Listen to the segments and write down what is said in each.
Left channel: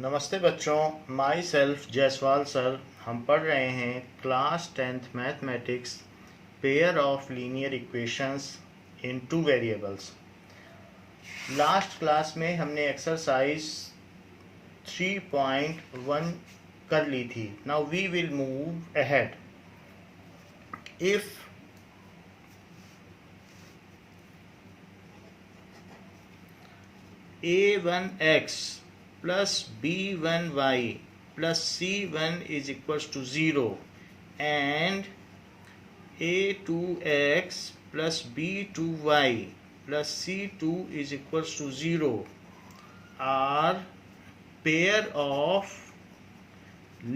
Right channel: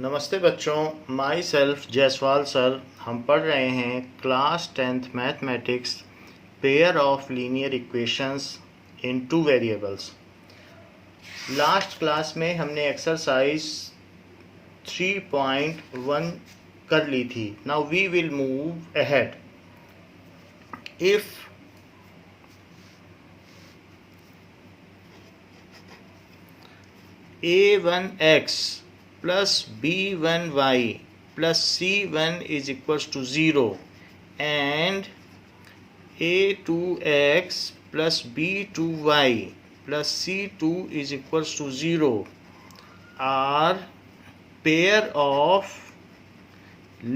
नमस्ते बच्चों, my self Jaiswal sir. हम पढ़ रहे हैं class 10th mathematics, pair of linear equations in two variables. Last class में हमने एक्सरसाइज 3.1 कर ली थी। Now we will move ahead. If a1x plus b1y plus c1 is equals to 0 and a2x plus b2y plus c2 is equals to 0 are pair of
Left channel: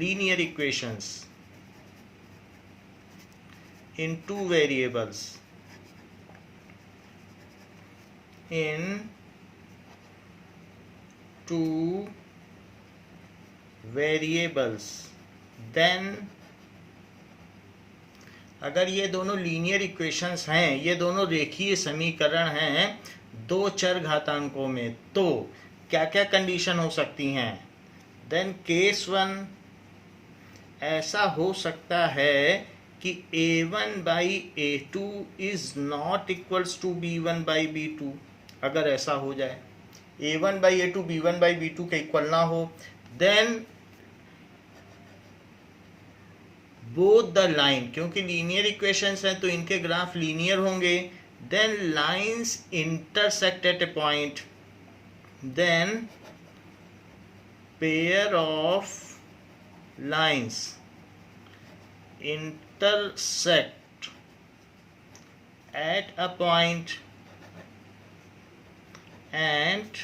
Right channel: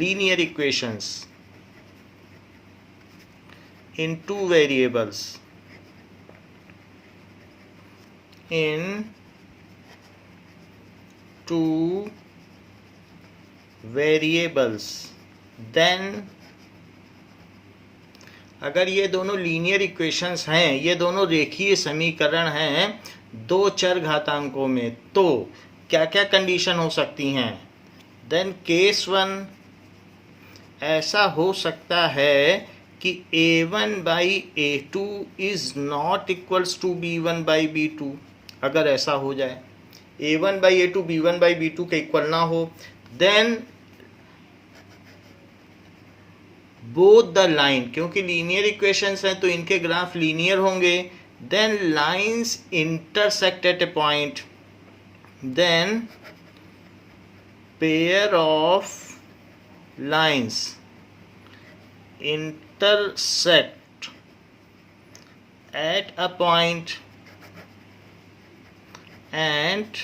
linear equations in two variables in two variables. Then अगर ये दोनों linear equations हैं, ये दोनों रेखीय समीकरण हैं दो चर घातांकों में, तो क्या क्या कंडीशन हो सकती हैं? देन केस वन, ऐसा हो सकता है कि a1 by a2 is not equals to b1 by b2। अगर ऐसा हो जाए a1 by a2 b1 by b2 के इक्वल ना हो, देन बोथ द लाइन, क्योंकि लीनियर इक्वेशंस हैं तो इनके ग्राफ लीनियर होंगे, then lines intersect at a point, then pair of lines intersect at a point and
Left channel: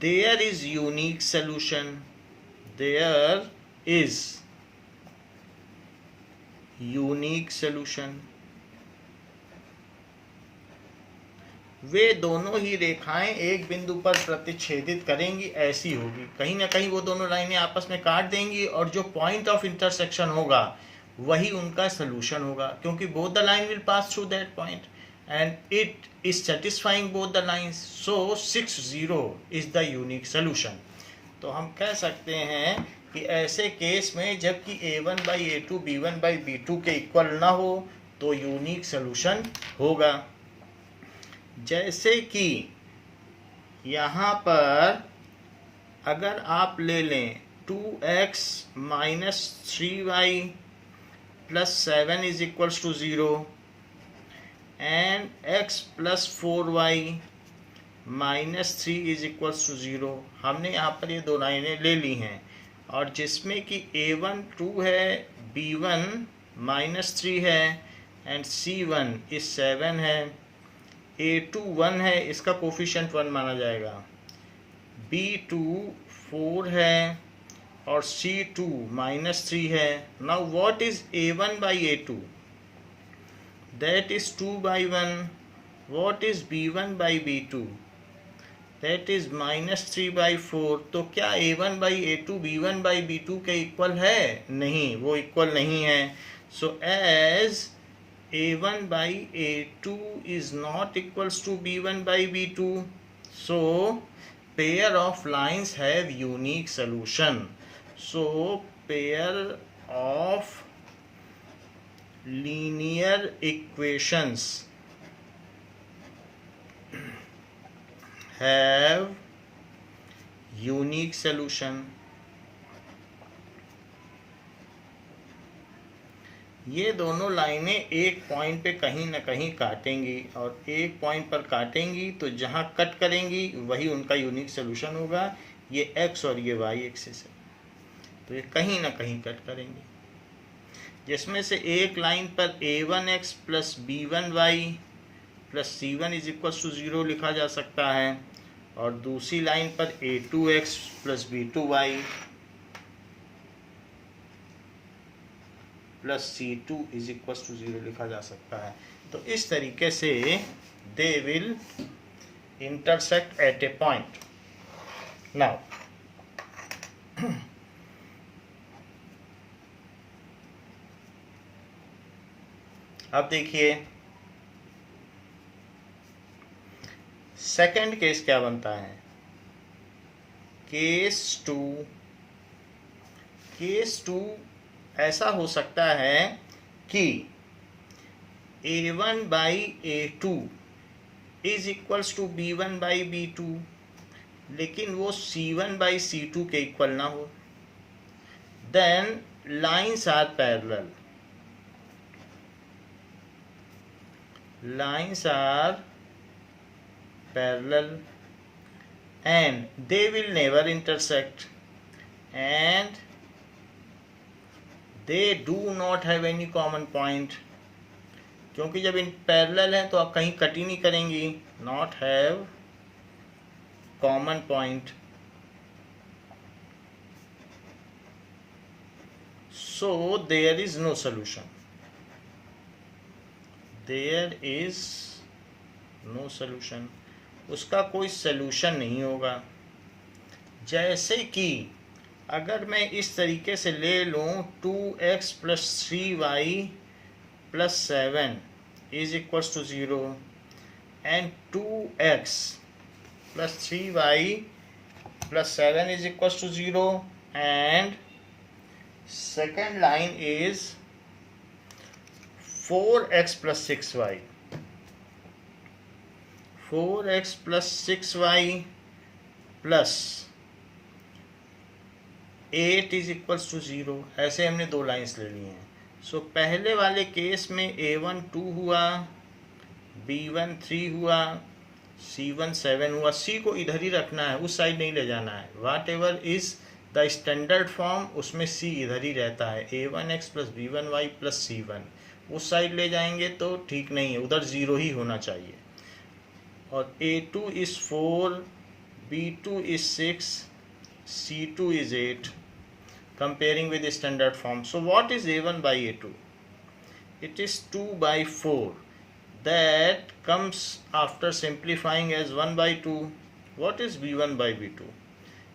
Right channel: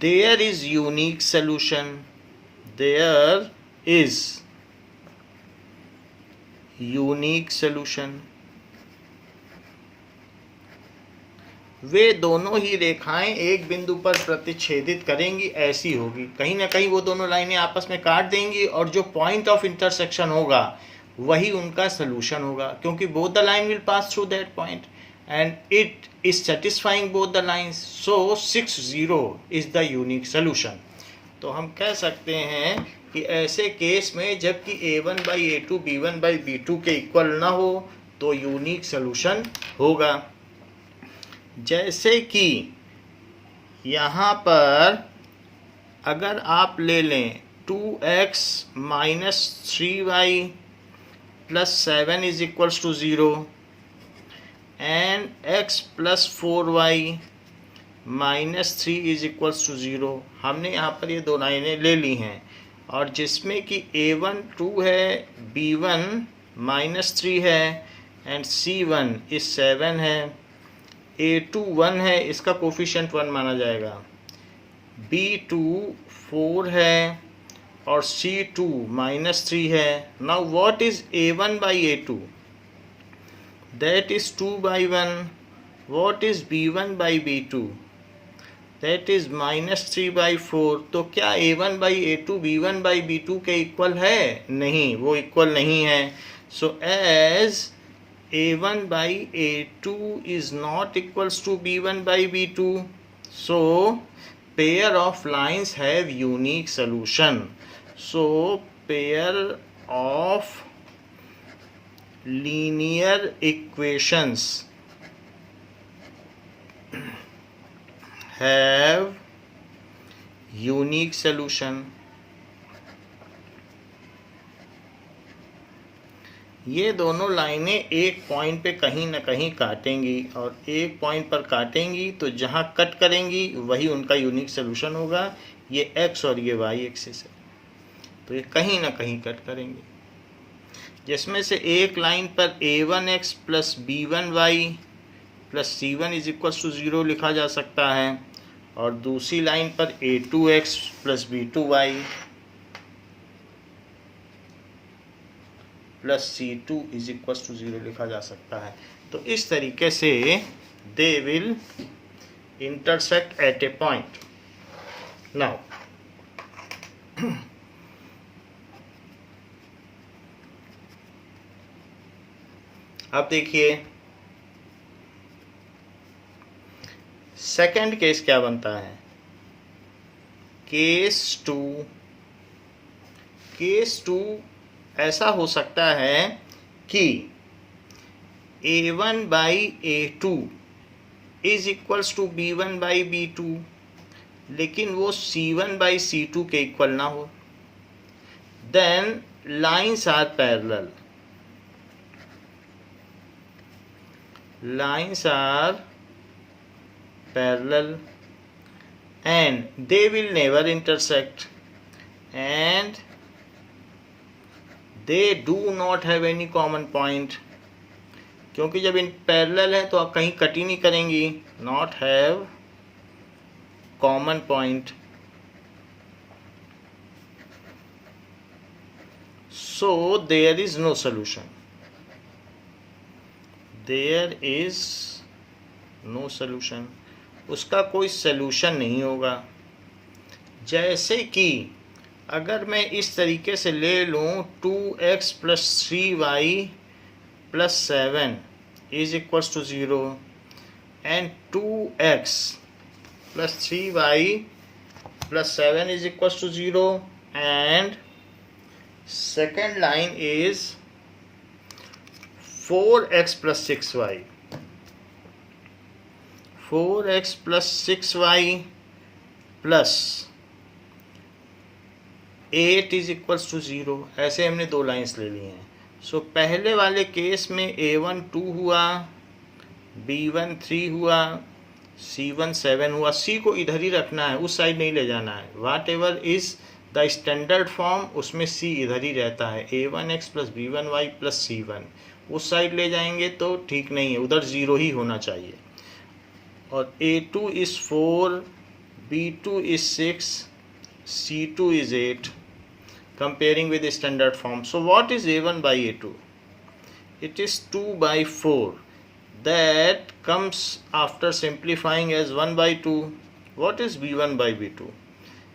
there is unique solution. There is unique solution. वे दोनों ही रेखाएं एक बिंदु पर प्रतिच्छेदित करेंगी, ऐसी होगी। कहीं ना कहीं वो दोनों लाइनें आपस में काट देंगी और जो पॉइंट ऑफ इंटरसेक्शन होगा वही उनका सोल्यूशन होगा, क्योंकि both the line will pass through that point and it is satisfying both the lines, so 6-0 is the unique solution. तो हम कह सकते हैं कि ऐसे केस में जबकि a1 by a2 b1 by b2 के इक्वल ना हो तो यूनिक सोल्यूशन होगा। जैसे कि यहाँ पर अगर आप ले लें 2x minus 3y plus 7 is equals to 0 and x plus 4y minus 3 is equals to 0, हमने यहाँ पर ये दो लाइनें ले ली हैं और जिसमें कि a1 2 है, b1 माइनस 3 है एंड c1 इज 7 है, a2 1 है, इसका कोफिशिएंट 1 माना जाएगा, b2 4 है और c2 माइनस 3 है। Now what is a1 by a2? That is 2 by 1। What is b1 by b2? That is minus 3 by 4। तो क्या a1 by a2 b1 by b2 के इक्वल है? नहीं, वो इक्वल नहीं है। So as a1 by a2 is not equals to b1 by b2, so pair of lines have unique solution. So pair of linear equations have unique solution. ये दोनों लाइनें एक पॉइंट पे कहीं ना कहीं काटेंगी और एक पॉइंट पर काटेंगी तो जहाँ कट करेंगी वही उनका यूनिक सोल्यूशन होगा। ये x और ये y एक्सिस है, तो ये कहीं ना कहीं कट करेंगी, जिसमें से एक लाइन पर a1x plus b1y plus c1 is equals to 0 लिखा जा सकता है और दूसरी लाइन पर a2x plus b2y plus c2 is equal to 0 लिखा जा सकता है। तो इस तरीके से they will intersect at a point. Now अब देखिए सेकंड केस क्या बनता है केस टू ऐसा हो सकता है कि A1 by A2 is equals to B1 by B2, लेकिन वो C1 बाई C2 के इक्वल ना हो। Then lines are parallel, and they will never intersect, and they do not have any common point, क्योंकि जब इन पैरेलल है तो आप कहीं कट ही नहीं करेंगी। Not have common point, so there is no solution, उसका कोई सलूशन नहीं होगा। जैसे कि अगर मैं इस तरीके से ले लूँ 2x plus 3y plus 7 is equals to 0 and 2x plus 3y plus 7 is equals to 0 and second line is 4x plus 6y, 4x plus 6y plus 8 is equals to 0। ऐसे हमने दो लाइंस ले ली हैं। सो पहले वाले केस में A1 2 हुआ, B1 3 हुआ, C1 7 हुआ। C को इधर ही रखना है, उस साइड नहीं ले जाना है। Whatever is the standard form उसमें C इधर ही रहता है। A1x plus B1y plus C1 उस साइड ले जाएंगे तो ठीक नहीं है, उधर 0 ही होना चाहिए। और A2 is 4, B2 is 6, C2 is 8, comparing with the standard form. So what is A1 by A2? It is 2 by 4. That comes after simplifying as 1 by 2. What is B1 by B2?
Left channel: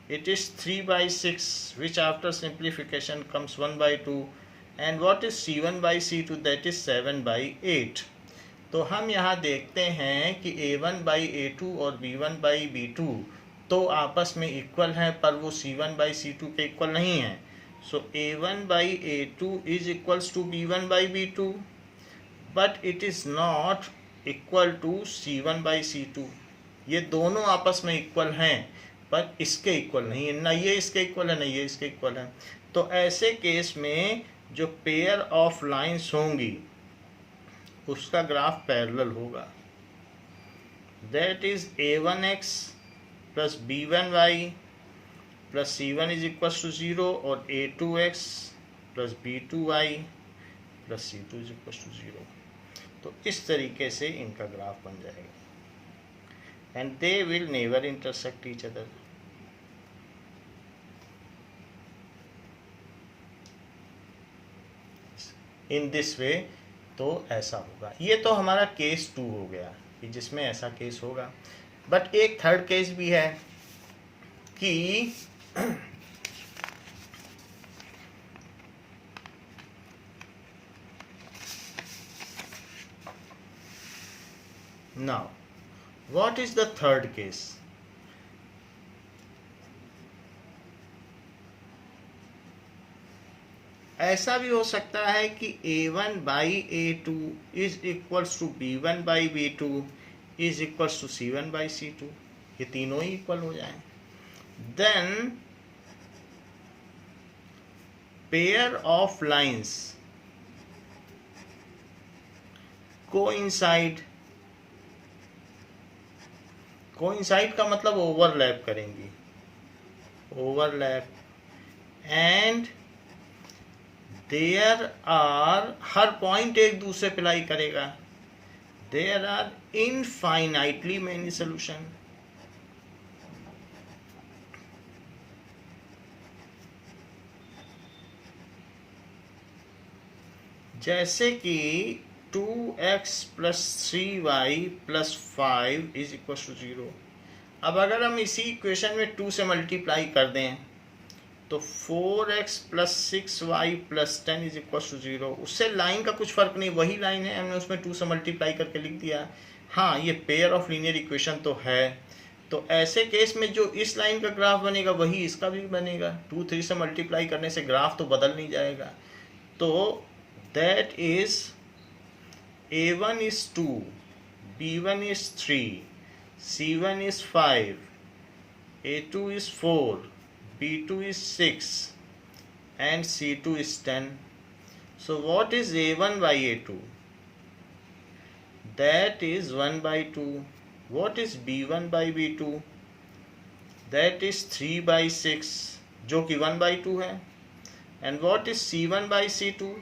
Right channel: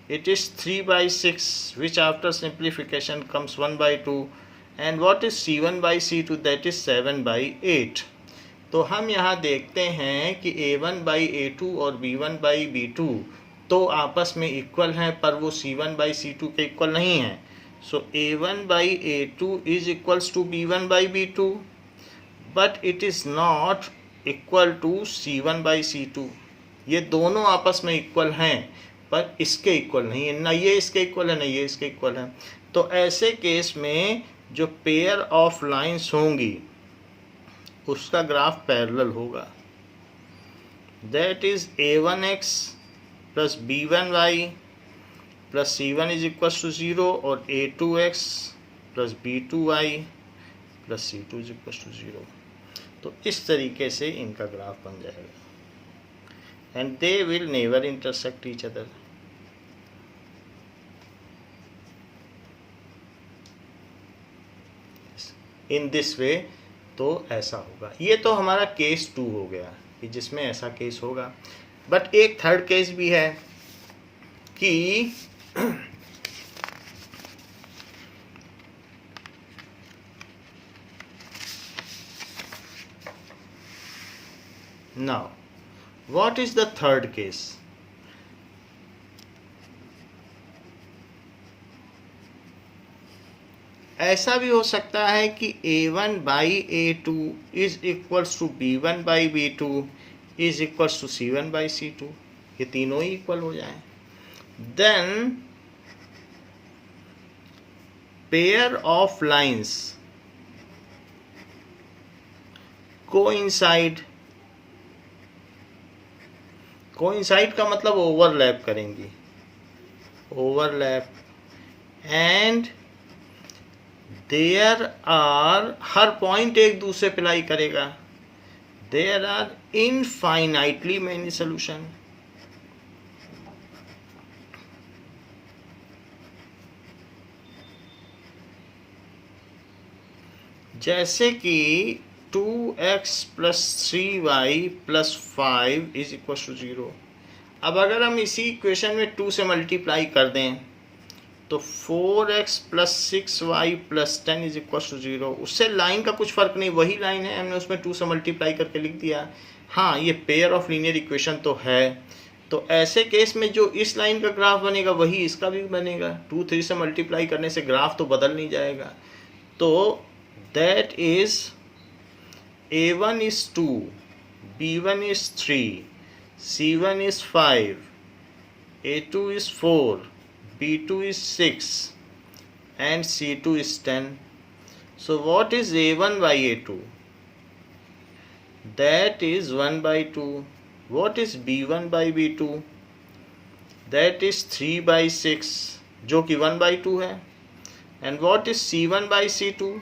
It is 3 by 6, which after simplification comes 1 by 2. And what is C1 by C2? That is 7 by 8. तो हम यहाँ देखते हैं कि A1 by A2 और B1 by B2 तो आपस में इक्वल हैं, पर वो C1 बाई C2 के इक्वल नहीं हैं। So A1 by A2 is equals to B1 by B2, but it is not equal to C1 by C2। ये दोनों आपस में इक्वल हैं, पर इसके इक्वल नहीं है। ना ये इसके इक्वल है, ना ये इसके इक्वल है। तो ऐसे केस में जो पेयर ऑफ लाइंस होंगी उसका ग्राफ पैरेलल होगा। That is A1x plus B1y plus C1 is equal to 0 और A2x plus B2y plus C2 is equal to 0। तो इस तरीके से इनका ग्राफ बन जाएगा। And they will never intersect each other. In this way तो ऐसा होगा। ये तो हमारा केस 2 हो गया कि जिसमें ऐसा केस होगा। बट एक थर्ड केस भी है कि now what is the third case? ऐसा भी हो सकता है कि A1 by A2 is equals to B1 by B2 is equals to C1 by C2। ये तीनों ही इक्वल हो जाएं। Then pair of lines coincide. Coincide का मतलब ओवरलैप करेंगी, ओवरलैप। एंड देयर आर, हर पॉइंट एक दूसरे पे लाई करेगा। There are infinitely many solution. जैसे कि 2x plus 3y plus 5 is equal to 0। अब अगर हम इसी इक्वेशन में 2 से मल्टीप्लाई कर दें तो 4x plus 6y plus 10 is equal to 0। उससे लाइन का कुछ फर्क नहीं, वही लाइन है, हमने उसमें 2 से मल्टीप्लाई करके लिख दिया। हाँ, ये पेयर ऑफ लीनियर इक्वेशन तो है, तो ऐसे केस में जो इस लाइन का ग्राफ बनेगा वही इसका भी बनेगा। 2 3 से मल्टीप्लाई करने से ग्राफ तो बदल नहीं जाएगा। तो that is A1 is 2, B1 is 3, C1 is 5, A2 is 4, B2 is 6, and C2 is 10. So what is A1 by A2? That is 1 by 2. What is B1 by B2? That is 3 by 6, जो कि 1 by 2 है. And what is C1 by C2?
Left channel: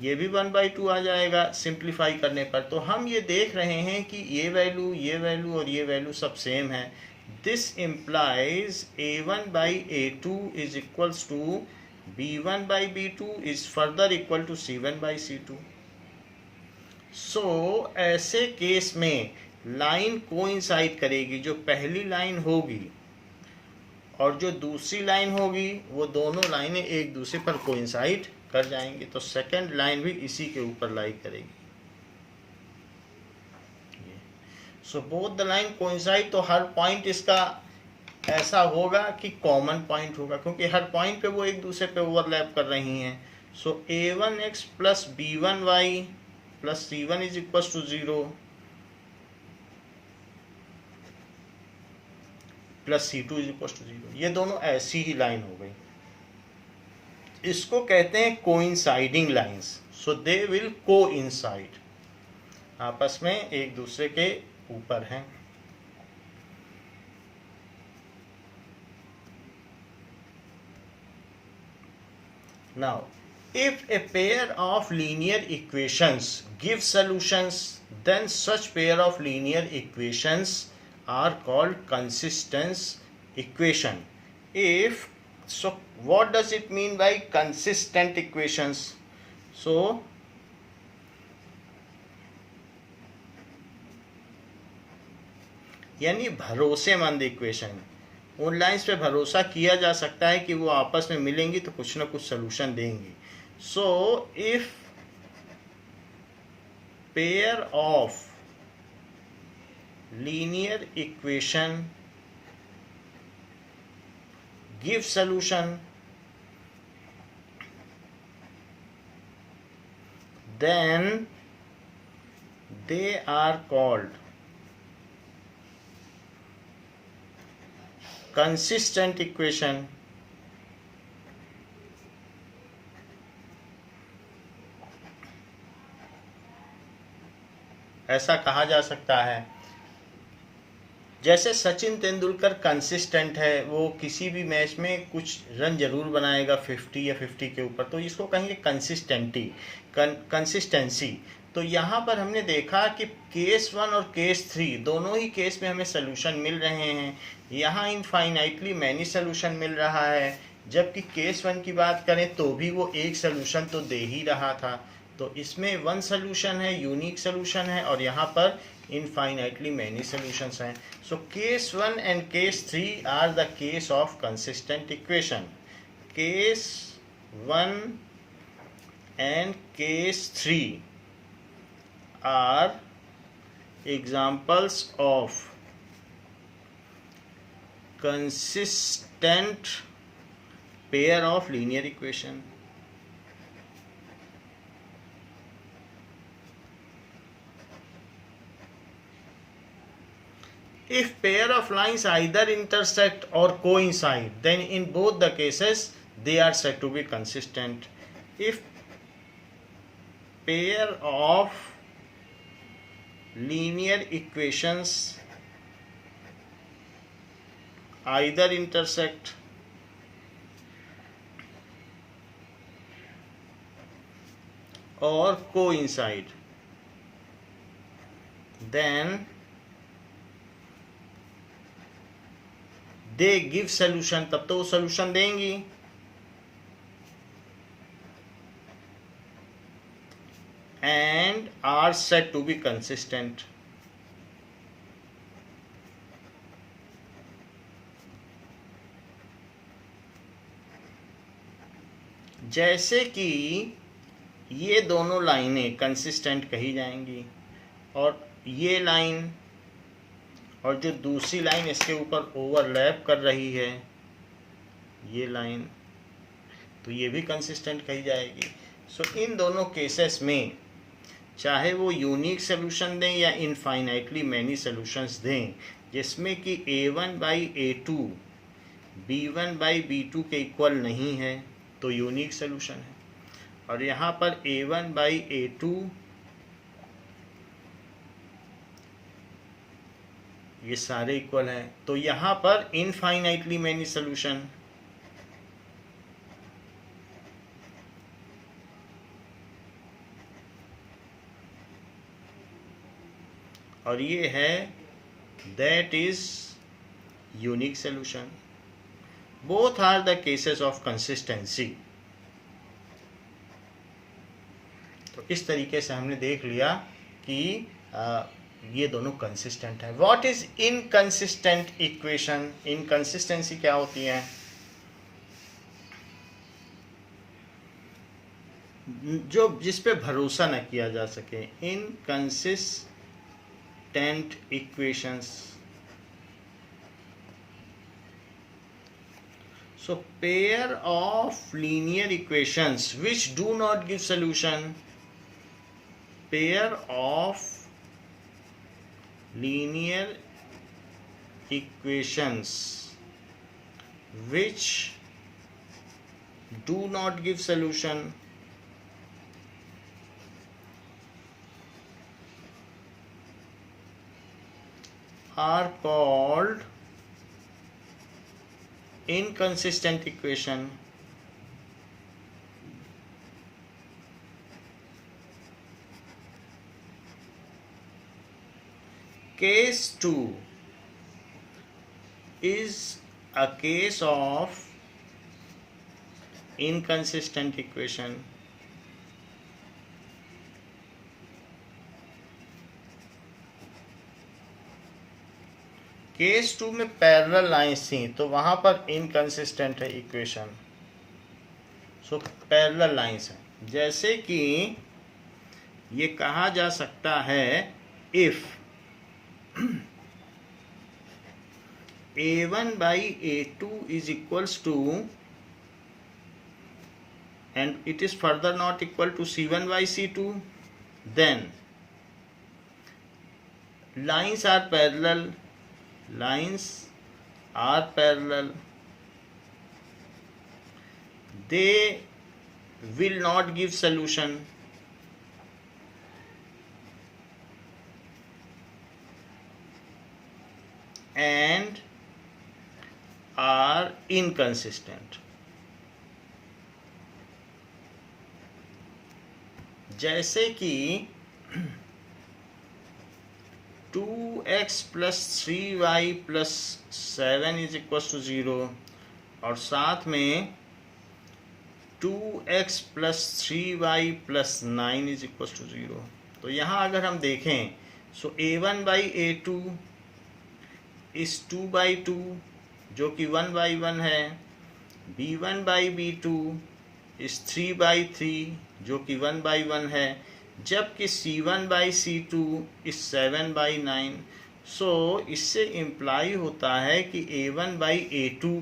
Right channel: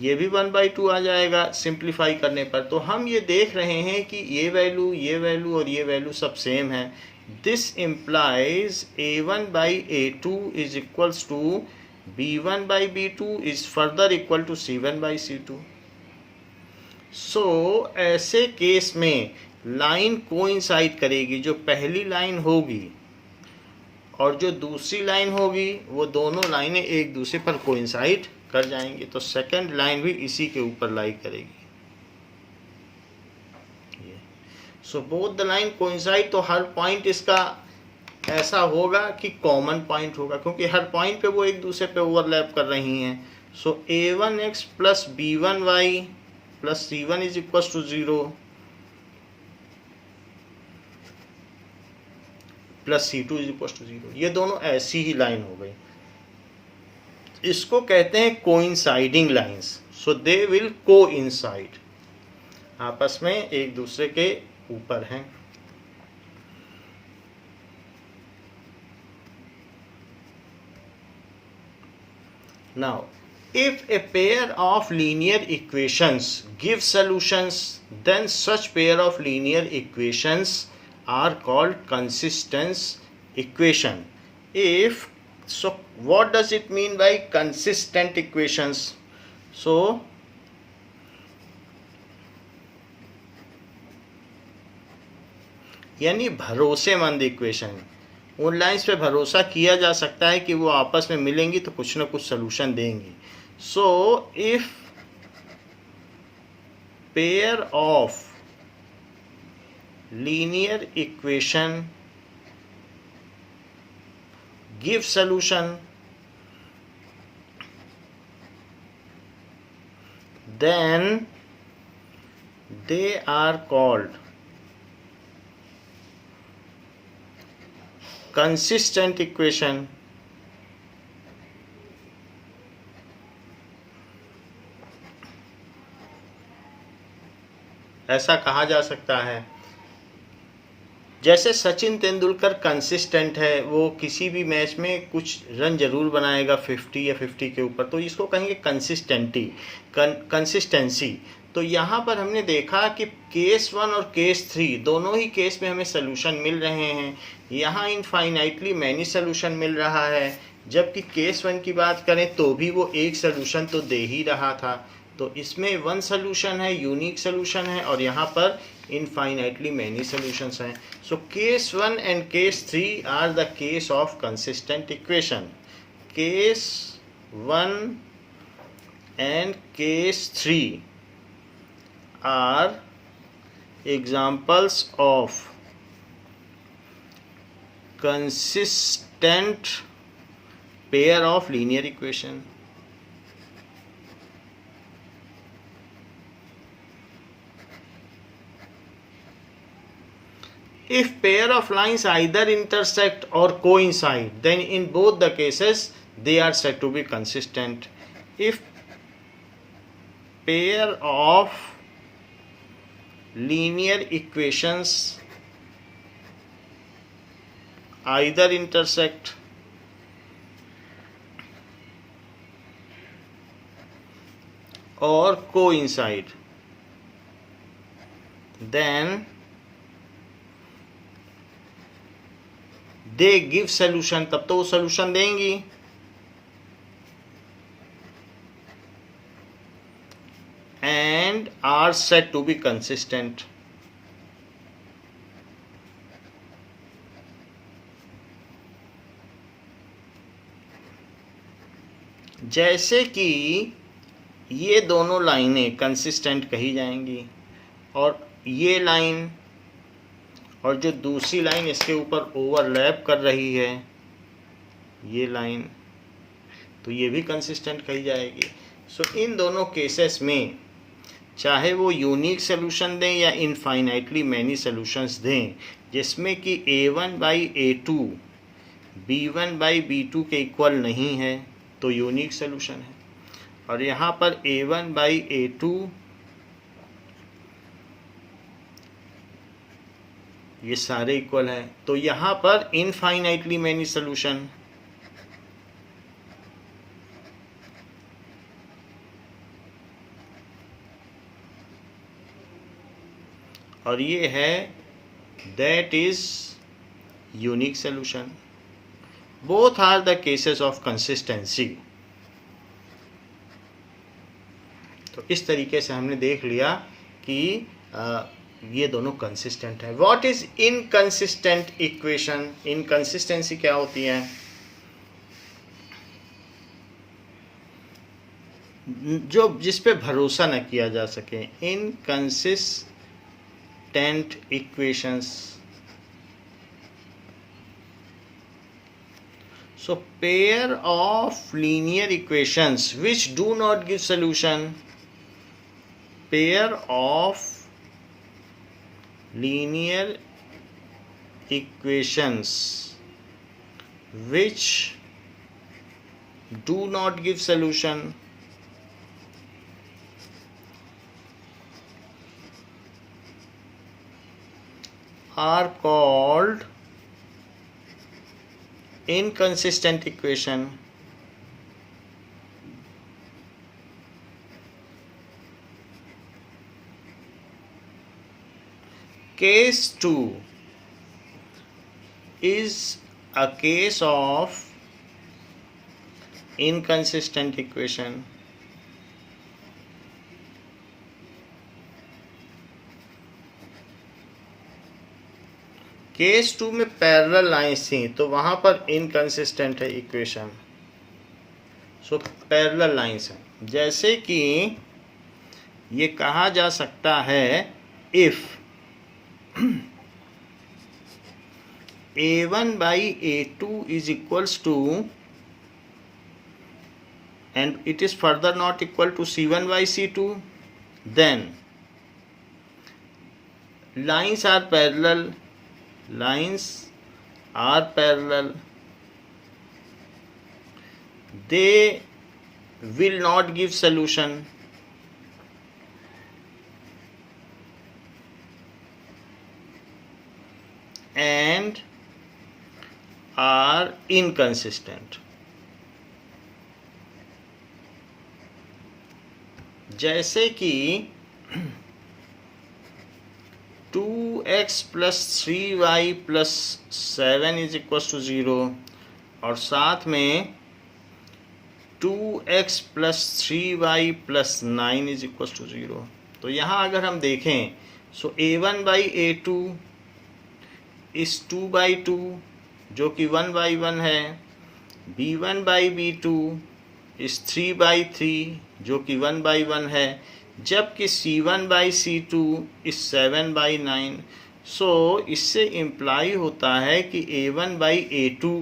ये भी 1 by 2 आ जाएगा simplify करने पर। तो हम ये देख रहे हैं कि ये वैल्यू और ये वैल्यू सब सेम है। This implies A1 by A2 is equals to B1 by B2 is further equal to C1 by C2। So ऐसे केस में लाइन कोइंसाइड करेगी। जो पहली लाइन होगी और जो दूसरी लाइन होगी वो दोनों लाइनें एक दूसरे पर कोइंसाइड कर जाएंगे। तो सेकंड लाइन भी इसी के ऊपर लाई करेगी। सो बोथ द लाइन कोइंसाइड, तो हर पॉइंट इसका ऐसा होगा कि कॉमन पॉइंट होगा, क्योंकि हर पॉइंट पे वो एक दूसरे पे ओवरलैप कर रही हैं। So A1x plus B1y plus C1 is equal to 0 plus C2 is equal to 0। ये दोनों ऐसी ही लाइन हो गई। इसको कहते हैं coinciding lines. So they will coincide, आपस में एक दूसरे के ऊपर हैं। Now if a pair of linear equations give solutions, then such pair of linear equations are called consistent equation. So what does it mean by consistent equations? So यानी भरोसेमंद equation. उन लाइंस पे भरोसा किया जा सकता है कि वो आपस में मिलेंगी तो कुछ ना कुछ सोल्यूशन देंगी। So if pair of linear equation give solution, then they are called consistent equation. ऐसा कहा जा सकता है। जैसे सचिन तेंदुलकर कंसिस्टेंट है, वो किसी भी मैच में कुछ रन जरूर बनाएगा 50 या 50 के ऊपर, तो इसको कहेंगे कंसिस्टेंसी। तो यहाँ पर हमने देखा कि केस 1 और केस 3 दोनों ही केस में हमें सोल्यूशन मिल रहे हैं। यहाँ इनफाइनाइटली मैनी सोल्यूशन मिल रहा है, जबकि केस 1 की बात करें तो भी वो एक सोल्यूशन तो दे ही रहा था। तो इसमें 1 सोल्यूशन है, यूनिक सोल्यूशन है, और यहाँ पर infinitely many solutions हैं। So case 1 and case 3 are the case of consistent equation. Case 1 and case 3 are examples of consistent pair of linear equation. If pair of lines either intersect or coincide, then in both the cases they are said to be consistent. If pair of linear equations either intersect or coincide, then they give solution, तब तो वो solution देंगी। And are said to be consistent. जैसे कि ये दोनों लाइनें consistent कही जाएंगी और ये लाइन और जो दूसरी लाइन इसके ऊपर ओवरलैप कर रही है ये लाइन, तो ये भी कंसिस्टेंट कही जाएगी। सो इन दोनों केसेस में चाहे वो यूनिक सोल्यूशन दें या इनफाइनाइटली मैनी सॉल्यूशंस दें जिसमें कि a1/a2 b1/b2 के इक्वल नहीं है तो यूनिक सोल्यूशन है, और यहाँ पर a1/a2 ये सारे इक्वल हैं तो यहाँ पर इनफाइनाइटली मैनी सॉल्यूशन। और ये है that is unique solution. Both are the cases of consistency. तो इस तरीके से हमने देख लिया कि ये दोनों कंसिस्टेंट है। What is inconsistent equation? Inconsistency क्या होती है? जो जिस पे भरोसा न किया जा सके, inconsistent equations. So pair of linear equations which do not give solution, pair of linear equations which do not give solution are called inconsistent equation. Case 2 is a case of inconsistent equation. Case 2 में parallel lines थी तो वहां पर inconsistent है equation. So parallel lines हैं, जैसे कि ये कहा जा सकता है if a1/a2 is equals to and it is further not equal to c1/c2, then lines are parallel. Lines are parallel. They will not give solution. And are inconsistent. जैसे कि 2x + 3y + 7 = 0 और साथ में 2x + 3y + 9 = 0। तो यहाँ अगर हम देखें सो a1/a2 इस 2/2 जो कि 1/1 है, b1/b2 इस 3/3 जो कि 1/1 है, जबकि c1/c2 इस 7/9। सो इससे इम्प्लाई होता है कि a1/a2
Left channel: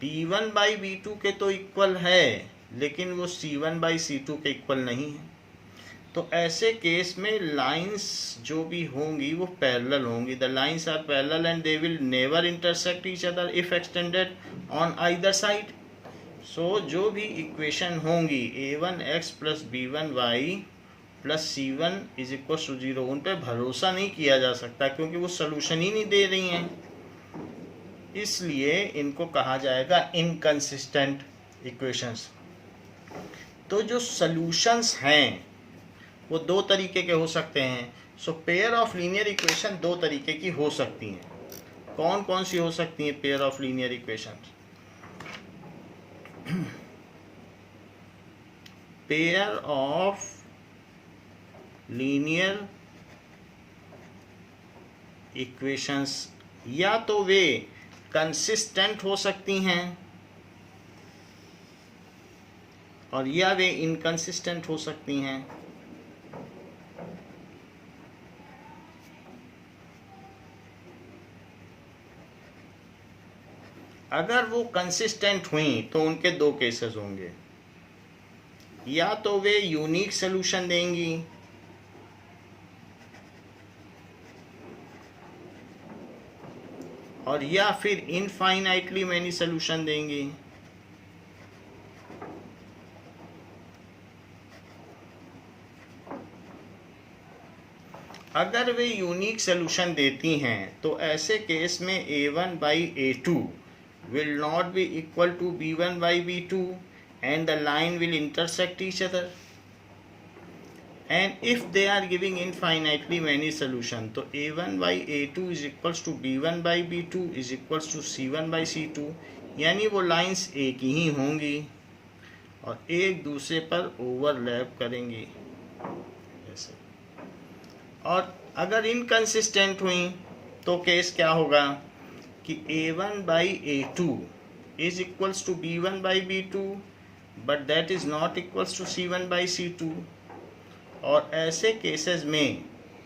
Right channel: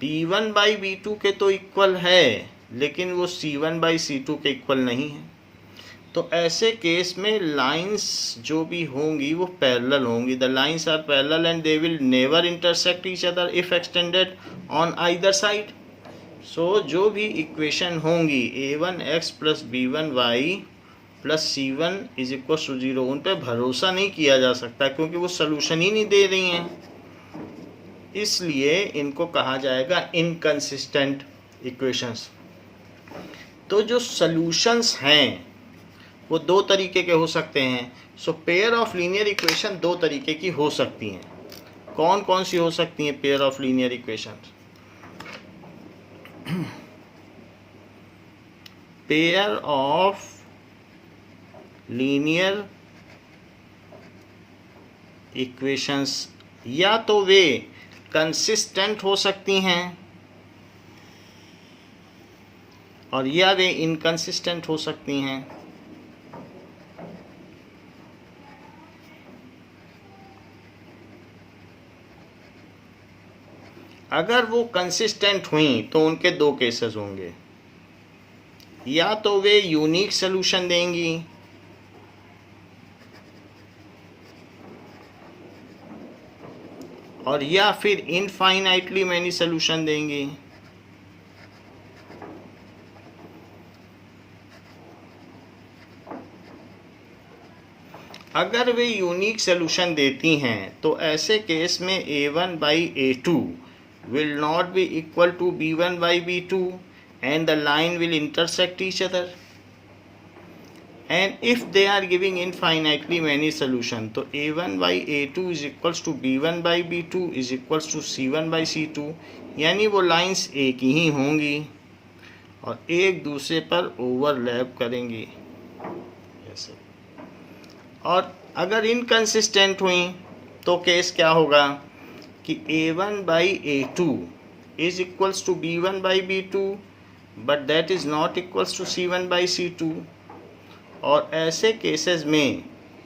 b1/b2 के तो इक्वल है लेकिन वो c1/c2 के इक्वल नहीं है। तो ऐसे केस में लाइंस जो भी होंगी वो पैरेलल होंगी। The lines are parallel and they will never intersect each other if extended on either side. So जो भी इक्वेशन होंगी a1x + b1y + c1 = 0 उन पर भरोसा नहीं किया जा सकता क्योंकि वो सलूशन ही नहीं दे रही हैं, इसलिए इनको कहा जाएगा इनकंसिस्टेंट इक्वेशंस। तो जो सलूशंस हैं वो दो तरीके के हो सकते हैं। सो पेयर ऑफ लीनियर इक्वेशन दो तरीके की हो सकती हैं। कौन कौन सी हो सकती हैं pair of linear equation? Pair of linear equations या तो वे कंसिस्टेंट हो सकती हैं और या वे इनकंसिस्टेंट हो सकती हैं। अगर वो कंसिस्टेंट हुई तो उनके दो केसेस होंगे, या तो वे यूनिक सोल्यूशन देंगी और या फिर इनफाइनाइटली मैनी सोल्यूशन देंगी। अगर वे यूनिक सोल्यूशन देती हैं तो ऐसे केस में a1/a2 will not be equal to b1/b2 and the line will intersect each other. And if they are giving infinitely many solution, तो a1/a2 is equals to b1/b2 is equals to c1/c2, यानी वो lines एक ही होंगी और एक दूसरे पर overlap करेंगी। और अगर इनकंसिस्टेंट हुई तो केस क्या होगा कि a1/a2 is equals to b1/b2 but that is not equals to c1/c2। और ऐसे केसेस में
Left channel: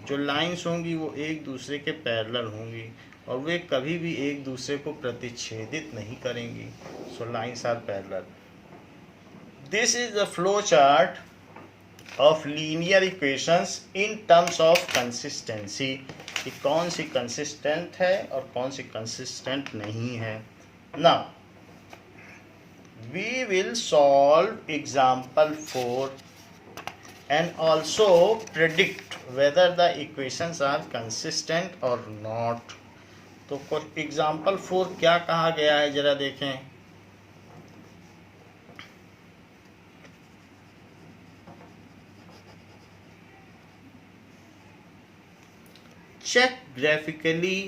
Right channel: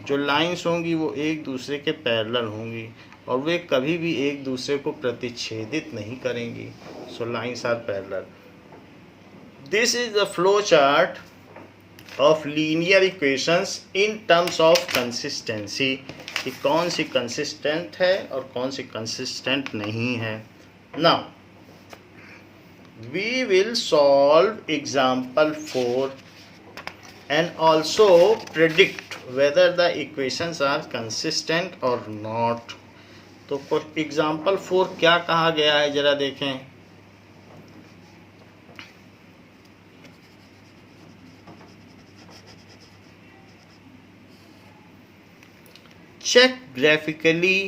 जो लाइंस होंगी वो एक दूसरे के पैरेलल होंगी और वे कभी भी एक दूसरे को प्रतिच्छेदित नहीं करेंगी। So lines are parallel. This is the flow chart of linear equations in terms of consistency, कि कौन सी कंसिस्टेंट है और कौन सी कंसिस्टेंट नहीं है। Now we will solve example 4 and also predict whether the equations are consistent or not। तो example 4 क्या कहा गया है जरा देखें। check graphically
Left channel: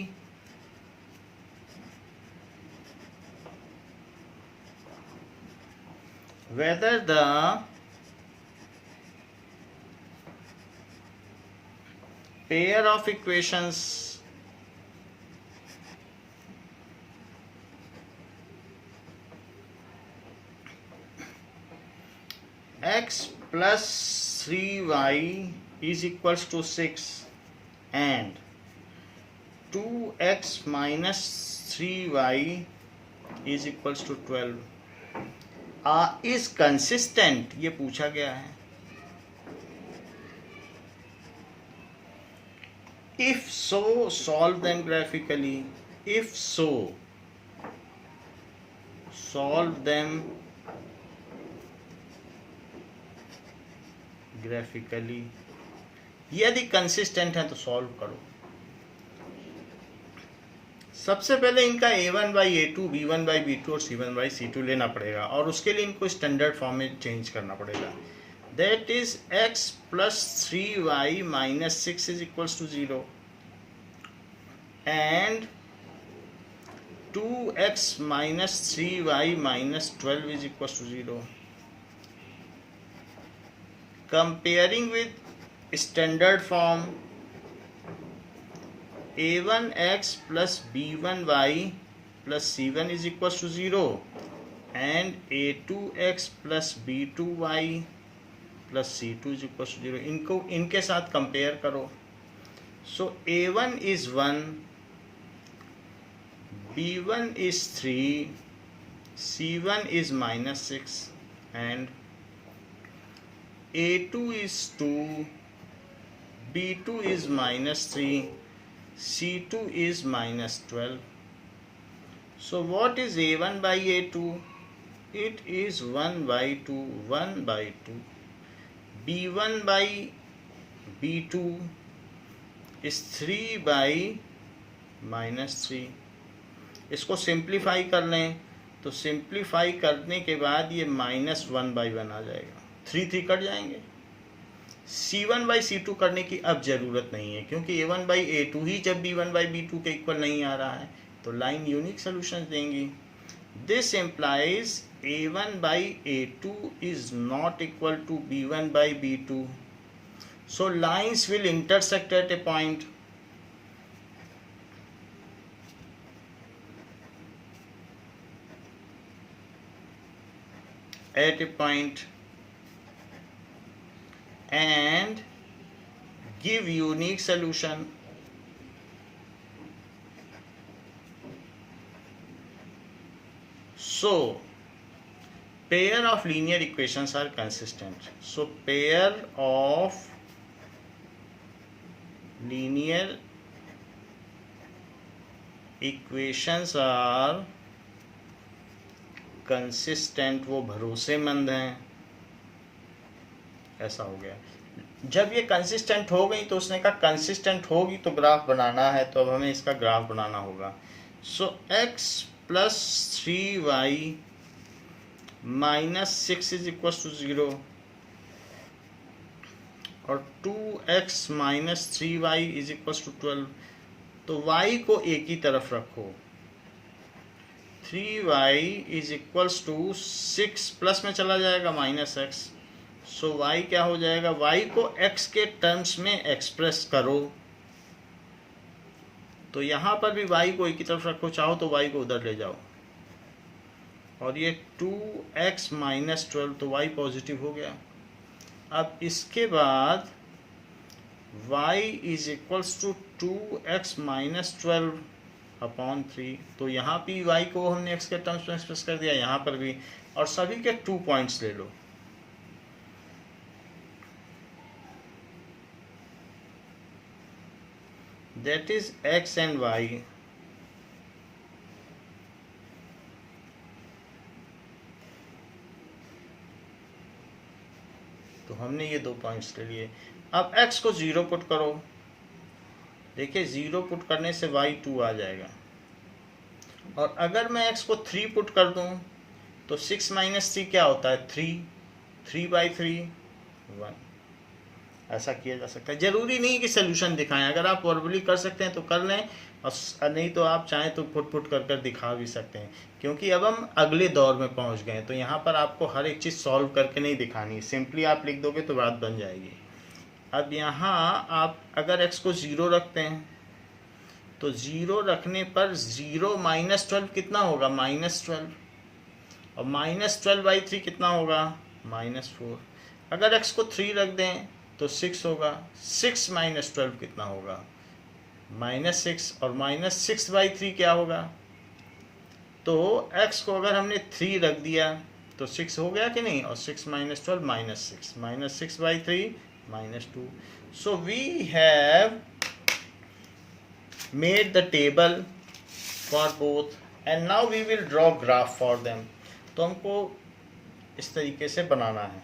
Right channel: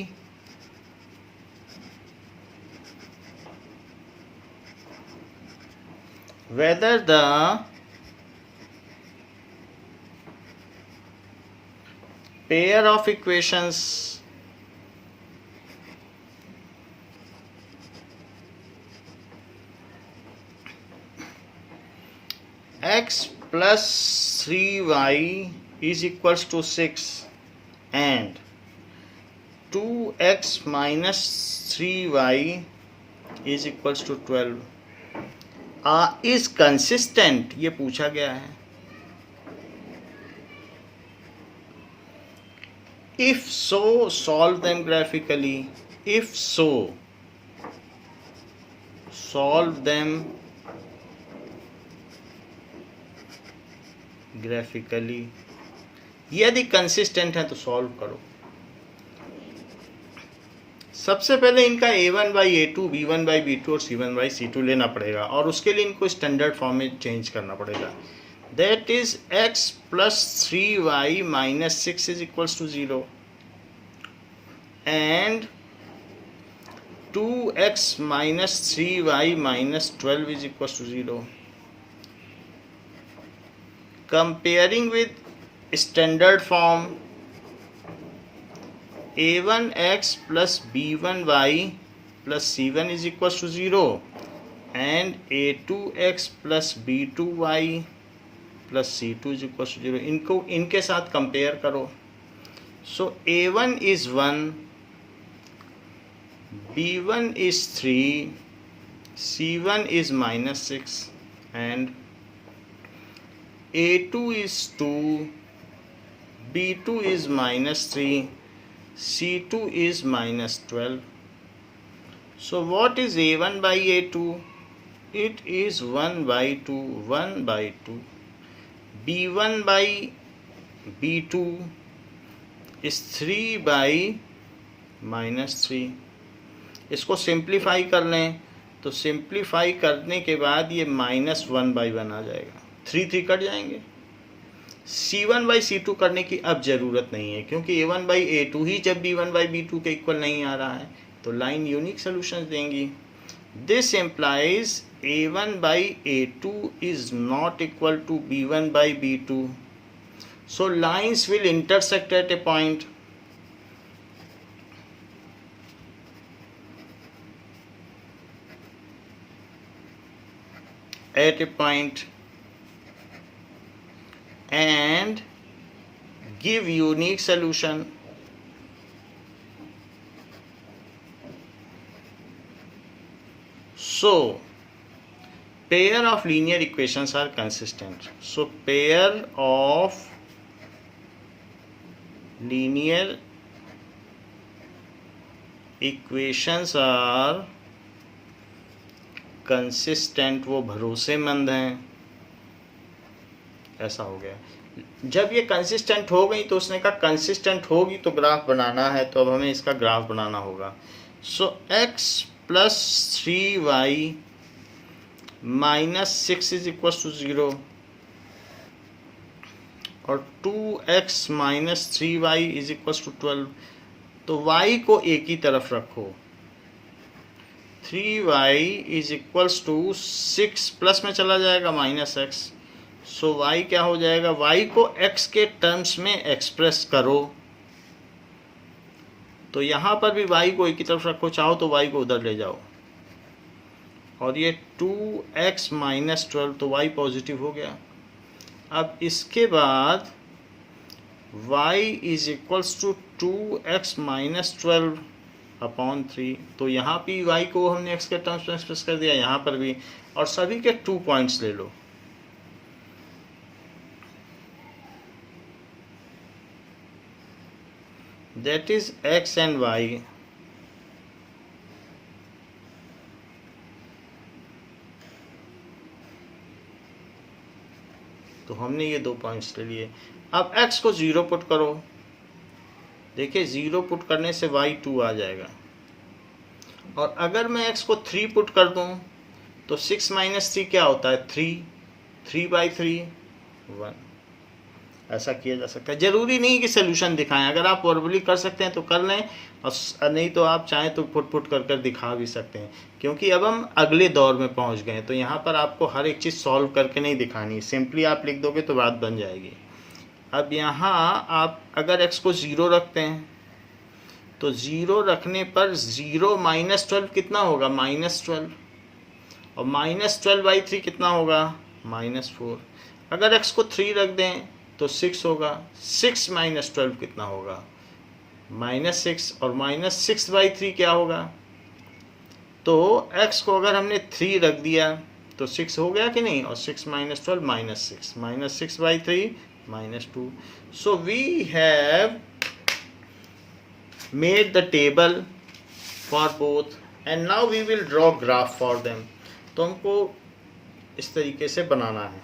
whether the pair of equations x plus 3y is equals to 6 and 2x minus 3y is equals to 12 is consistent, ये पूछा गया है। If so, solve them graphically. If so, solve them graphically. यदि consistent है तो solve करो। सबसे पहले इनका a1/a2, b1/b2 और c1/c2 लेना पड़ेगा और उसके लिए इनको स्टैंडर्ड फॉर्म में चेंज करना पड़ेगा। That is x plus 3y minus 6 is equals to 0 and 2x minus 3y minus 12 is equals to 0. Comparing with standard form, a1x plus b1y plus c1 is equals to 0 and a2x plus b2y plus c2 is equal to 0। इनको इनके साथ compare करो। So a1 is 1, b1 is 3, c1 is -6 and a2 is 2, b2 is -3, c2 is -12। So what is a1/a2? It is 1/2, 1/2। b1/b2 is 3/-3। इसको simplify कर लें तो simplify करने के बाद ये -1/1 आ जाएगा, 3 कट जाएंगे। c1/c2 करने की अब ज़रूरत नहीं है क्योंकि a1/a2 ही जब b1/b2 के इक्वल नहीं आ रहा है तो लाइन यूनिक सोल्यूशन देंगी। This implies a1/a2 is not equal to b1/b2. So lines will intersect at a point. And give unique solution. So pair of linear equations are consistent. So pair of linear equations are consistent, वो भरोसेमंद हैं, ऐसा हो गया। जब ये consistent हो गई तो उसने कहा कंसिस्टेंट होगी तो ग्राफ बनाना है, तो अब हमें इसका ग्राफ बनाना होगा। So x plus 3y minus 6 is equal to 0 और 2x minus 3y is equal to 12। तो y को एक ही तरफ रखो, 3y is equals to 6 plus में चला जाएगा माइनस x। सो y क्या हो जाएगा, y को x के टर्म्स में एक्सप्रेस करो, तो यहाँ पर भी y को एक ही तरफ रखो, चाहो तो y को उधर ले जाओ, और ये 2x माइनस 12, तो y पॉजिटिव हो गया। अब इसके बाद y is equals to 2x minus 12 upon 3, तो यहाँ भी y को हमने x के टर्म्स में एक्सप्रेस कर दिया, यहाँ पर भी, और सभी के 2 पॉइंट्स ले लो। That is x and y। तो हमने ये 2 पॉइंट्स ले लिए। अब x को 0 पुट करो, देखिए 0 पुट करने से y 2 आ जाएगा, और अगर मैं x को 3 पुट कर दूं तो 6 माइनस 3 क्या होता है, 3 बाई 3 1। ऐसा किया जा सकता है, जरूरी नहीं कि सोल्यूशन दिखाएं, अगर आप वर्बली कर सकते हैं तो कर लें, और नहीं तो आप चाहें तो पुट कर दिखा भी सकते हैं, क्योंकि अब हम अगले दौर में पहुंच गए हैं, तो यहाँ पर आपको हर एक चीज़ सॉल्व करके नहीं दिखानी, सिंपली आप लिख दोगे तो बात बन जाएगी। अब यहाँ आप अगर x को 0 रखते हैं तो 0 रखने पर 0 माइनस 12 कितना होगा, -12, और -12/3 कितना होगा, -4। अगर x को 3 रख दें तो 6 होगा, 6 माइनस 12 कितना होगा, -6, और -6/3 क्या होगा। तो x को अगर हमने 3 रख दिया तो 6 हो गया कि नहीं, और 6 minus 12 -6, -6/3 -2। So we have made the table for both and now we will draw graph for them। तो हमको इस तरीके से बनाना है।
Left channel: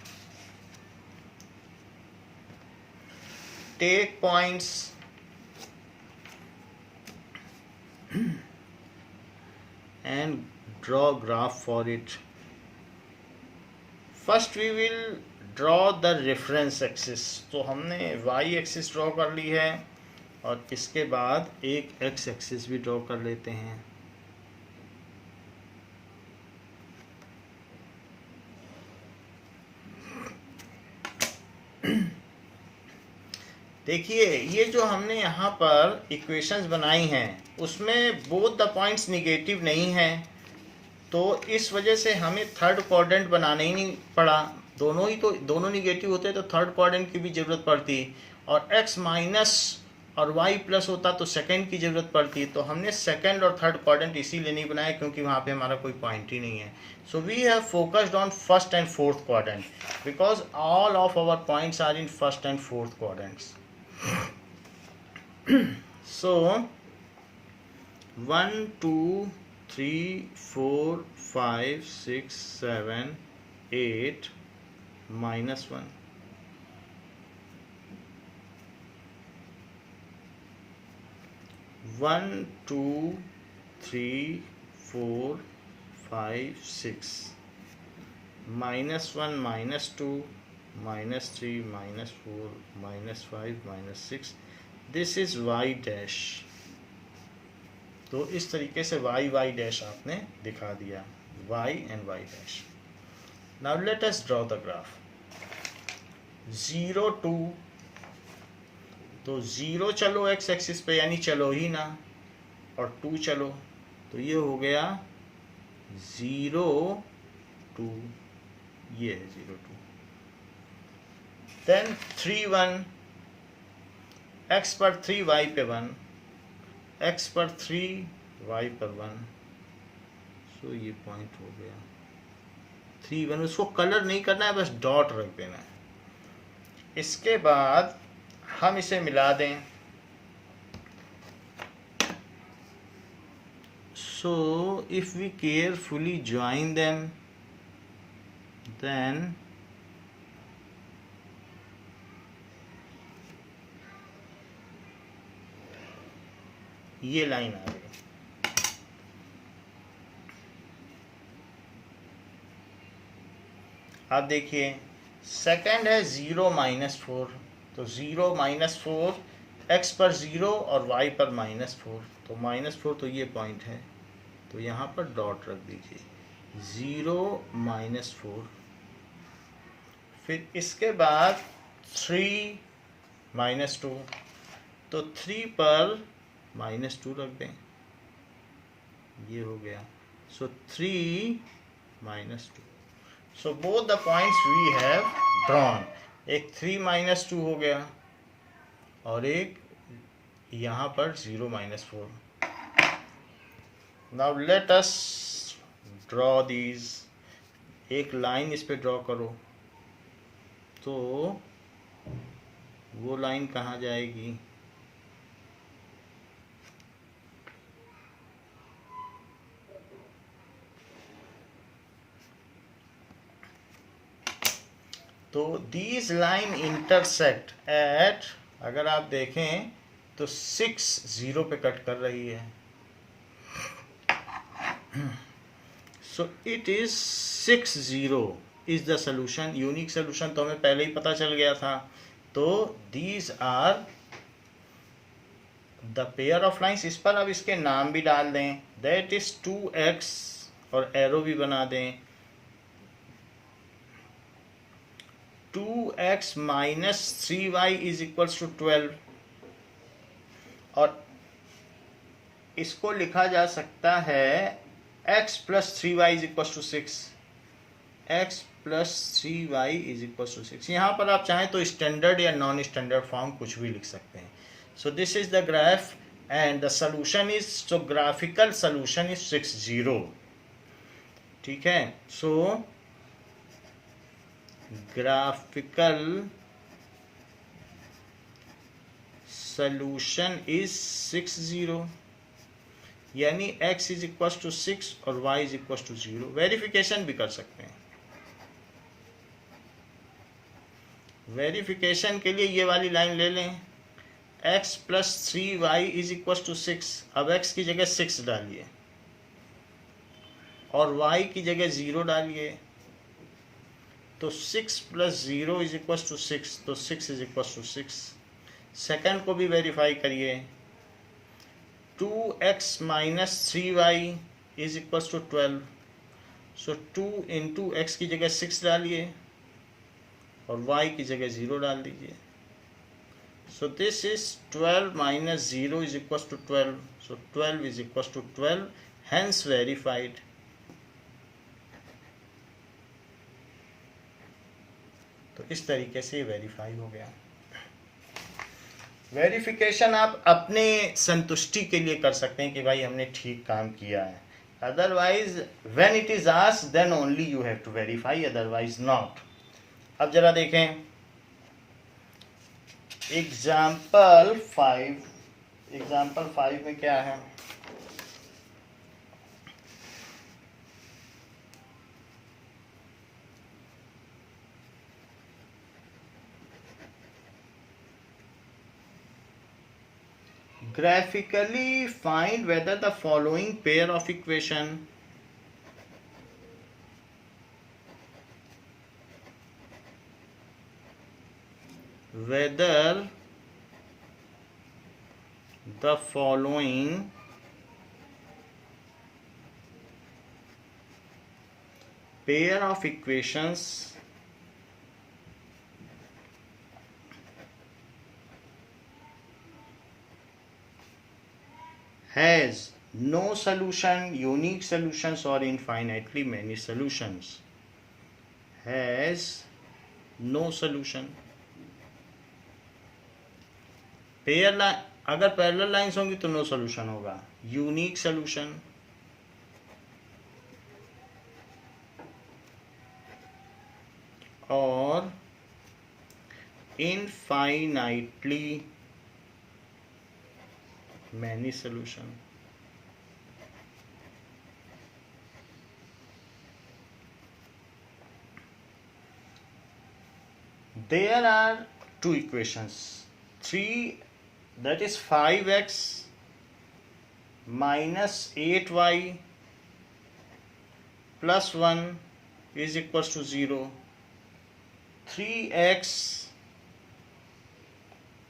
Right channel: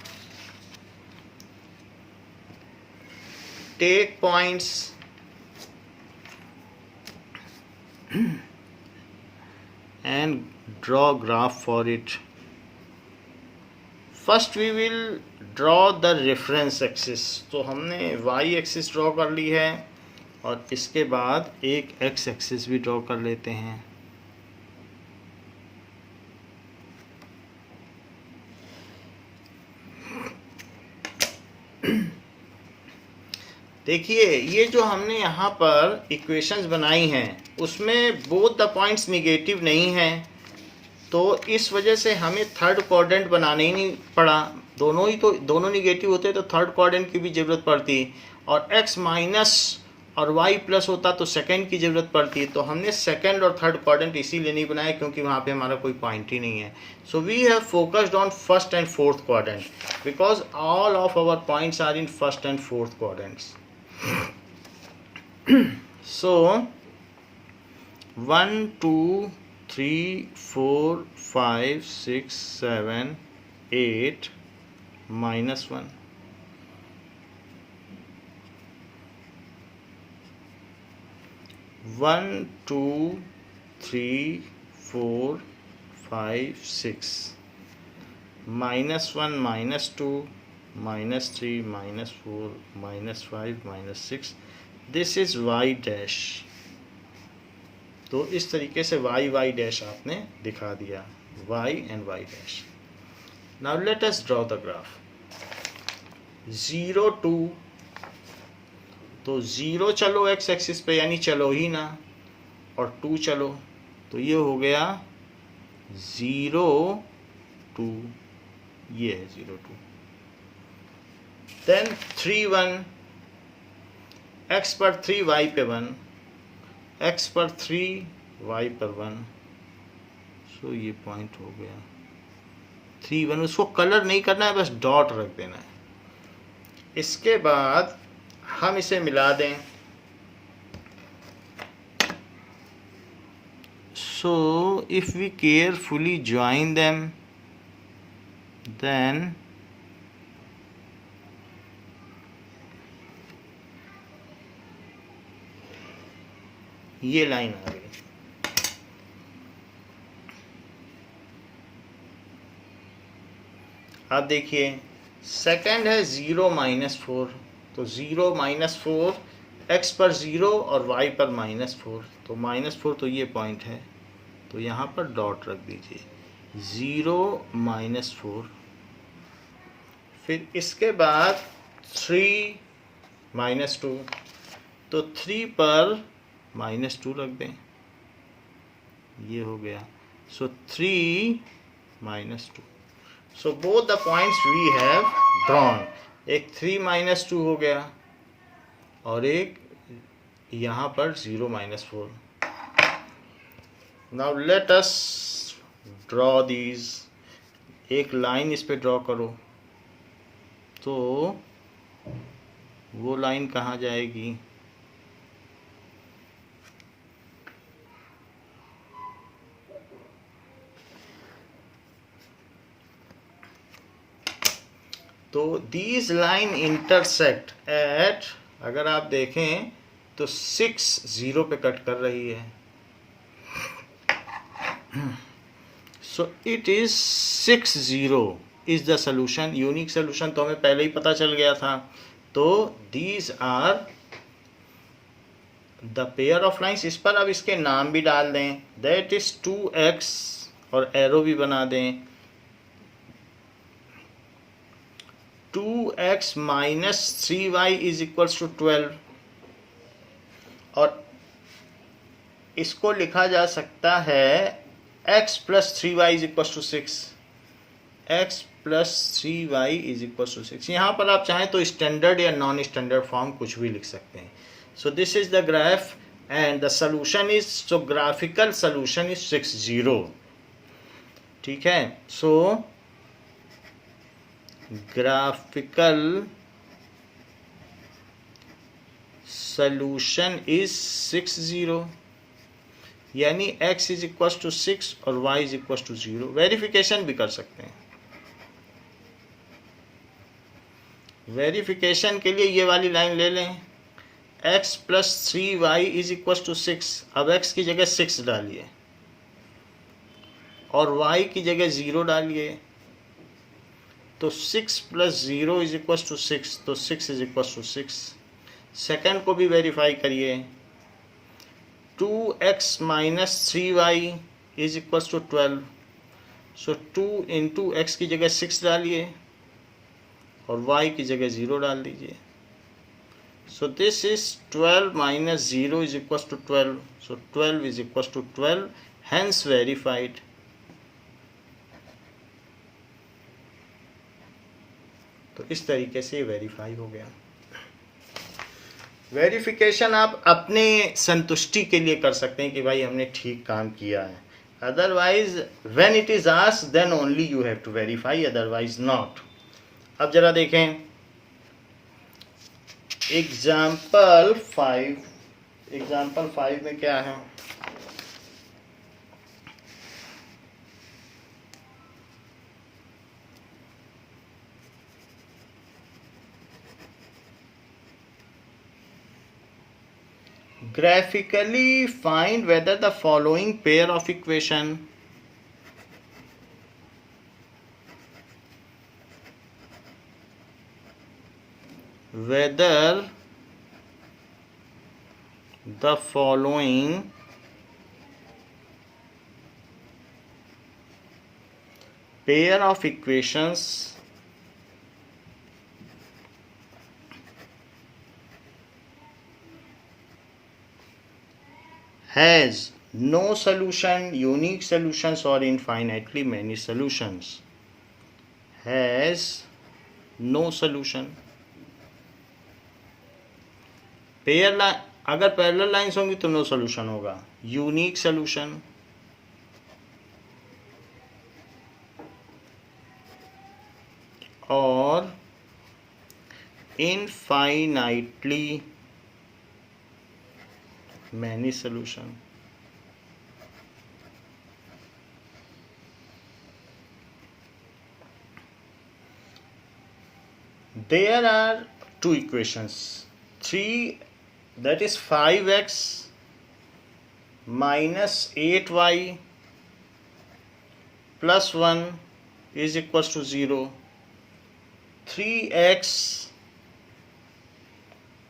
Take points and draw graph for it। First we will draw the reference axis। तो हमने y axis draw कर ली है, और इसके बाद एक x एक्सिस भी ड्रॉ कर लेते हैं। देखिए ये जो हमने यहाँ पर इक्वेशंस बनाई हैं उसमें बोथ द पॉइंट्स निगेटिव नहीं हैं, तो इस वजह से हमें थर्ड क्वाड्रेंट बनाना ही नहीं पड़ा। दोनों निगेटिव होते तो थर्ड क्वाड्रेंट की भी ज़रूरत पड़ती, और x माइनस और y प्लस होता तो सेकंड की ज़रूरत पड़ती। तो हमने सेकंड और थर्ड क्वाड्रेंट इसीलिए नहीं बनाया क्योंकि वहाँ पे हमारा कोई पॉइंट ही नहीं है। So we have focused on first and fourth quadrant because all of our points are in first and fourth quadrants. So 1 2 3 4 5 6 7 8 -1, 1 2 3 4 5 6 -1 -2 -3 -4 -5 -6, this is y dash. तो इस तरीके से y डैश आपने दिखा दिया, y and y dash. Now let us draw the graph. 0 2, तो 0 चलो x axis पे यानी चलो ही ना, और 2 चलो, तो ये हो गया 0 2, ये है 0 2। देन 3 1, x पर 3 y पे 1, x पर 3 y पर 1, सो ये पॉइंट हो गया 3 1। उसको कलर नहीं करना है, बस डॉट रख देना है। इसके बाद हम इसे मिला दें। So if we carefully join them, then ये लाइन आ गई। आप देखिए सेकंड है 0 -4, तो 0 -4 x पर 0 और y पर -4, तो -4 तो ये पॉइंट है, तो यहाँ पर डॉट रख दीजिए 0 -4। फिर इसके बाद 3 -2, तो 3 पर -2 रख दें, ये हो गया। So 3 -2। So both the points we have drawn, एक 3 -2 हो गया और एक यहाँ पर 0 -4। Now let us draw these. एक लाइन इस पे ड्रॉ करो, तो वो लाइन कहाँ जाएगी? तो दीज लाइन इंटरसेक्ट एट, अगर आप देखें तो 6 0 पे कट कर रही है। So it is 6 0 is the solution. Unique solution तो हमें पहले ही पता चल गया था। तो these are the pair of lines. इस पर अब इसके नाम भी डाल दें, दैट इज 2x और एरो भी बना दें। 2x - 3y is equals to 12, और इसको लिखा जा सकता है x + 3y is equals to 6। x + 3y is equals to 6। यहाँ पर आप चाहें तो स्टैंडर्ड या नॉन स्टैंडर्ड फॉर्म कुछ भी लिख सकते हैं। सो this is the graph and the solution is, so graphical solution is 6 0। ठीक है, सो graphical solution is 6 0, यानी x इज इक्वल टू 6 और y is equal to 0। Verification भी कर सकते हैं। वेरिफिकेशन के लिए ये वाली लाइन ले लें, x + 3y is equal to 6। अब x की जगह 6 डालिए और y की जगह 0 डालिए, तो 6 + 0 इज इक्वल टू 6, तो 6 इज इक्वल टू 6। सेकेंड को भी वेरीफाई करिए, 2x - 3y is equal to 12। So 2 × x की जगह 6 डालिए और y की जगह 0 डाल दीजिए। So this is 12 - 0 is equal to 12। So 12 is equal to 12, hence verified. तो इस तरीके से वेरीफाई हो गया। वेरिफिकेशन आप अपने संतुष्टि के लिए कर सकते हैं कि भाई हमने ठीक काम किया है। Otherwise when it is asked then only you have to verify, otherwise not. अब जरा देखें एग्जाम्पल 5 में क्या है। Graphically find whether the following pair of equation pair of equations has no solution, unique solutions or infinitely many solutions. Has no solution. Pair अगर parallel lines होंगी तो no solution होगा। यूनिक सोल्यूशन, और infinitely many solution. There are two equations. 3, that is 5x minus 8y plus 1 is equals to 0. 3x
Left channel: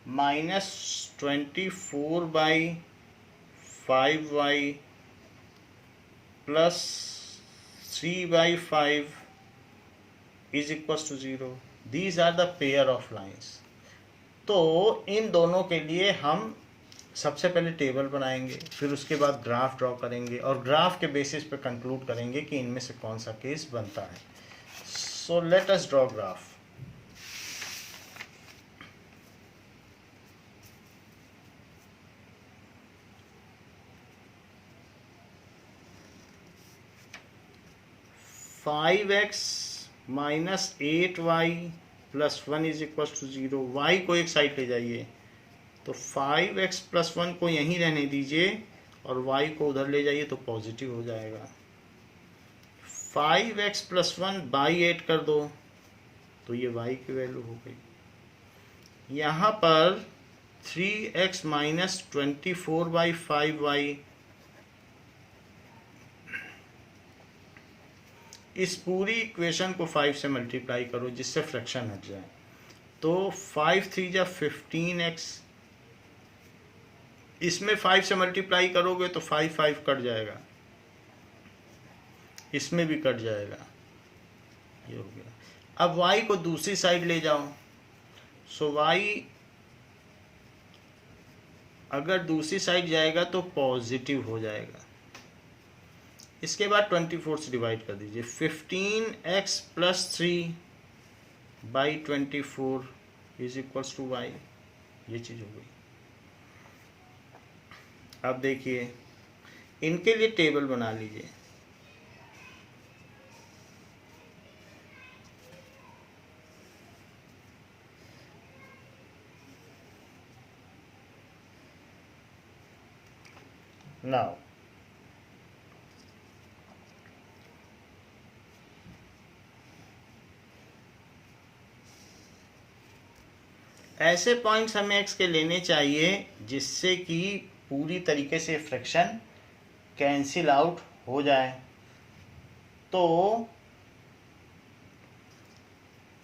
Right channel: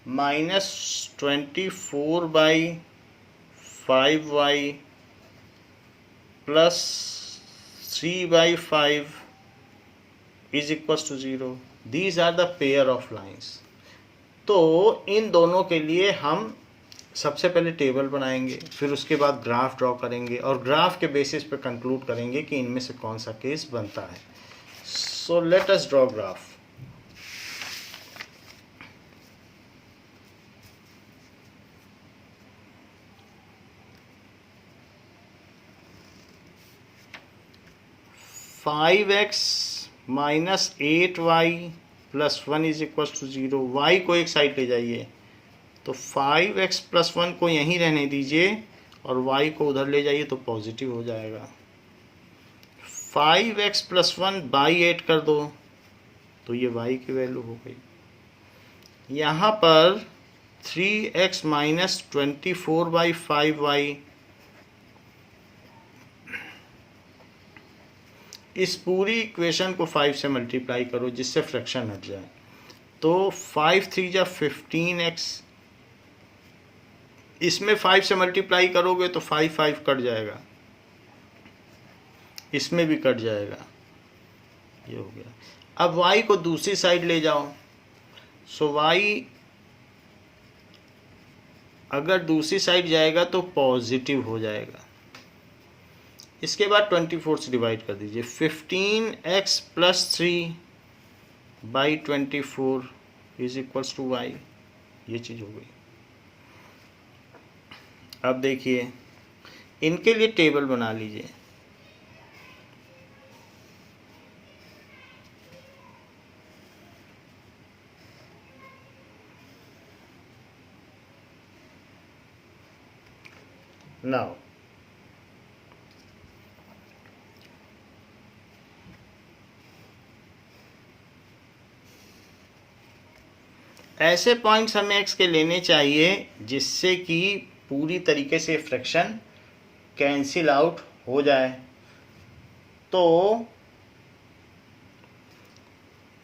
minus 24 by 5y plus 3 by 5 is equals to 0. These are the pair of lines. तो इन दोनों के लिए हम सबसे पहले table बनाएंगे, फिर उसके बाद ग्राफ ड्रॉ करेंगे और ग्राफ के बेसिस पे कंक्लूड करेंगे कि इनमें से कौन सा केस बनता है. So let us draw graph. Five x minus 8y plus 1 is equal to 0. y को एक साइड ले जाइए, तो 5x प्लस 1 को यहीं रहने दीजिए और y को उधर ले जाइए तो पॉजिटिव हो जाएगा. 5x प्लस 1 बाई 8 कर दो तो ये y की वैल्यू हो गई. यहाँ पर 3x माइनस 24 बाई 5y, इस पूरी इक्वेशन को 5 से मल्टीप्लाई करो जिससे फ्रैक्शन हट जाए. तो 5 3 जा 15x, इसमें 5 से मल्टीप्लाई करोगे तो 5 5 कट जाएगा, इसमें भी कट जाएगा, ये हो गया. अब y को दूसरी साइड ले जाओ. सो y अगर दूसरी साइड जाएगा तो पॉजिटिव हो जाएगा. इसके बाद 24 से डिवाइड कर दीजिए. 15x plus 3 by 24 is equals to y. ये चीज़ हो गई. अब देखिए इनके लिए टेबल बना लीजिए. नाउ ऐसे पॉइंट्स हमें x के लेने चाहिए जिससे कि पूरी तरीके से फ्रैक्शन कैंसिल आउट हो जाए. तो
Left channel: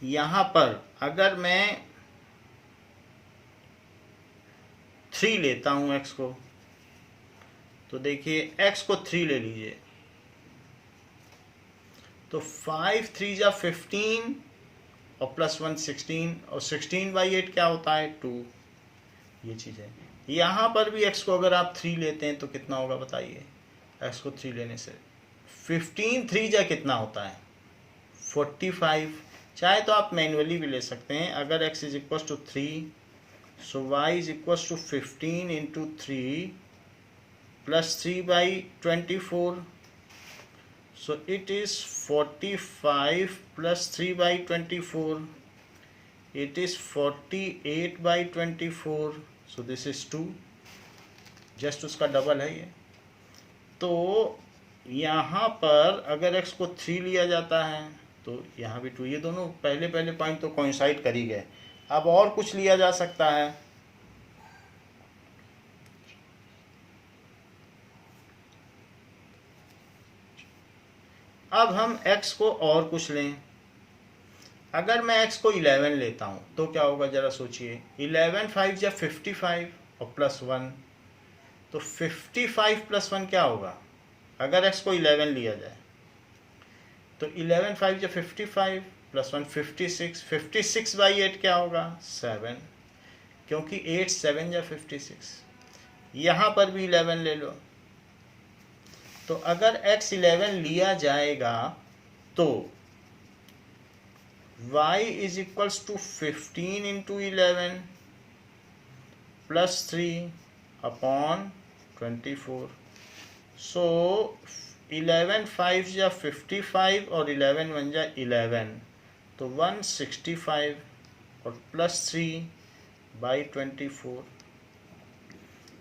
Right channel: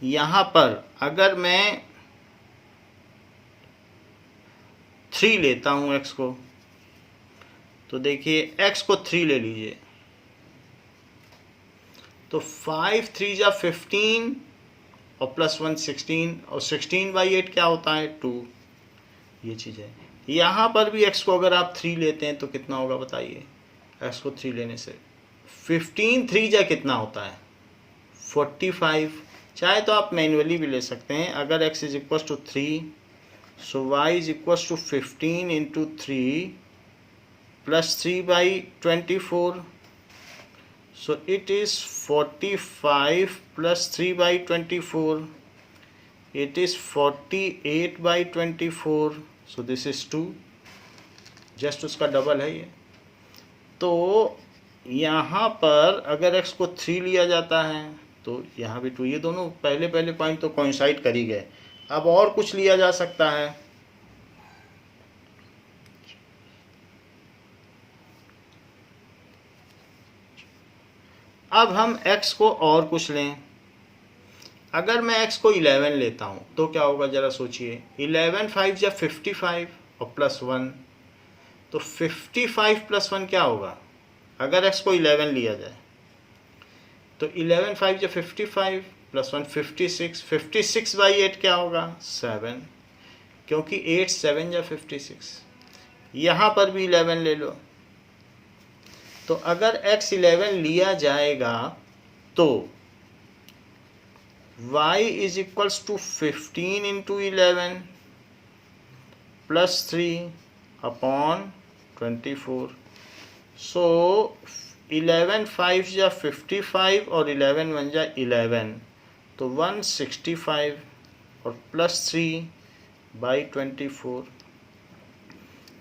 यहाँ पर अगर मैं 3 लेता हूँ x को, तो देखिए x को 3 ले लीजिए तो 5 3 जा 15 और प्लस 1 16 और 16 बाई 8 क्या होता है 2. ये चीज़ है. यहाँ पर भी x को अगर आप 3 लेते हैं तो कितना होगा बताइए. x को 3 लेने से 15 3 जा कितना होता है 45. चाहे तो आप मैन्युअली भी ले सकते हैं. अगर x is equal to 3 so y is equal to 15 into 3 plus 3 by 24. So it is 45 plus 3 by 24. It is 48 by 24. So this is 2. Just उसका डबल है ये. तो यहाँ पर अगर x को 3 लिया जाता है तो यहाँ भी 2. ये दोनों पहले पॉइंट तो कोइंसाइड कर ही गए. अब और कुछ लिया जा सकता है. अब हम x को और कुछ लें. अगर मैं x को 11 लेता हूँ तो क्या होगा ज़रा सोचिए. 11 5 जा 55 और प्लस 1, तो 55 प्लस 1 क्या होगा अगर x को 11 लिया जाए. तो 11 5 जा 55 प्लस 1 56. 56 बाई 8 क्या होगा 7, क्योंकि 8 7 जा 56. यहाँ पर भी 11 ले लो. तो अगर x 11 लिया जाएगा तो y is equals to 15 into 11 plus 3 upon 24. So 11 5 जा 55 और 11 1 जा 11. तो 165 और +3/24,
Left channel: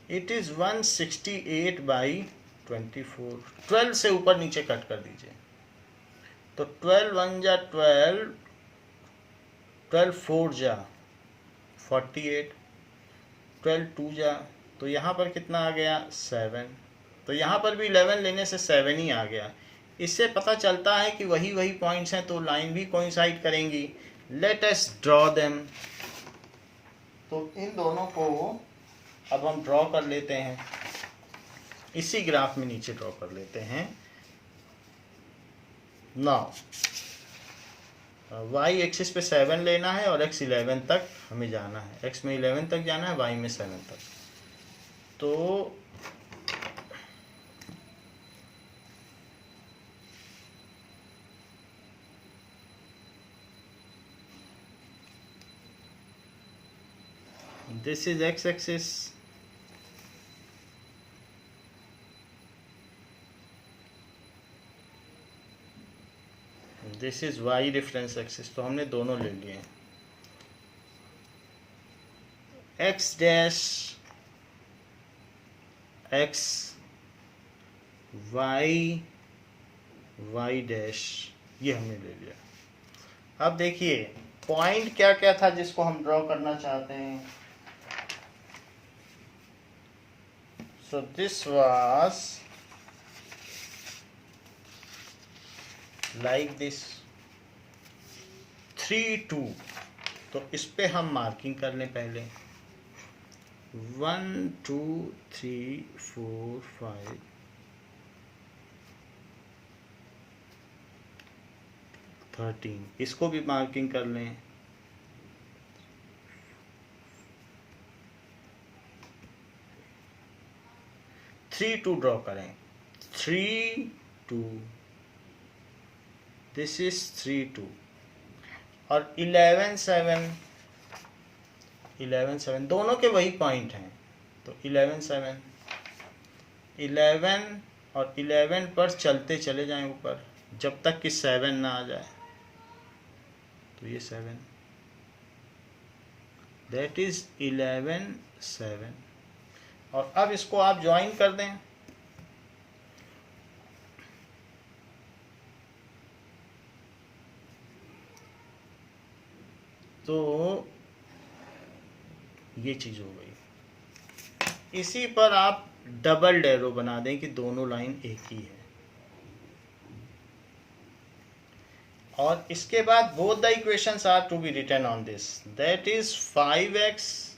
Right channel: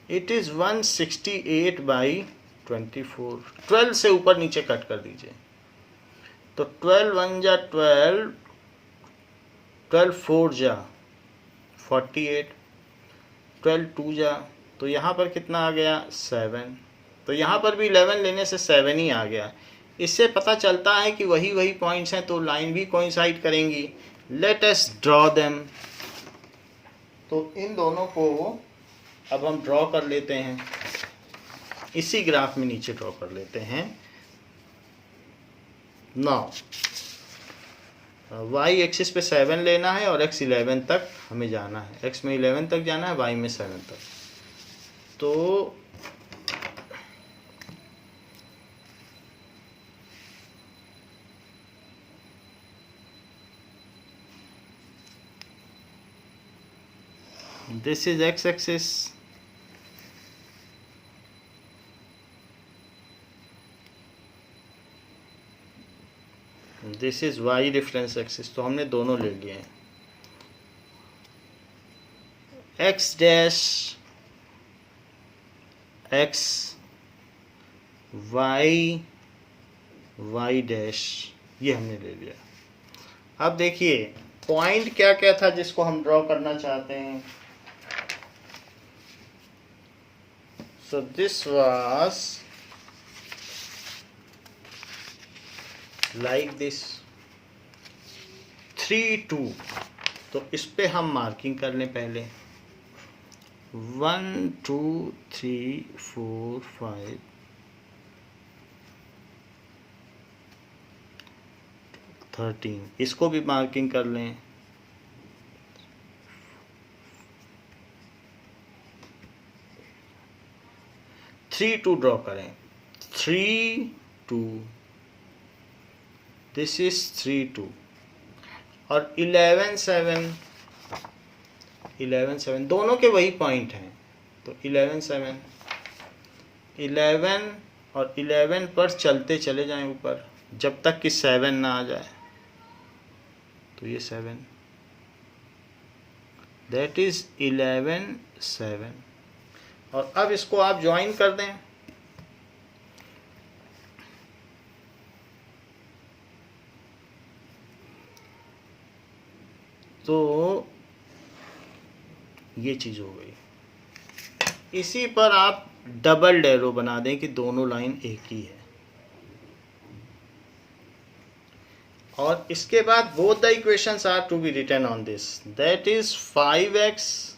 इट इज़ 168/24। 12 से ऊपर नीचे कट कर दीजिए। तो 12 1 जा 12, 12 4 जा 48, 12 2 जा, तो यहाँ पर कितना आ गया 7। तो यहाँ पर भी 11 लेने से 7 ही आ गया। इससे पता चलता है कि वही वही पॉइंट्स हैं, तो लाइन भी कोइंसाइड करेंगी। Late us draw them. तो इन दोनों को अब हम ड्रॉ कर लेते हैं, इसी ग्राफ में नीचे ड्रॉ कर लेते हैं। नाउ वाई एक्सिस पे 7 लेना है और x 11 तक हमें जाना है। x में 11 तक जाना है, y में 7 तक। तो this is x axis, this is y reference axis. तो हमने दोनों ले लिए हैं। x dash x, y y dash, ये हमने ले लिया। अब देखिए पॉइंट क्या क्या था जिसको हम ड्रॉ करना चाहते हैं। So this was like this 3 2। तो इस पे हम मार्किंग कर लें पहले। 1 2 3 4 5 13, इसको भी मार्किंग कर लें। 3 2 ड्रॉ करें। 3 2, दिस इज 3 2। और 11 7, 11 7 दोनों के वही पॉइंट हैं। तो 11 7, 11 और 11 पर चलते चले जाएं ऊपर जब तक कि 7 ना आ जाए। तो ये 7, दैट इज 11 7। और अब इसको आप ज्वाइन कर दें। तो ये चीज़ हो गई। इसी पर आप डबल एरो बना दें कि दोनों लाइन एक ही है। और इसके बाद both the equations are to be written on this, that is 5x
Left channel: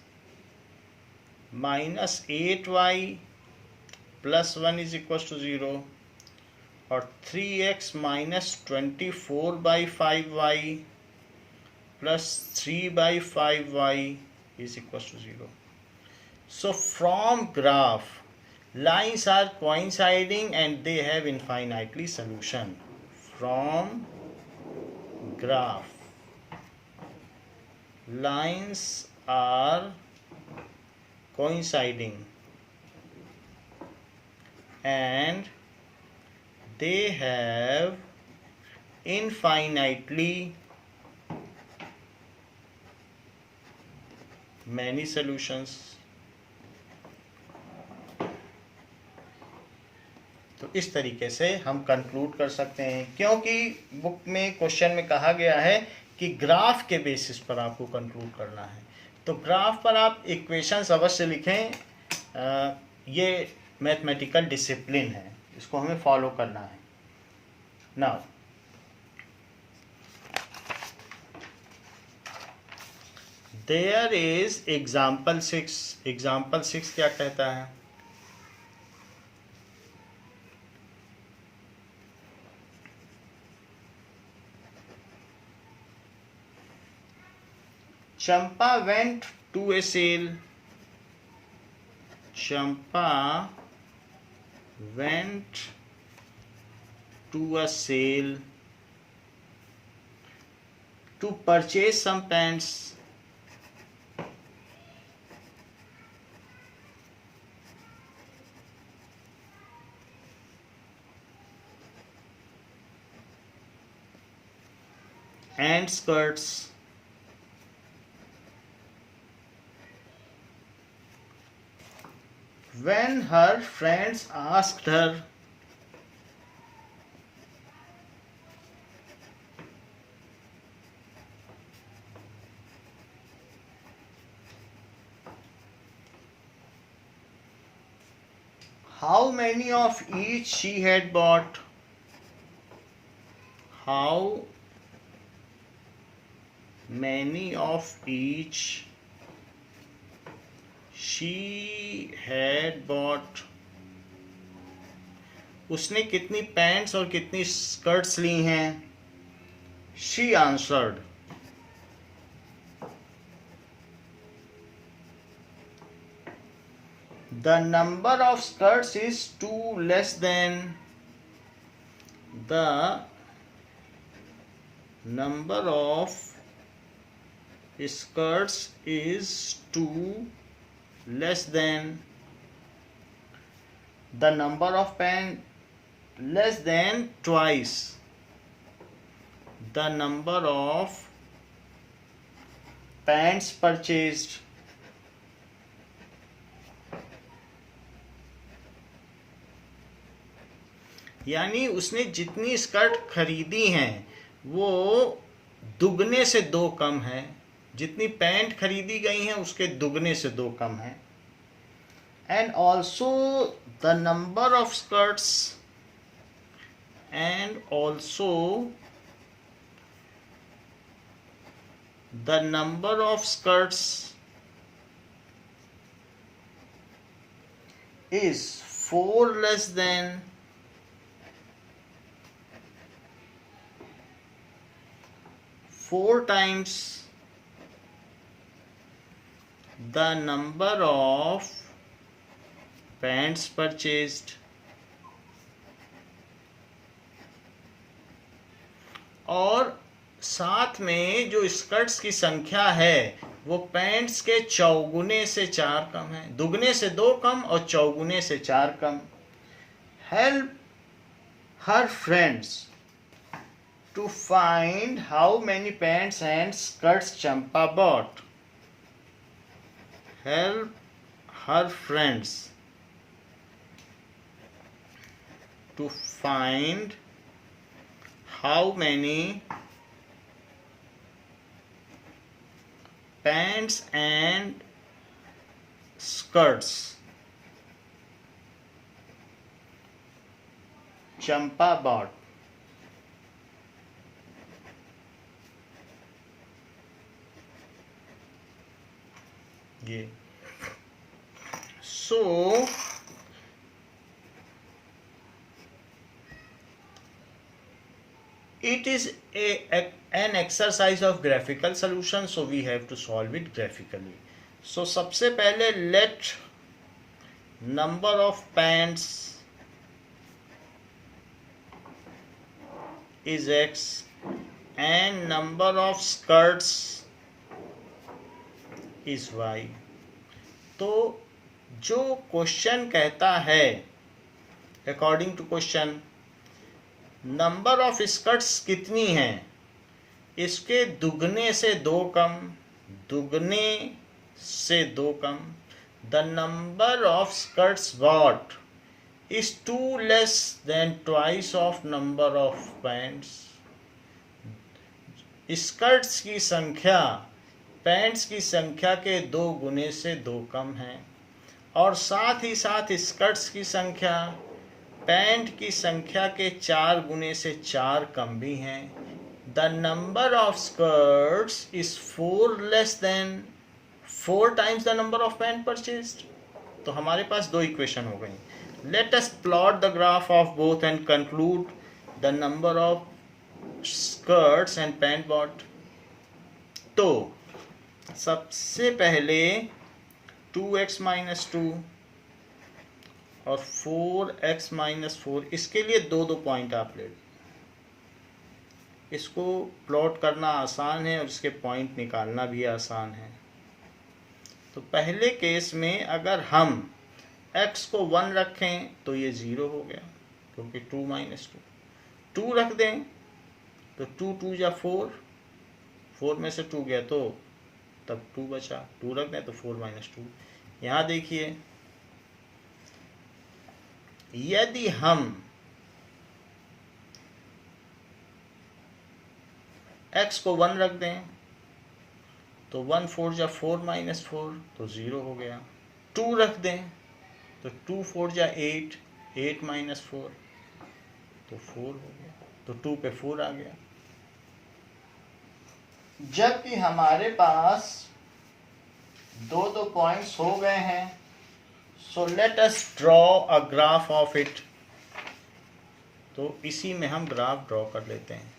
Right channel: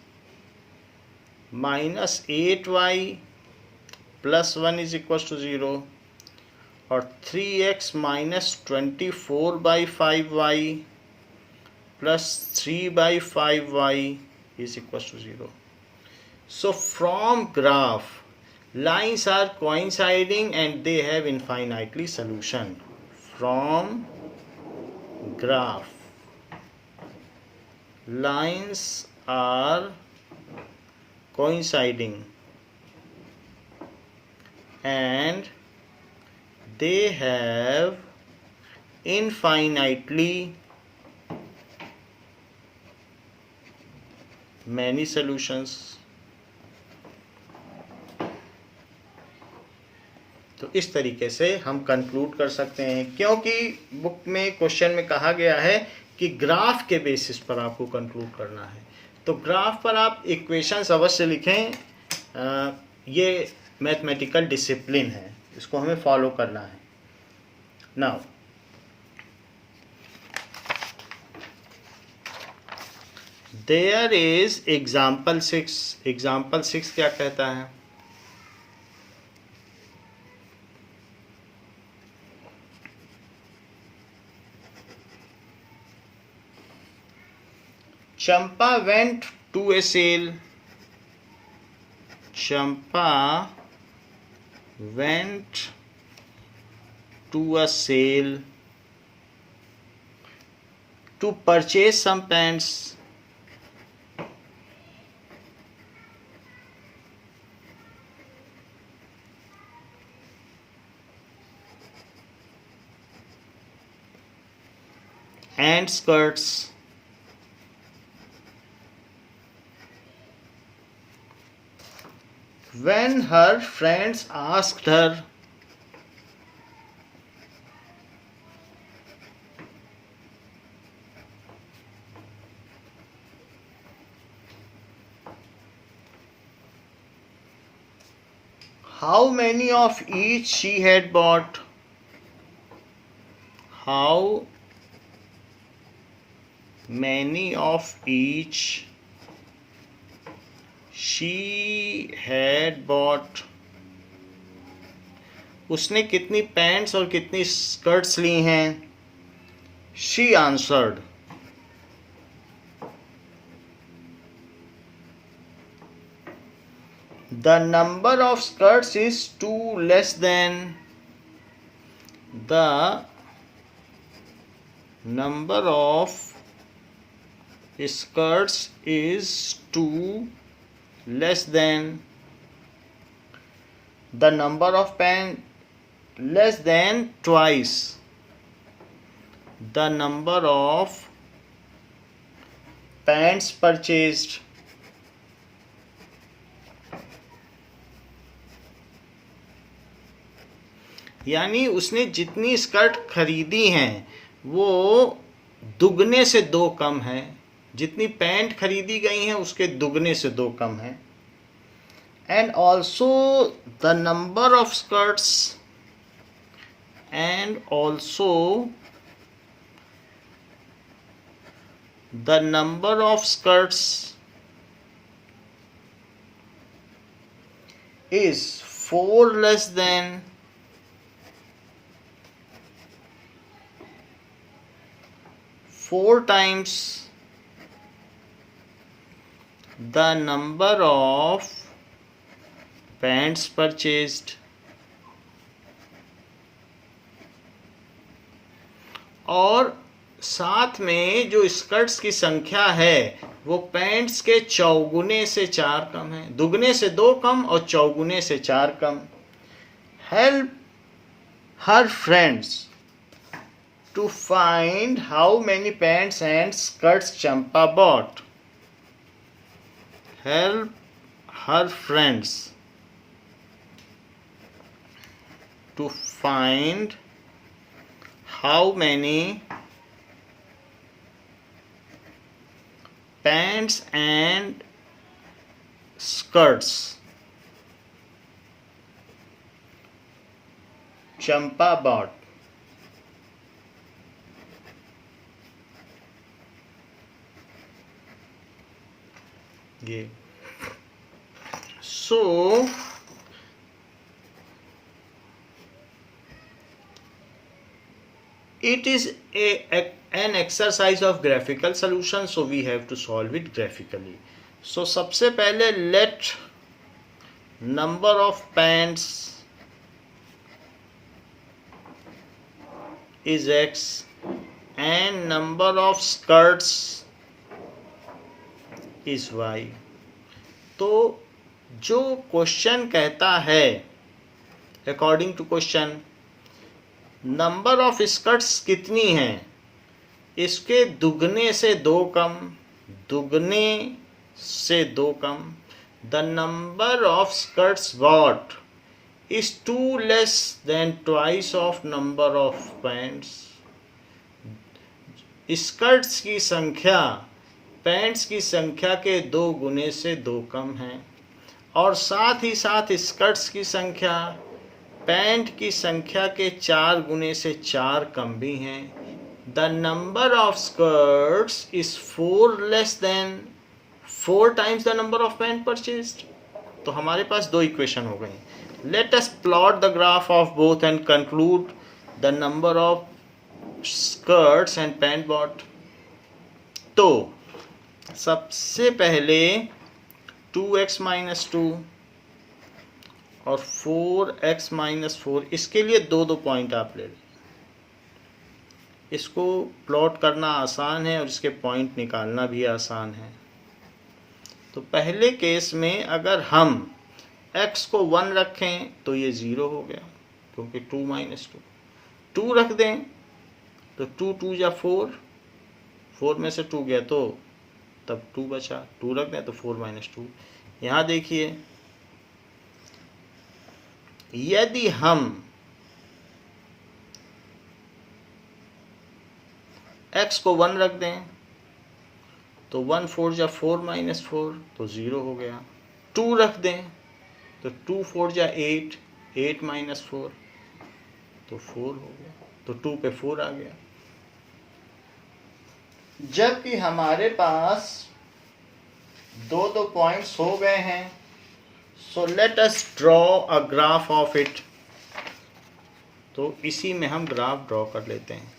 minus 8y plus 1 is equal to 0 और 3x minus 24/5y plus 3/5y is equals to 0. So from graph, lines are coinciding and they have infinitely solution. From graph, lines are coinciding and they have infinitely many solutions. तो इस तरीके से हम conclude कर सकते हैं, क्योंकि book में क्वेश्चन में कहा गया है कि ग्राफ के बेसिस पर आपको कंक्लूड करना है। तो ग्राफ पर आप इक्वेशंस अवश्य लिखें। ये मैथमेटिकल डिसिप्लिन है, इसको हमें फॉलो करना है। Now there is example 6। Example 6 क्या कहता है? Champa went to a sale. Champa went to a sale to purchase some pants. and skirts. When her friends asked her, how many of each she had bought, how many of each she had bought, उसने कितनी pants और कितनी skirts ली हैं? She answered, the number of skirts is 2 less than the number of skirts is 2 less than the number of pants, less than twice the number of pants purchased. यानी उसने जितनी skirt खरीदी हैं वो दुगने से 2 कम है, जितनी पैंट खरीदी गई हैं उसके दुगने से 2 कम है. And also the number of skirts, and also the number of skirts is 4 less than four times the number of pants purchased. और साथ में जो स्कर्ट्स की संख्या है वो पैंट्स के चौगुने से 4 कम है, दुगने से 2 कम और चौगुने से 4 कम. Help her friends to find how many pants and skirts Champa bought. Help her friends to find how many pants and skirts Champa bought. So it is an exercise of graphical solution, so we have to solve it graphically. So सबसे पहले let number of pants is x and number of skirts is y. तो जो question कहता है according to question number of skirts कितनी हैं, इसके दुगने से 2 कम, दुगने से 2 कम. The number of skirts bought is 2 less than twice of number of pants. Skirts की संख्या पैंट्स की संख्या के 2 गुने से 2 कम है और साथ ही साथ स्कर्ट्स की संख्या पैंट की संख्या के 4 गुने से 4 कम भी हैं. The number of skirts is 4 less than 4 times the number of pant purchased. तो हमारे पास 2 इक्वेशन हो गए. Let us plot the graph of both and conclude the number of skirts and pant bought. तो सबसे पहले 2x माइनस 2 और 4x minus 4, इसके लिए 2 पॉइंट आप ले लीजिए. इसको प्लॉट करना आसान है और इसके पॉइंट निकालना भी आसान है. तो पहले केस में अगर हम x को 1 रखें तो ये 0 हो गया क्योंकि 2 माइनस 2. 2 रख दें तो 2 2 या 4, 4 में से 2 गया तो तब 2 बचा, 2 रख दें तो 4 - 2। यहाँ देखिए यदि हम x को 1 रख दें तो 1 4 जा 4 - 4 तो 0 हो गया। 2 रख दें तो 2 4 जा 8, 8 - 4 तो 4 हो गया, तो 2 पे 4 आ गया। जबकि हमारे पास दो पॉइंट्स हो गए हैं, सो let us draw a graph of it. तो इसी में हम ग्राफ ड्रॉ कर लेते हैं।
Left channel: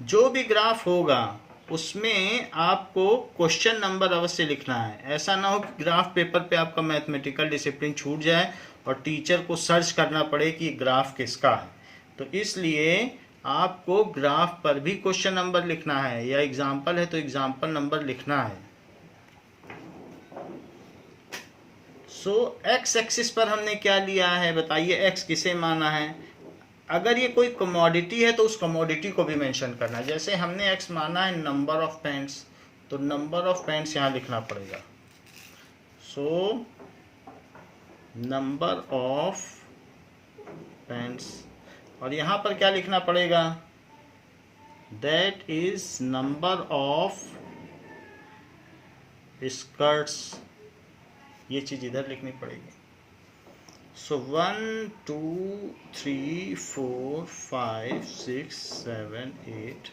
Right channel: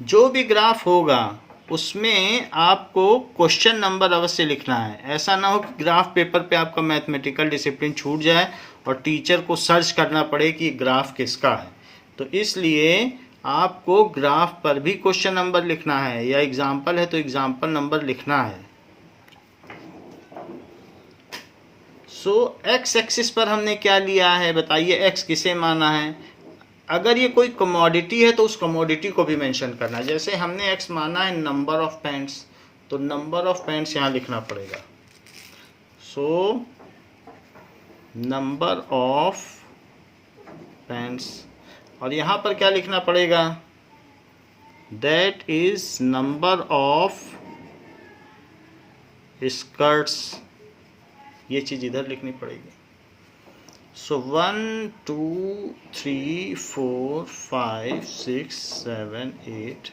जो भी ग्राफ होगा उसमें आपको क्वेश्चन नंबर अवश्य लिखना है। ऐसा ना हो कि ग्राफ पेपर पे आपका मैथमेटिकल डिसिप्लिन छूट जाए और टीचर को सर्च करना पड़े कि ग्राफ किसका है। तो इसलिए आपको ग्राफ पर भी क्वेश्चन नंबर लिखना है, या एग्जाम्पल है तो एग्जाम्पल नंबर लिखना है। सो एक्स एक्सिस पर हमने क्या लिया है बताइए, एक्स किसे माना है। अगर ये कोई कमोडिटी है तो उस कमोडिटी को भी मेंशन करना। जैसे हमने एक्स माना है नंबर ऑफ पैंट्स, तो नंबर ऑफ पैंट्स यहाँ लिखना पड़ेगा। सो नंबर ऑफ पैंट्स, और यहाँ पर क्या लिखना पड़ेगा, that is number of skirts. ये चीज़ इधर लिखनी पड़ेगी। सो 1 2 3 4 5 6 7 8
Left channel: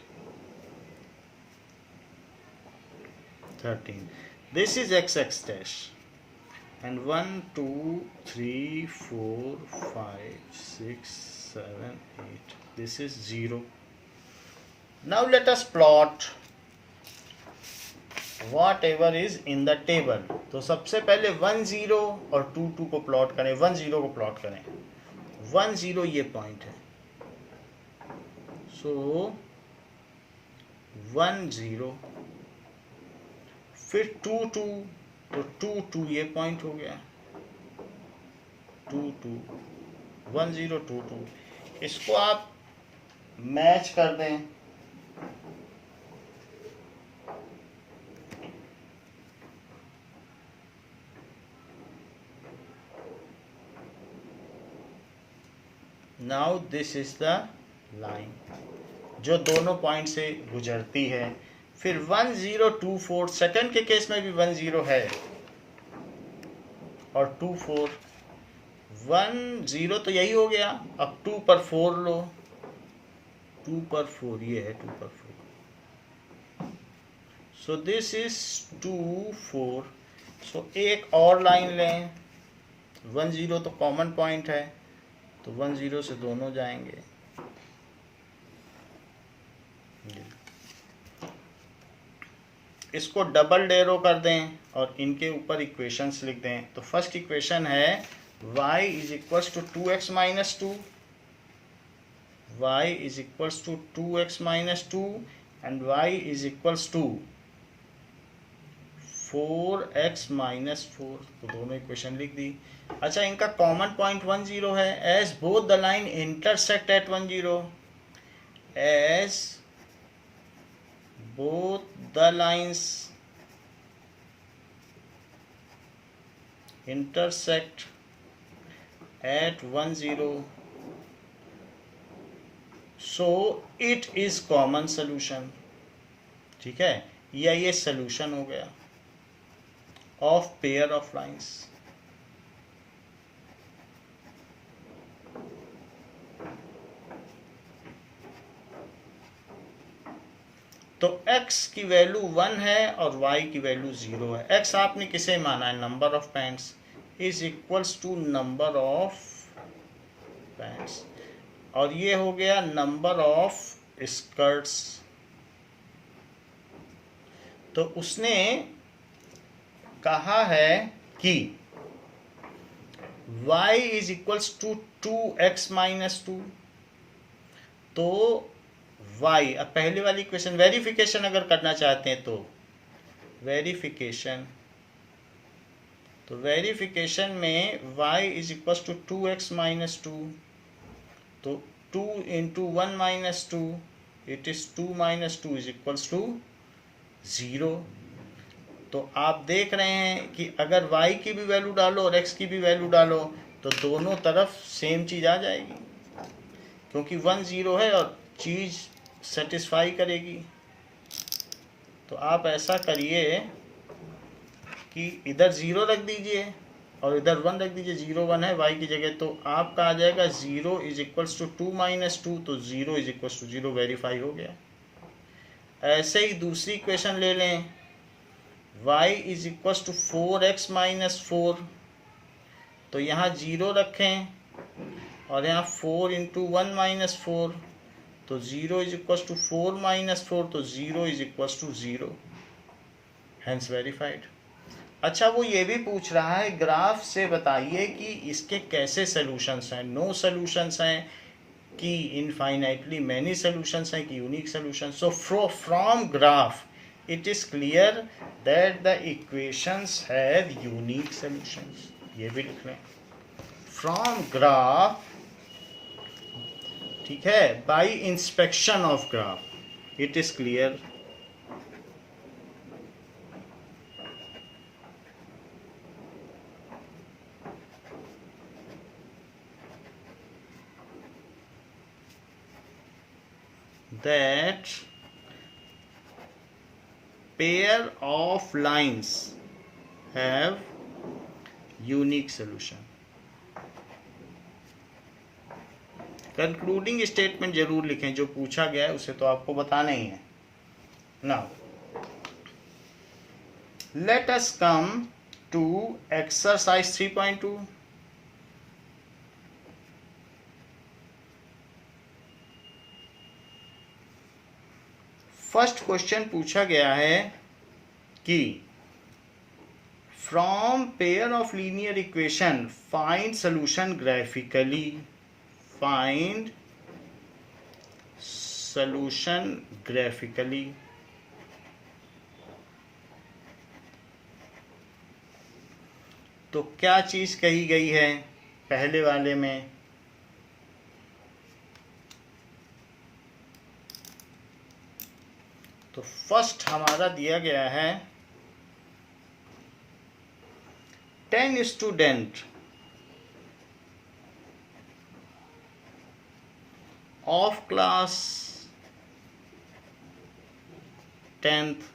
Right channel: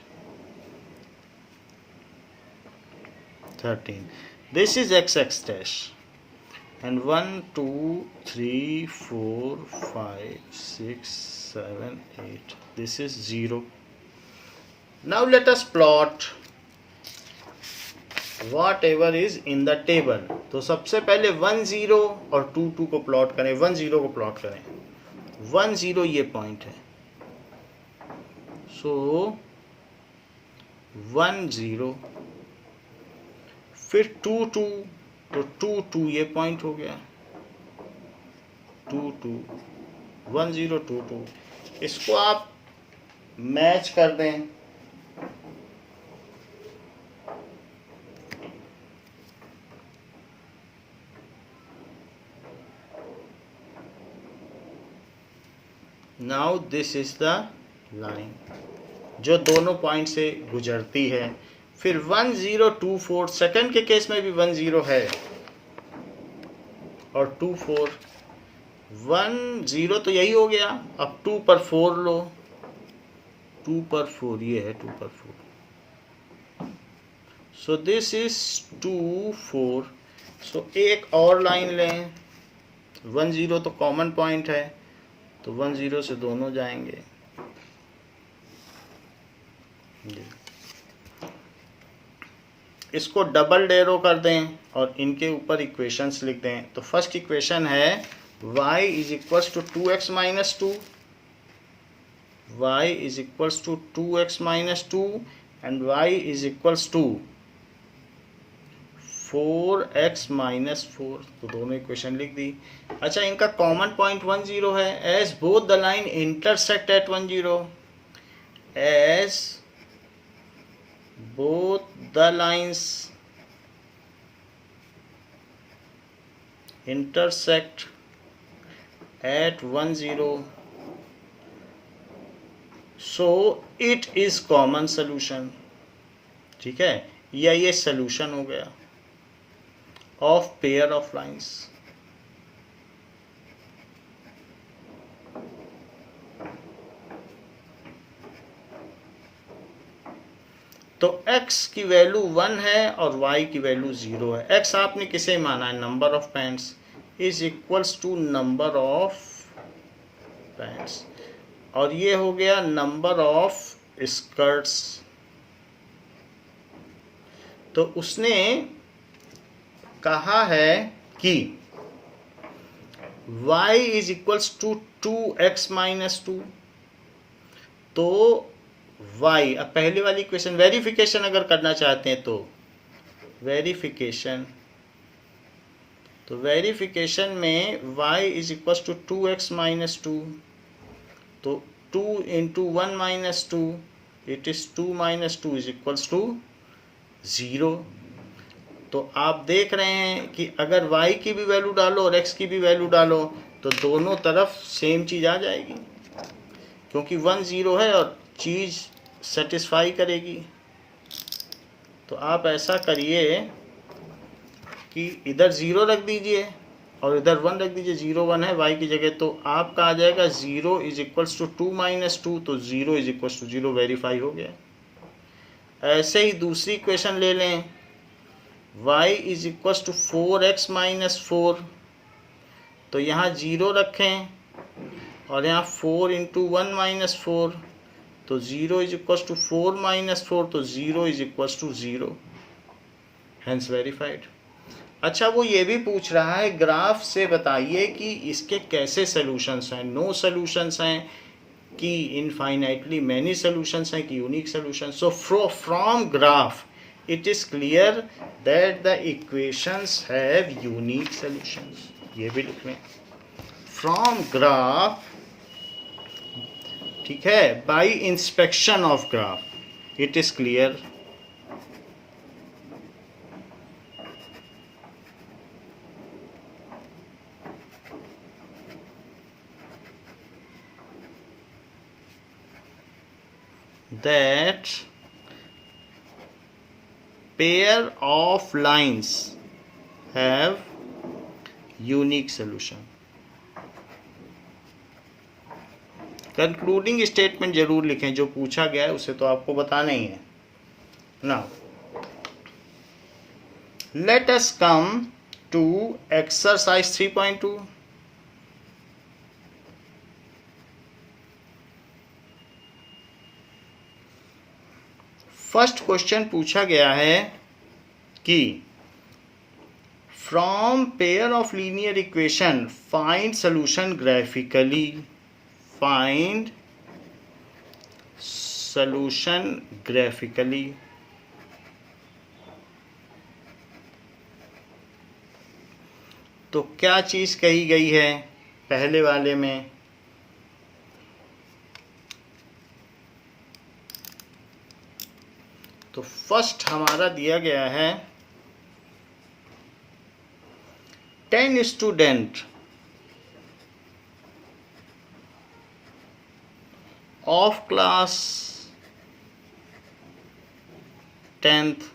13, this is x dash, and 1 2 3 4 5 6 7 8, this is 0. Now let us plot whatever is in the table. तो सबसे पहले 1 0 और 2 2 को प्लॉट करें। 1 0 को प्लॉट करें। 1 0 ये पॉइंट है, सो 1 0, फिर 2 2, तो 2 2 ये पॉइंट हो गया, 2 2 1 0 2 2। इसको आप मैच कर दें। Now this is the line जो दोनों पॉइंट से गुजरती है। फिर 1 0 2 4, सेकंड के केस में भी 1 0 है और 2 4, 1 0 तो यही हो गया। अब 2 पर 4 लो, 2 पर 4 ये है, 2 पर 4, सो दिस इज 2 4। सो एक और लाइन लें, 1 0 तो कॉमन पॉइंट है, तो 1 0 से दोनों जाएंगे। इसको डबल एरो कर दें और इनके ऊपर इक्वेशंस लिख दें। तो फर्स्ट इक्वेशन है y is equals to 2x - 2, y is equals to 2x - 2 and y is equals to 4x - 4। तो दोनों इक्वेशन लिख दी। अच्छा, इनका कॉमन पॉइंट 1 0 है। As both the line intersect at 1 0, as both the lines intersect at 1 0, so it is common solution। ठीक है, या ये solution हो गया of pair of lines। तो x की वैल्यू 1 है और y की वैल्यू 0 है। x आपने किसे माना है, number of pants is equals to number of pants, और ये हो गया नंबर ऑफ स्कर्ट्स। तो उसने कहा है कि y is equals to 2x - 2, तो y, अब पहले वाली इक्वेशन वेरिफिकेशन अगर करना चाहते हैं तो वेरिफिकेशन, तो वेरिफिकेशन में y is equal to 2x - 2, तो 2 into 1 minus 2, it is 2 minus 2 is equals to 0. तो आप देख रहे हैं कि अगर y की भी वैल्यू डालो और x की भी वैल्यू डालो तो दोनों तरफ सेम चीज़ आ जाएगी, क्योंकि 1 0 है और चीज़ सेटिस्फाई करेगी। तो आप ऐसा करिए कि इधर 0 रख दीजिए और इधर 1 रख दीजिए, 0 1 है y की जगह, तो आपका आ जाएगा 0 इज इक्वल्स टू 2 माइनस 2, तो 0 इज इक्वल्स टू 0 वेरीफाई हो गया। ऐसे ही दूसरी इक्वेशन ले लें, y is equals to 4x minus 4, तो यहाँ 0 रखें और यहाँ 4 इंटू 1 माइनस 4, तो 0 इज इक्वल्स टू 4 माइनस 4, तो 0 is equals to 0, hence verified. अच्छा, वो ये भी पूछ रहा है ग्राफ से बताइए कि इसके कैसे सॉल्यूशंस हैं, नो सॉल्यूशंस हैं कि इनफाइनाइटली मैनी सॉल्यूशंस हैं कि unique solutions. So from graph it is clear that the equations have unique solutions. ये भी लिख लें from graph, ठीक है, by inspection of graph it is clear that pair of lines have unique solution. Concluding statement जरूर लिखें, जो पूछा गया है उसे तो आपको बताना ही है। Now let us come to exercise 3.2। First question पूछा गया है कि from pair of linear equation find solution graphically, find solution graphically. तो क्या चीज कही गई है पहले वाले में, तो फर्स्ट हमारा दिया गया है 10 student of class 10th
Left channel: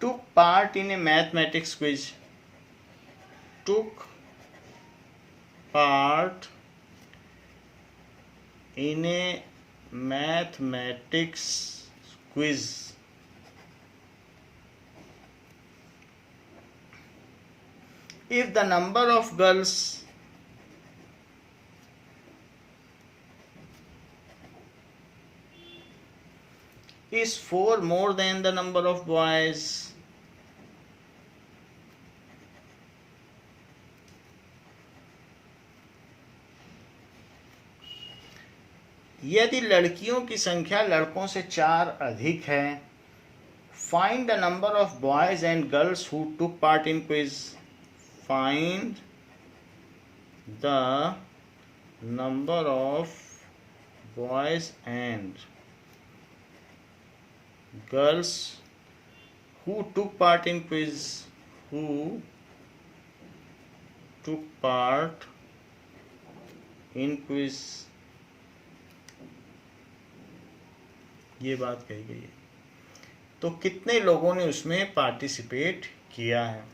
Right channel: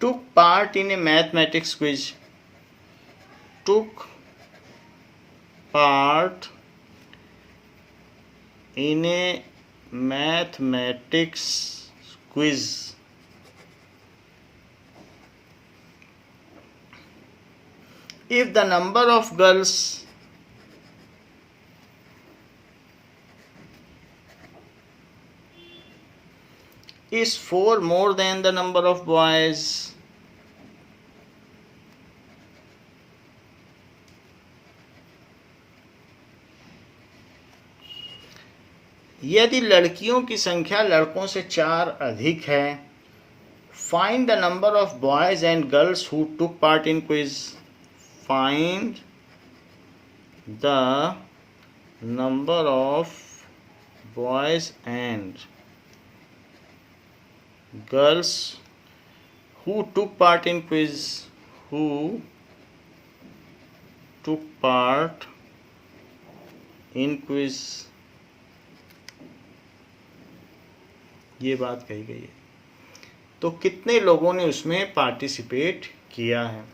took part in a mathematics quiz, took part in a mathematics quiz. If the number of girls is 4 more than the number of boys, यदि लड़कियों की संख्या लड़कों से 4 अधिक है, find the number of boys and girls who took part in quiz, find the number of boys and girls who took part in quiz, who took part in quiz, ये बात कही गई है। तो कितने लोगों ने उसमें पार्टिसिपेट किया है।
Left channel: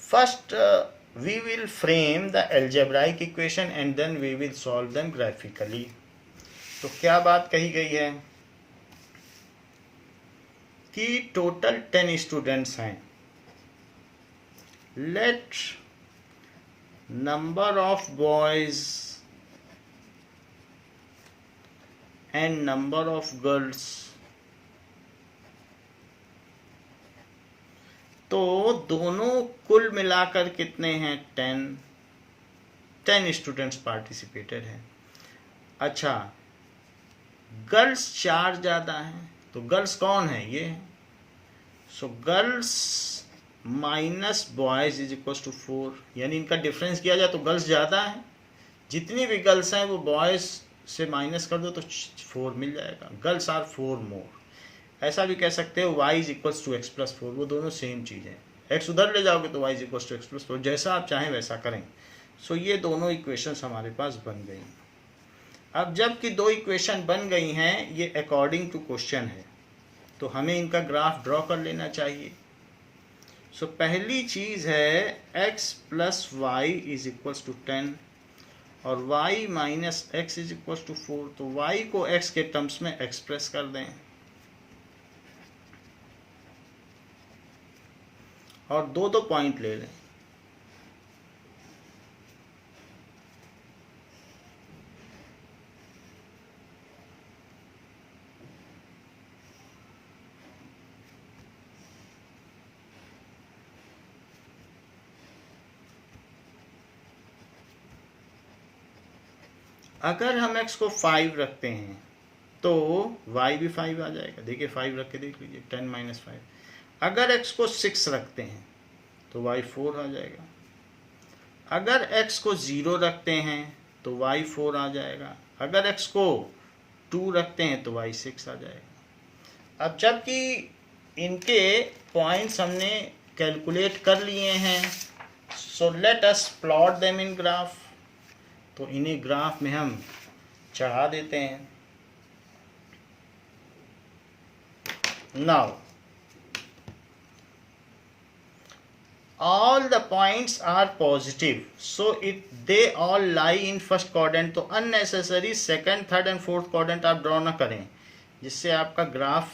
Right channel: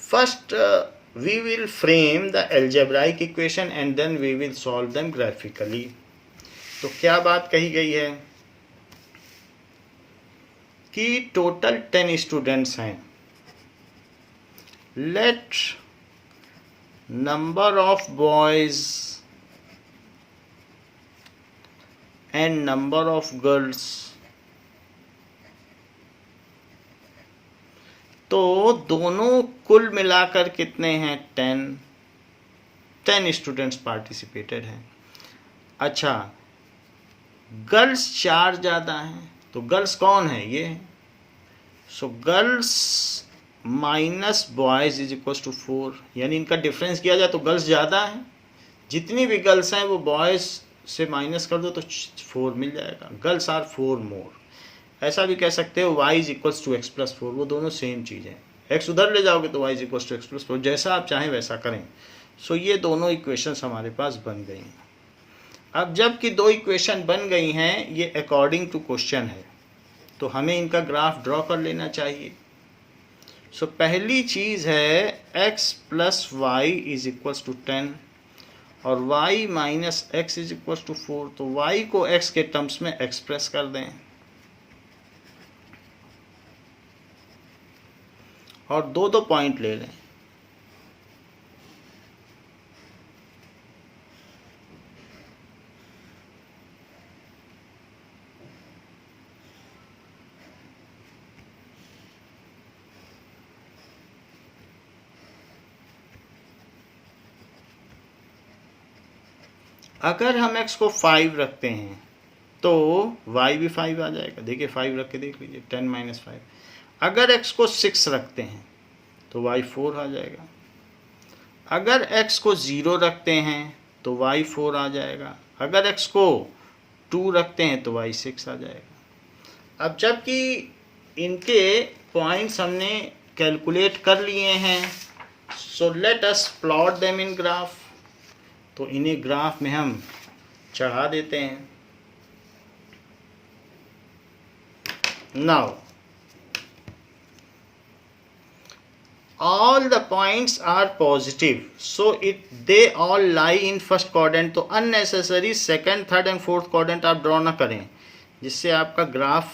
First we will frame the algebraic equation and then we will solve them graphically. तो क्या बात कही गई है कि टोटल 10 स्टूडेंट्स हैं। Let number of boys and number of girls, तो दोनों कुल मिलाकर कितने हैं 10 स्टूडेंट्स पार्टिसिपेटेड हैं। अच्छा, गर्ल्स 4 ज़्यादा हैं, तो गर्ल्स कौन है ये, so girls minus boys is equal to 4, यानी इनका डिफरेंस किया जाए तो गर्ल्स ज़्यादा है, जितनी भी गर्ल्स हैं वो बॉयज़ से माइनस कर दो तो 4 मिल जाएगा। Girls are 4 more. ऐसा भी कह सकते हो y is equals to x plus 4, वो दोनों सेम चीज़ें। x उधर ले जाओगे तो y is equals to x plus 4, जैसा आप चाहें वैसा करें। सो ये दोनों इक्वेशंस हमारे पास बन गई हैं। अब जबकि दो इक्वेशन बन गई हैं, ये अकॉर्डिंग टू क्वेश्चन है, तो हमें इनका ग्राफ ड्रॉ कर लेना चाहिए। सो पहली चीज़ है x plus y is equals to 10 और y minus x is equals to 4। तो y को x के टर्म्स में एक्सप्रेस कर दें और दो दो पॉइंट ले लें। अगर हम x को 5 रखते हैं तो y भी 5 आ जाएगा। देखिए 5 रख के देख लीजिए, 10 माइनस 5। अगर x को 6 रखते हैं तो y 4 आ जाएगा। अगर x को 0 रखते हैं तो y 4 आ जाएगा। अगर x को 2 रखते हैं तो y 6 आ जाएगा। अब जबकि इनके पॉइंट्स हमने कैलकुलेट कर लिए हैं, सो let us plot them in graph. तो इन्हें ग्राफ में हम चढ़ा देते हैं। Now all the points are positive, so they all lie in first quadrant। तो unnecessary second, third and fourth quadrant आप ड्रॉ ना करें, जिससे आपका ग्राफ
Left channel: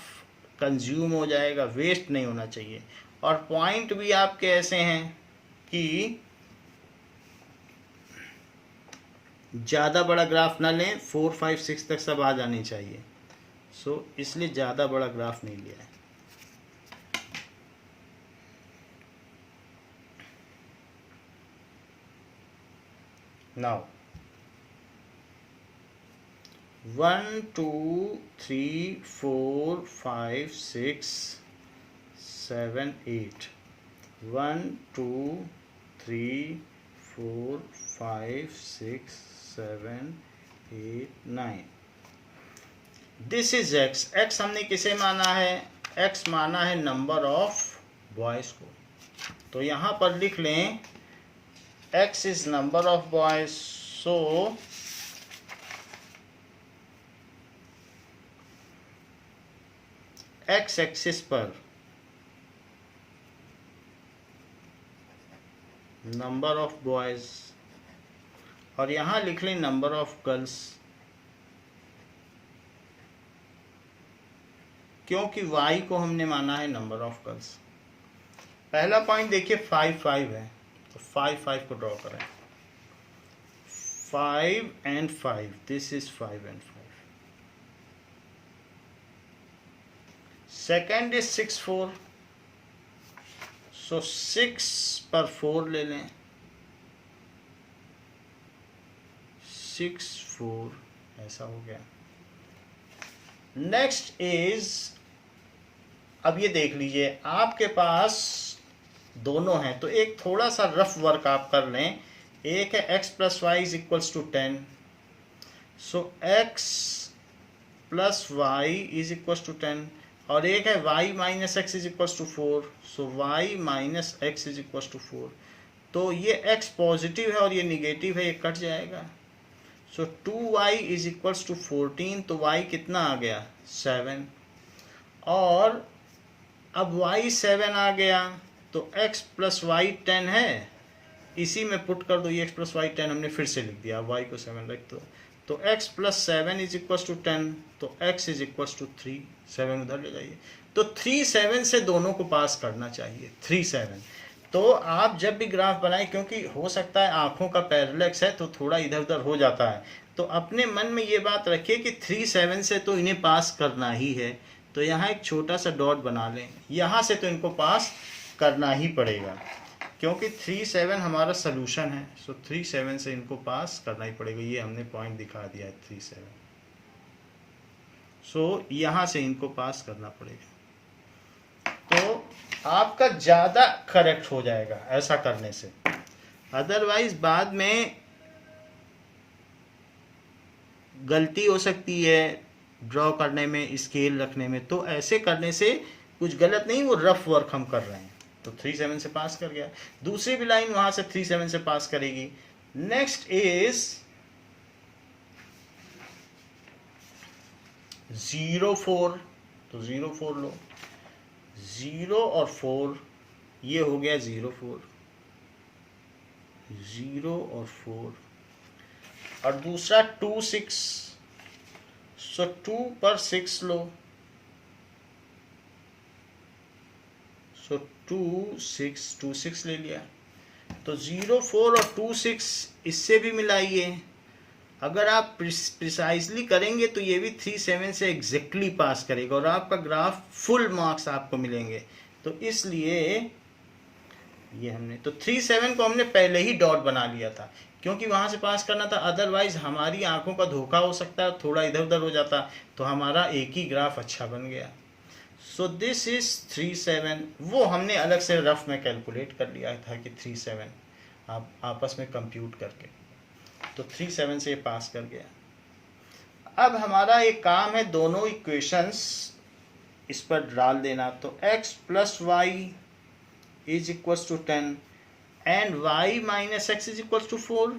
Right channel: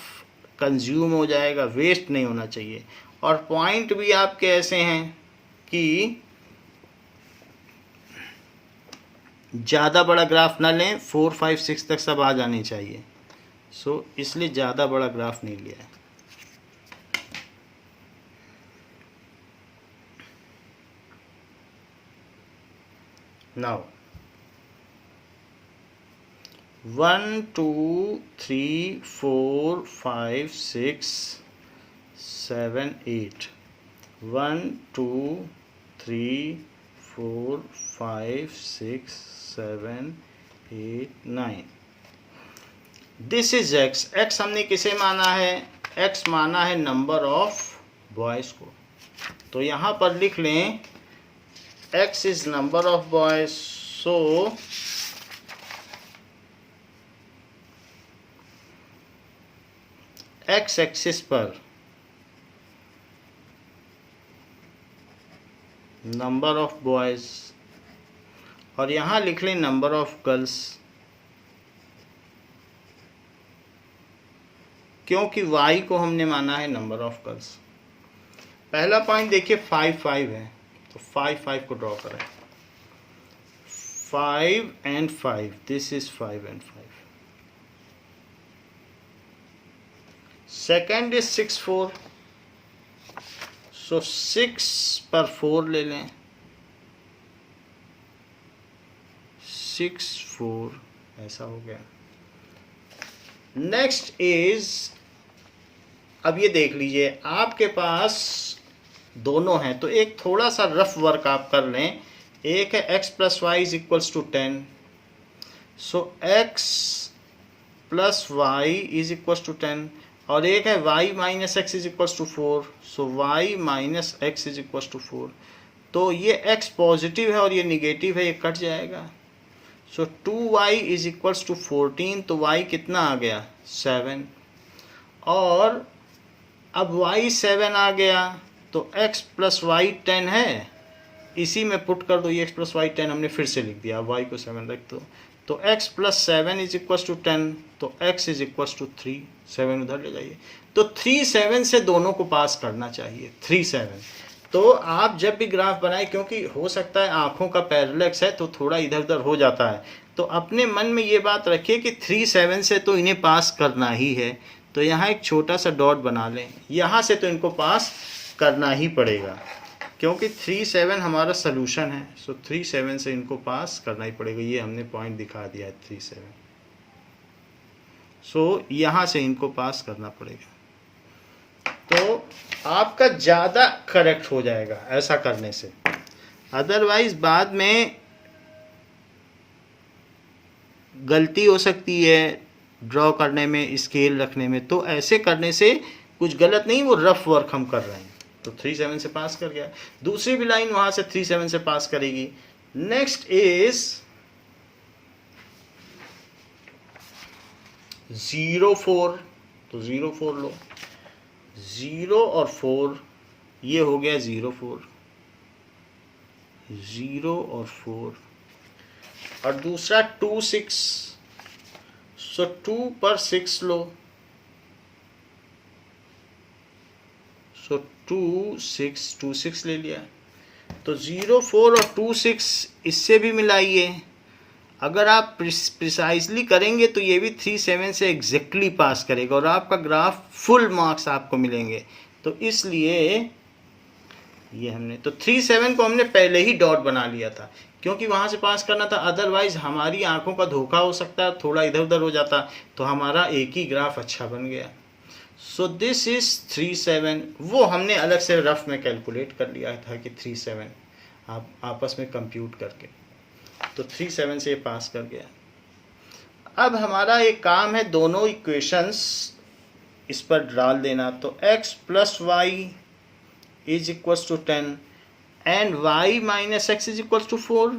कंज्यूम हो जाएगा, वेस्ट नहीं होना चाहिए। और पॉइंट भी आपके ऐसे हैं कि ज़्यादा बड़ा ग्राफ ना लें, 4, 5, 6 तक सब आ जानी चाहिए। सो इसलिए ज़्यादा बड़ा ग्राफ नहीं लिया है। Now 1 2 3 4 5 6 7 8 1 2 3 4 5 6 7 8 9। This is x। x हमने किसे माना है? x माना है नंबर ऑफ बॉयज़ को। तो यहाँ पर लिख लें x is number of boys. So x axis पर नंबर ऑफ बॉयज़ और यहाँ लिख लें नंबर ऑफ गर्ल्स, क्योंकि y को हमने माना है नंबर ऑफ गर्ल्स। पहला पॉइंट देखिए 5 5 है, तो 5 5 को ड्रॉ करें। 5 and 5, this is 5 and 5। Second is 6 4, सो 6 पर 4 ले लें। 6 4 ऐसा हो गया। नेक्स्ट इज, अब ये देख लीजिए आपके पास दोनों हैं, तो एक थोड़ा सा रफ वर्क आप कर लें। एक है x plus y is equals to 10, so x plus y is equals to 10। और एक है y minus x is equals to 4, so y minus x is equals to 4। तो ये x पॉजिटिव है और ये निगेटिव है, ये कट जाएगा। सो 2y इज इक्वल्स टू 14, तो y कितना आ गया? 7। और अब y 7 आ गया, तो x प्लस वाई 10 है, इसी में पुट कर दो। ये x प्लस वाई 10 हमने फिर से लिख दिया, y को 7 रख दो। तो x plus 7 is equals to 10, तो x इज इक्वल्स टू 3। 7 उधर ले जाइए, तो 3 7 से दोनों को पास करना चाहिए। 3 7। तो आप जब भी ग्राफ बनाए, क्योंकि हो सकता है आँखों का पैरेलक्स है तो थोड़ा इधर उधर हो जाता है, तो अपने मन में ये बात रखिए कि 3 7 से तो इन्हें पास करना ही है। तो यहाँ एक छोटा सा डॉट बना लें, यहाँ से तो इनको पास करना ही पड़ेगा, क्योंकि 3 7 हमारा सलूशन है। सो 3 7 से इनको पास करना ही पड़ेगा। ये हमने पॉइंट दिखा दिया है 3 7। सो यहाँ से इनको पास करना पड़ेगा, तो आपका ज़्यादा करेक्ट हो जाएगा ऐसा करने से। अदरवाइज बाद में गलती हो सकती है ड्रॉ करने में, स्केल रखने में, तो ऐसे करने से कुछ गलत नहीं, वो रफ वर्क हम कर रहे हैं। तो 3-7 से पास कर गया। दूसरी भी लाइन वहां से 3-7 से पास करेगी। नेक्स्ट इज 0-4, तो 0-4 लो, 0 और 4, ये हो गया 0-4, 0 और 4। और दूसरा 2-6, सो 2 पर 6 लो, सो 2-6 ले लिया। तो 0-4 और 2-6 इससे भी मिलाइए। अगर आप प्रिसाइजली करेंगे तो ये भी 3-7 से एग्जैक्टली पास करेगा और आपका ग्राफ फुल मार्क्स आपको मिलेंगे। तो इसलिए ये हमने तो 3-7 को हमने पहले ही डॉट बना लिया था, क्योंकि वहां से पास करना था। अदरवाइज हमारी आंखों का धोखा हो सकता है, थोड़ा इधर उधर हो जाता, तो हमारा एक ही ग्राफ अच्छा बन गया। सो दिस इज 3-7। वो हमने अलग से रफ में कैलकुलेट कर लिया था कि 3-7 आप आपस में कंप्यूट करके, तो 3-7 से पास कर गया। अब हमारा एक काम है दोनों इक्वेशंस इस पर डाल देना। तो x + y is equals to 10 and y - x is equals to 4।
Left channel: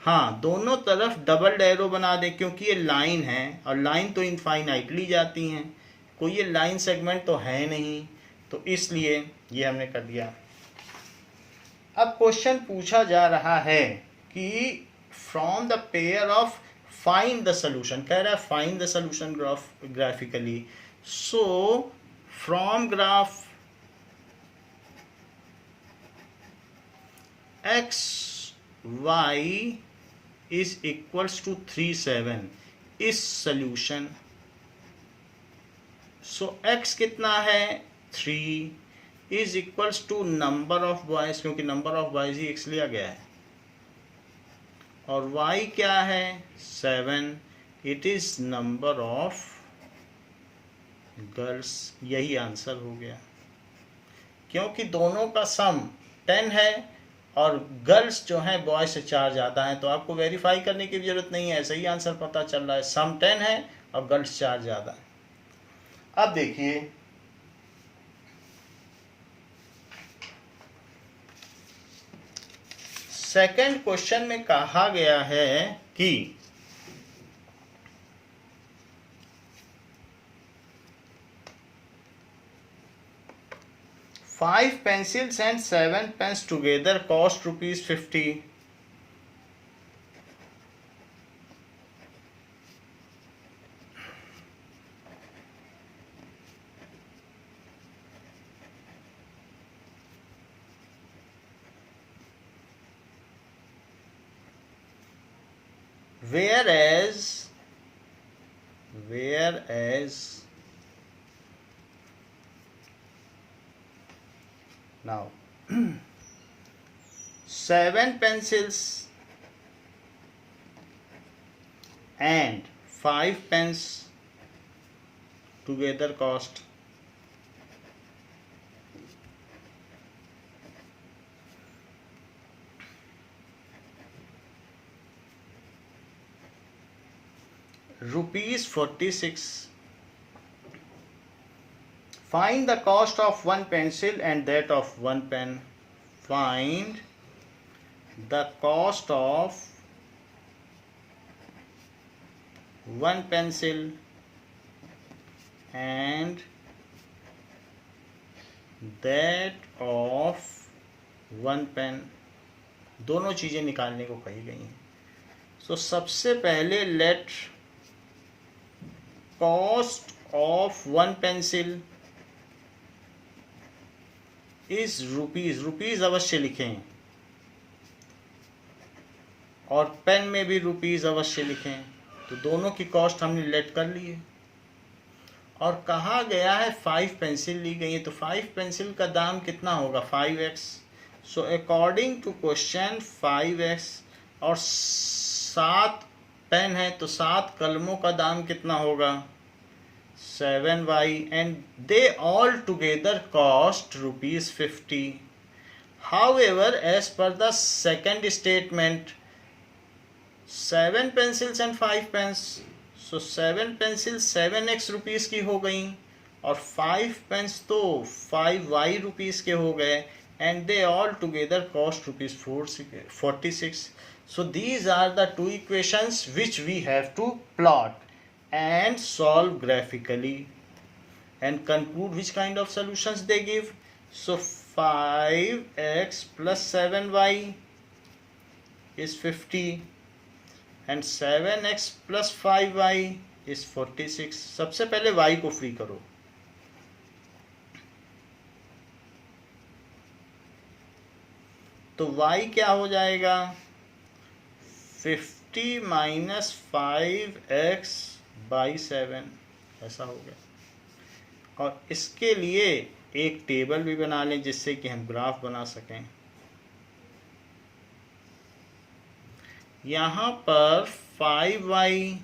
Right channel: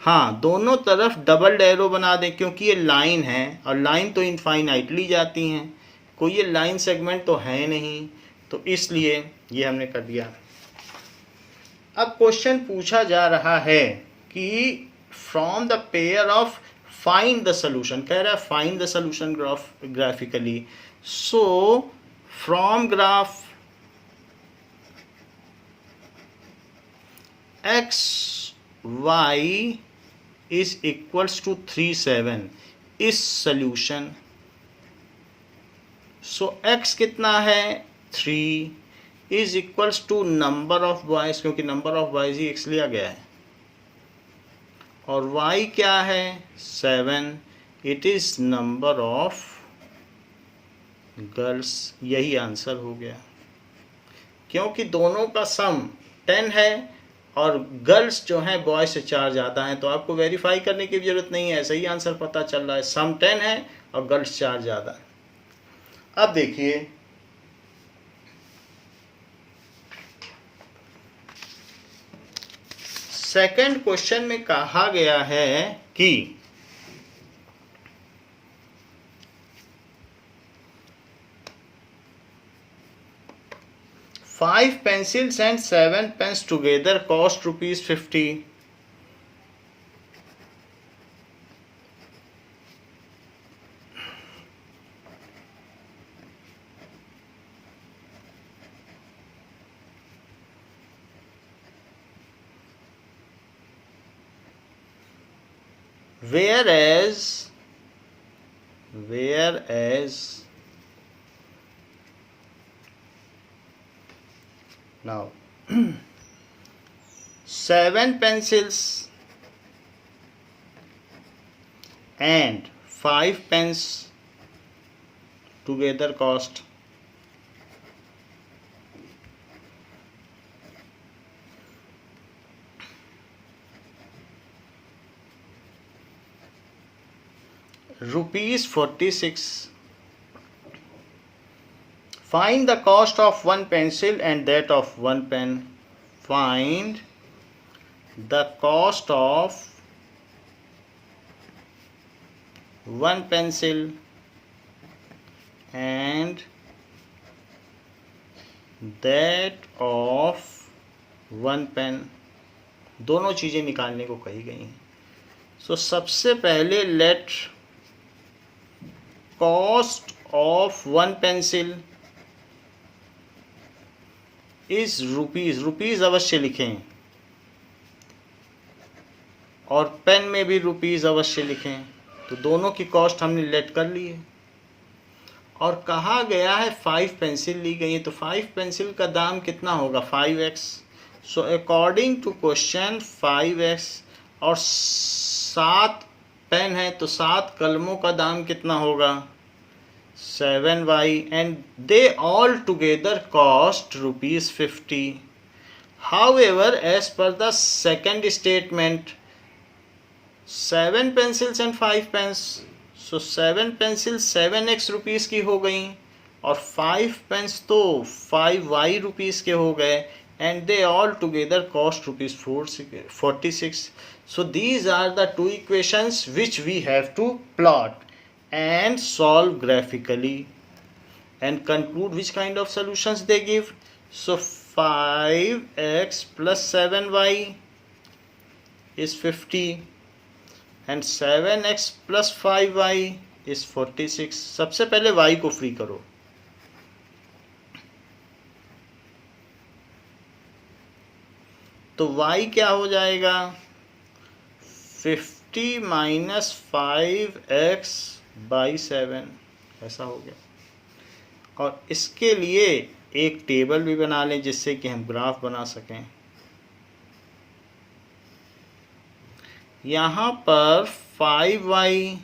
हाँ, दोनों तरफ डबल एरो बना दें, क्योंकि ये लाइन है और लाइन तो इनफाइनाइटली जाती हैं, कोई ये लाइन सेगमेंट तो है नहीं, तो इसलिए ये हमने कर दिया। अब क्वेश्चन पूछा जा रहा है कि from the pair of find the solution, कह रहा है find the solution graphically. So from graph x y is equals to 3-7 is solution. So x कितना है 3 is equals to number of boys, क्योंकि नंबर ऑफ बॉयज ही x लिया गया है, और y क्या है 7, it is number of girls. यही आंसर हो गया, क्योंकि दोनों का सम 10 है और गर्ल्स जो हैं बॉय से 4 ज़्यादा हैं, तो आपको वेरीफाई करने की जरूरत नहीं है, सही आंसर पता चल रहा है, सम 10 है और गर्ल्स 4 ज़्यादा है। अब देखिए सेकंड क्वेश्चन में कहा गया है कि five pencils and 7 pens together cost ₹50. Whereas now 7 pencils and 5 pens together cost ₹46. Find the cost of one pencil and that of one pen. Find the cost of one pencil and that of one pen. दोनों चीज़ें निकालने को कही गई हैं। सो सबसे पहले let cost of one pencil is rupees अवश्य लिखें, और पेन में भी रुपीज़ अवश्य लिखें। तो दोनों की कॉस्ट हमने लेट कर ली है, और कहा गया है 5 पेंसिल ली गई है, तो 5 पेंसिल का दाम कितना होगा 5x। So according to question 5x, और 7 पेन है तो 7 कलमों का दाम कितना होगा 7y, and they all together cost ₹50. However, as per the second statement, 7 pencils and 5 pens. So 7 pencils 7x rupees की हो गई और 5 pens तो 5y रुपीस के हो गए, and they all together cost rupees 46. So these are the two equations which we have to plot and solve graphically and conclude which kind of solutions they give. So 5x plus 7y is 50 and 7x plus 5y is 46. सबसे पहले y को free करो. तो y क्या हो जाएगा? 50 minus 5x by 7, ऐसा हो गया. और इसके लिए एक टेबल भी बना लें जिससे कि हम ग्राफ बना सकें. यहाँ पर 5y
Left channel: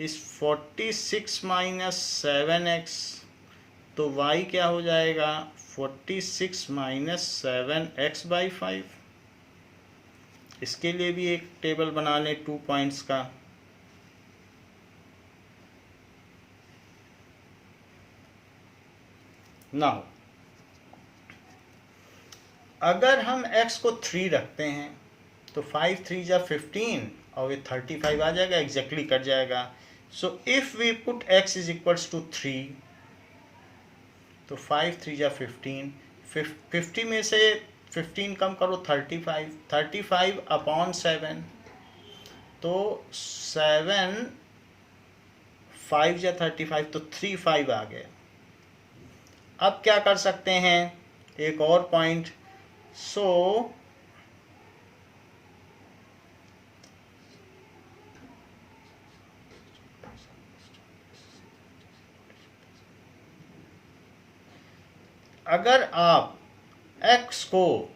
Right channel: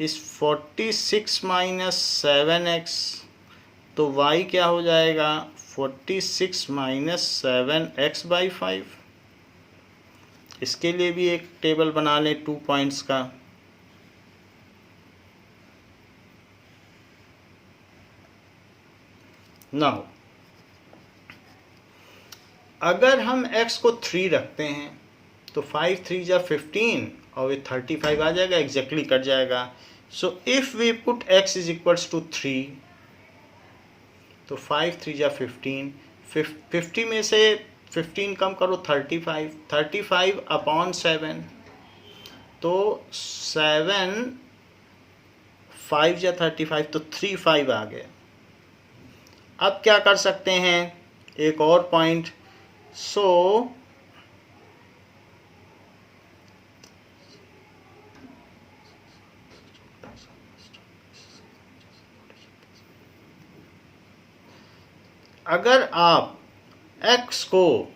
इस 46 माइनस 7x, तो y क्या हो जाएगा? 46 माइनस 7x बाई 5. इसके लिए भी एक टेबल बना लें 2 पॉइंट्स का. नाउ अगर हम x को 3 रखते हैं तो 5 3 जा 15 और ये 35 आ जाएगा, एग्जैक्टली कट जाएगा. So if we put x is equals to 3, तो 5 3 जा 15, 50 में से 15 कम करो 35 अपॉन 7, तो 7 5 जा 35, तो 3 5 आ गए. अब क्या कर सकते हैं? एक और पॉइंट. सो अगर आप x को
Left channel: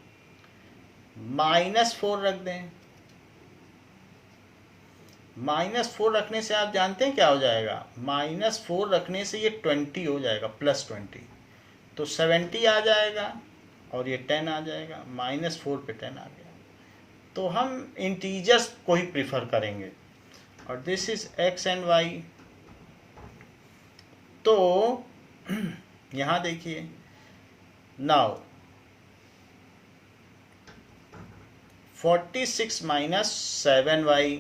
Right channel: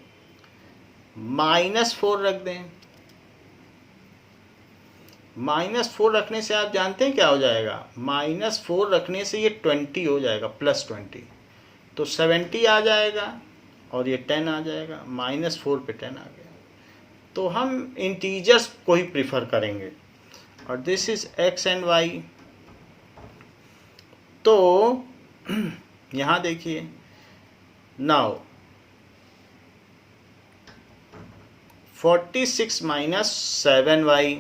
-4 रख दें, -4 रखने से आप जानते हैं क्या हो जाएगा? -4 रखने से ये 20 हो जाएगा, +20, तो 70 आ जाएगा और ये 10 आ जाएगा. -4 पे 10 आ गया. तो हम इंटीजर्स को ही प्रीफर करेंगे. और this is x and y. तो यहाँ देखिए, नाउ 46 माइनस 7y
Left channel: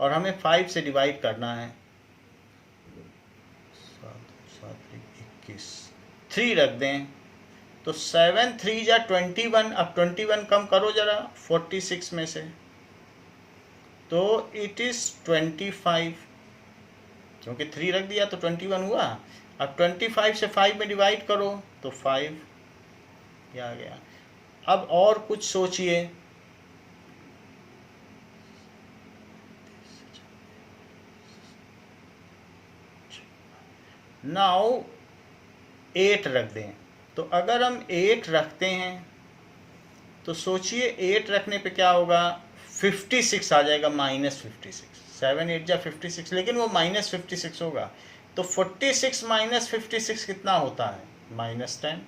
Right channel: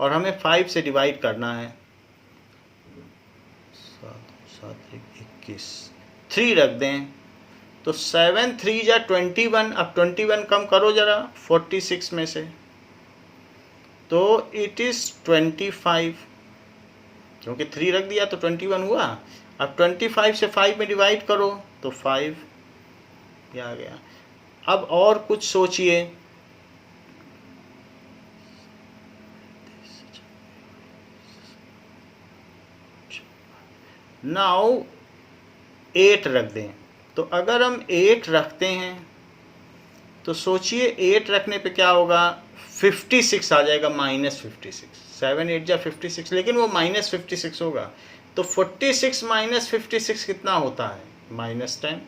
और हमें 5 से डिवाइड करना है. 21 3 रख दें, तो 7 3 जा 21. अब 21 कम करो जरा 46 में से, तो इट इज 25, क्योंकि 3 रख दिया तो 21 हुआ. अब 25 से 5 में डिवाइड करो तो 5 आ गया. अब और कुछ सोचिए. नाउ 8 रख दें. तो अगर हम 8 रखते हैं तो सोचिए 8 रखने पे क्या होगा? 56 आ जाएगा, -56. 7 8 जा 56, लेकिन वो -56 होगा. तो 46 माइनस 56 कितना होता है? -10.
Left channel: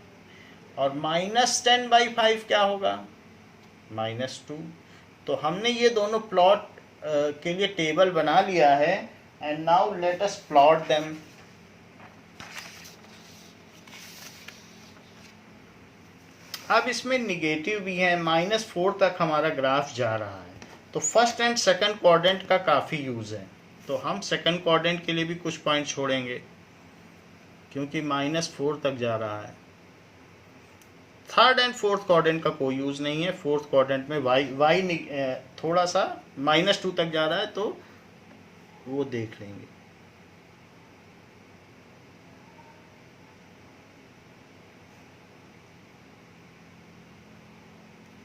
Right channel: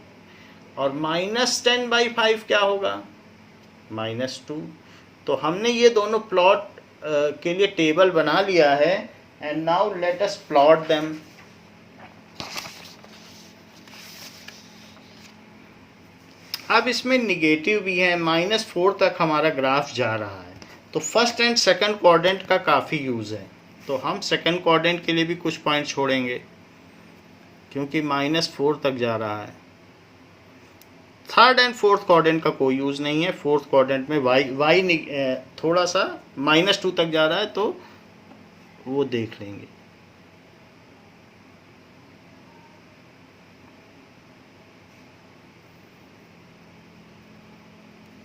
और -10 बाई 5 क्या होगा? -2. तो हमने ये दोनों प्लॉट के लिए टेबल बना लिया है. And now let us plot them. अब इसमें निगेटिव भी है. -4 तक हमारा ग्राफ जा रहा है, तो फर्स्ट एंड सेकंड क्वाड्रेंट का काफ़ी यूज़ है. तो हम सेकंड क्वाड्रेंट के लिए भी कुछ पॉइंट छोड़ेंगे क्योंकि -4 तक जा रहा है. थर्ड एंड फोर्थ क्वाड्रेंट का कोई यूज़ नहीं है. फोर्थ क्वाड्रेंट में y थोड़ा सा -2 तक जा रहा है, तो वो देख लेंगे.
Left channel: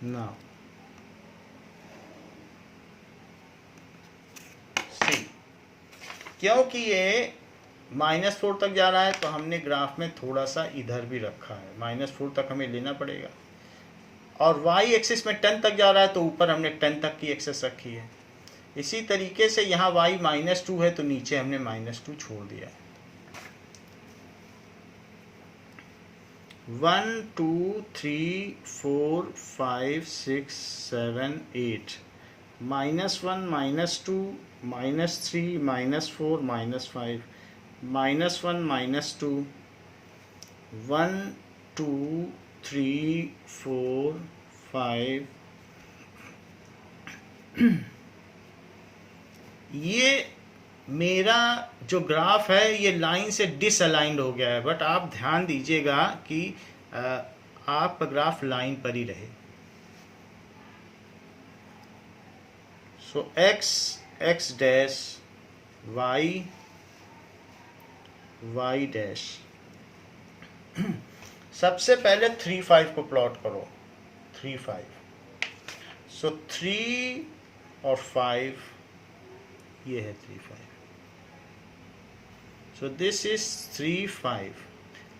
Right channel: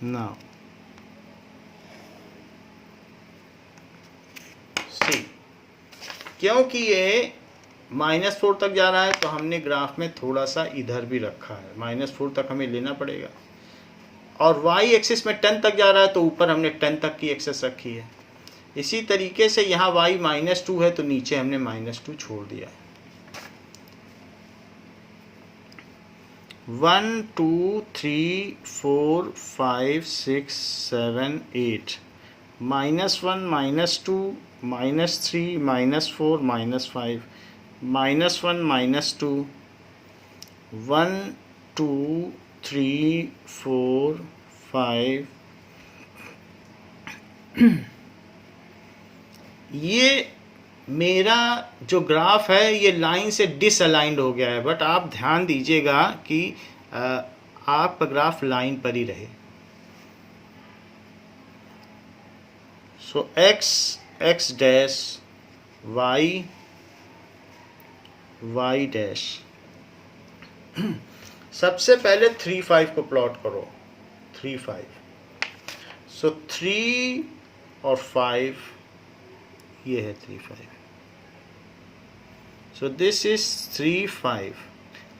ना सी, क्योंकि ये -4 तक जा रहा है तो हमने ग्राफ में थोड़ा सा इधर भी रखा है. -4 तक हमें लेना पड़ेगा. और y एक्सिस में 10 तक जा रहा है तो ऊपर हमने 10 तक की एक्सेस रखी है. इसी तरीके से यहाँ y -2 है तो नीचे हमने -2 छोड़ दिया है. 1 2 3 4 5 6 7 8 -1 -2 -3 -4 -5 -1 -2 1 2 3 4 5 ये मेरा जो ग्राफ है ये लाइन से डिसअलाइंड हो गया है, बट आप ध्यान दीजिएगा कि आपका ग्राफ लाइन पर ही रहे। सो x डैश y डैश। सबसे पहले 3 5 को प्लॉट करो, 3 5। सो 3 और 5, ये है 3 5। सो दिस इज 3 5।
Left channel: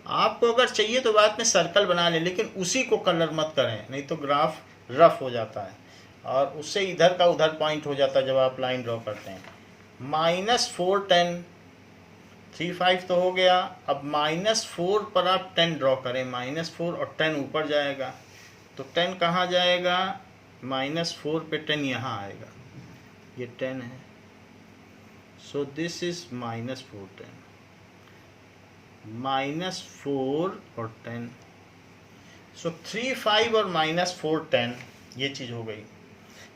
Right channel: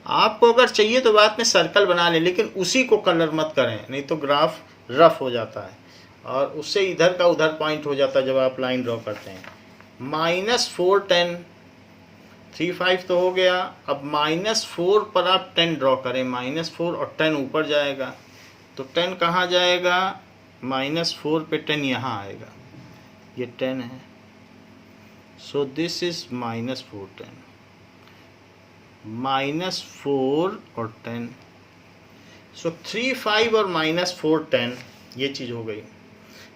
आपको अगर चाहिए तो बाद में सर्कल बना लें, लेकिन उसी को कलर मत करें, नहीं तो ग्राफ रफ हो जाता है और उससे इधर का उधर पॉइंट हो जाता है जब आप लाइन ड्रॉ करते हैं। -4 10, 3 5 तो हो गया। अब -4 पर आप 10 ड्रॉ करें, -4 और 10 ऊपर जाएगा, तो 10 कहाँ जाएगा? -4 पे 10 यहाँ आएगा, ये 10 है। सो दिस इज -4 10, -4 और 10। सो 3 5 और -4 10, ये चीज़ हो गई।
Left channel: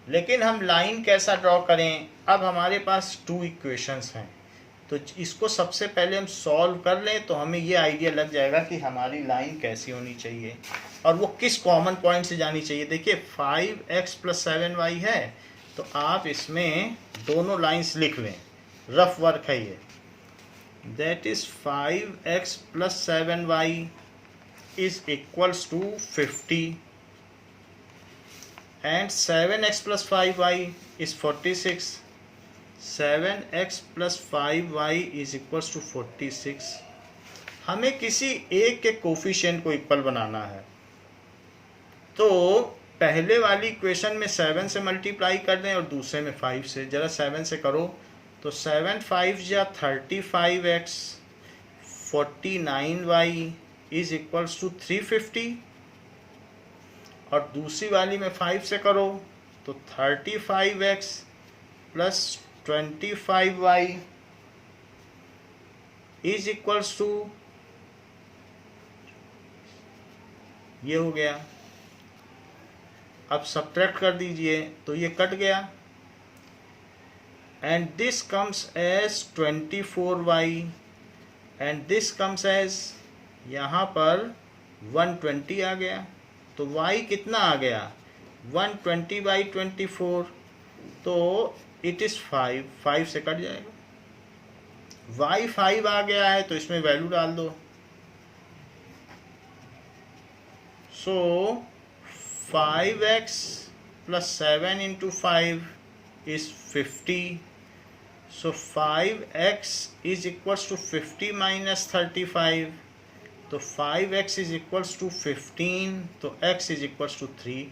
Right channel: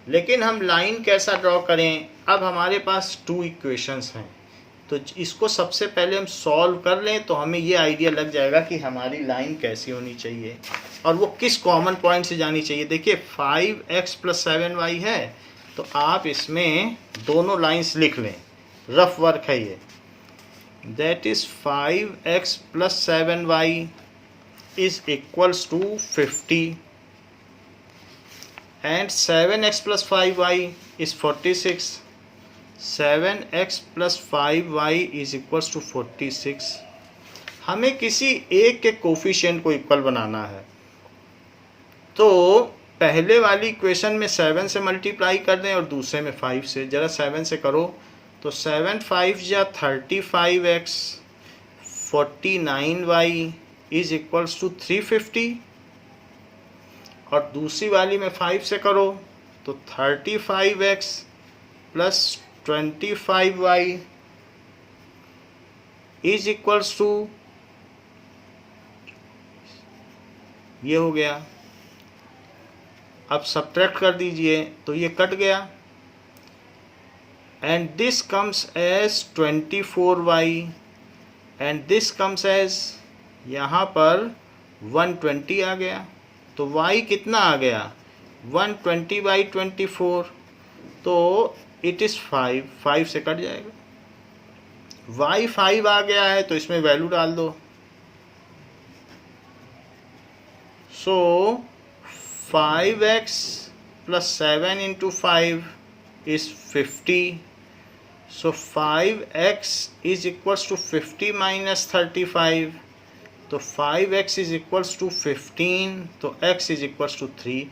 लेकिन हम लाइन कैसा ड्रॉ करें? अब हमारे पास 2 इक्वेशंस हैं, तो इसको सबसे पहले हम सॉल्व कर लें तो हमें ये आइडिया लग जाएगा कि हमारी लाइन कैसी होनी चाहिए और वो किस कॉमन पॉइंट से जानी चाहिए। देखिए 5x + 7y है, तो आप इसमें दोनों लाइंस लिख लें, रफ वर्क है ये। That is 5x + 7y is equals to 50 and 7x + 5y is 46. 7x + 5y is equals to 46. हमें किसी एक के कोफिशिएंट को इक्वल बनाना है, तो पहले वाली इक्वेशन में 7 से मल्टीप्लाई कर दें और दूसरे में 5 से। ज़रा 7 से करो तो 7 5 या 35x 49y is equals to 350, और दूसरी वाली में 5 से करो तो 35x + 25y is equals to, ये हो गया। अब सब्ट्रैक्ट कर दीजिए तो ये कट गया, and this comes as 24y and this comes as, यहाँ पर 120 आ गया, तो y कितना आ गया? 120/24, तो इट इज़ 5, 5 से कट जाएगा। y 5 आ गया है तो इसमें वैल्यू डाल दो। सो 5x + 7 × 5 is 50. So 5x is equals to 50 - 35. तो 5x इज इक्वल्स टू 15, तो x इज इक्वल्स टू 3।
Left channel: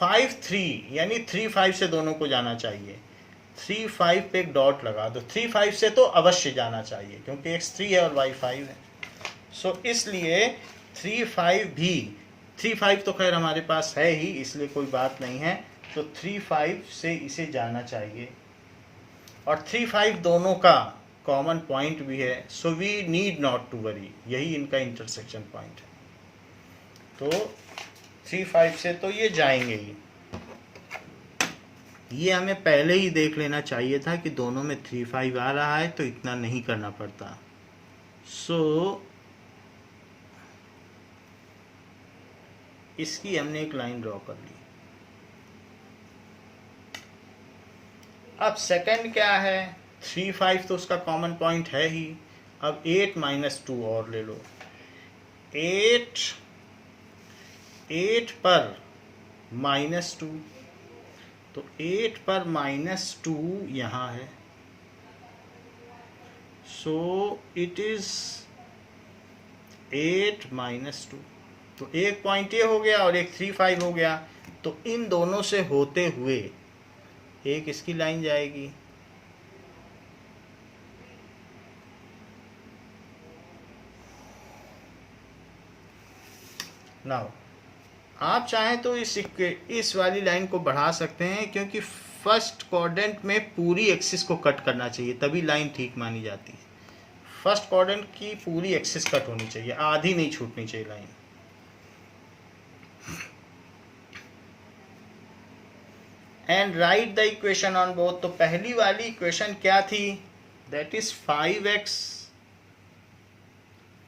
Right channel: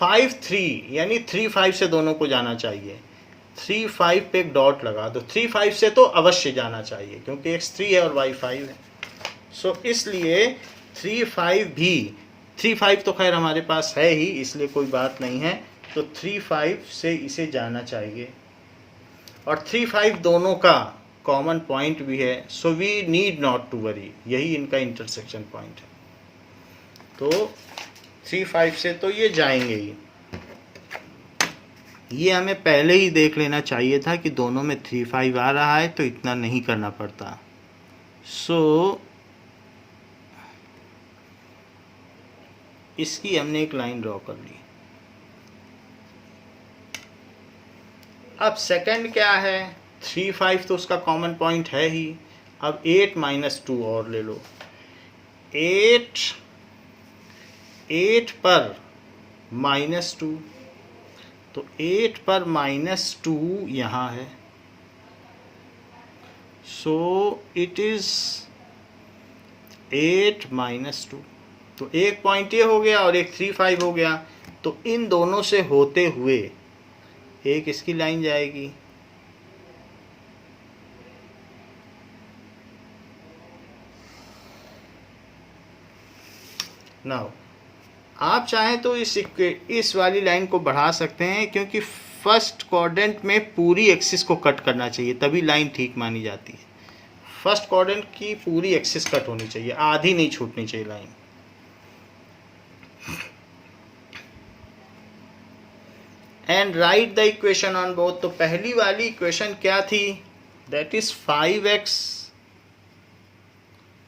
5 3 यानी 3 5 से दोनों को जाना चाहिए। 3 5 पे एक डॉट लगा दो, 3 5 से तो अवश्य जाना चाहिए क्योंकि x 3 है और y 5 है। सो इसलिए 3 5 भी, 3 5 तो खैर हमारे पास है ही, इसलिए कोई बात नहीं है, तो 3 5 से इसे जाना चाहिए और 3 5 दोनों का कॉमन पॉइंट भी है। So we need not to worry, यही इनका इंटरसेक्शन पॉइंट है। तो 3 5 से तो ये जाएंगे ही। ये हमें पहले ही देख लेना चाहिए था कि दोनों में 3 5 आ रहा है, तो इतना नहीं करना पड़ता। सो इसकी हमने एक लाइन ड्रॉ कर ली। अब सेकंड क्या है? 3 5 तो उसका कॉमन पॉइंट है ही। अब 8 - 2 और ले लो। 8 पर -2, तो 8 पर -2 यहाँ है, सो इट इज 8 - 2। तो एक पॉइंट ये हो गया और एक 3 5 हो गया, तो इन दोनों से होते हुए एक इसकी लाइन जाएगी। नाउ आप चाहें तो इस वाली लाइन को बढ़ा सकते हैं, क्योंकि फर्स्ट क्वाड्रेंट में पूरी एक्सिस को कट करना चाहिए, तभी लाइन ठीक मानी जाती है। फर्स्ट क्वाड्रेंट की पूरी एक्सिस कट होनी चाहिए, आधी नहीं छूटनी चाहिए line. And write the equation on both. तो पहली वाली इक्वेशन क्या थी, that is 5x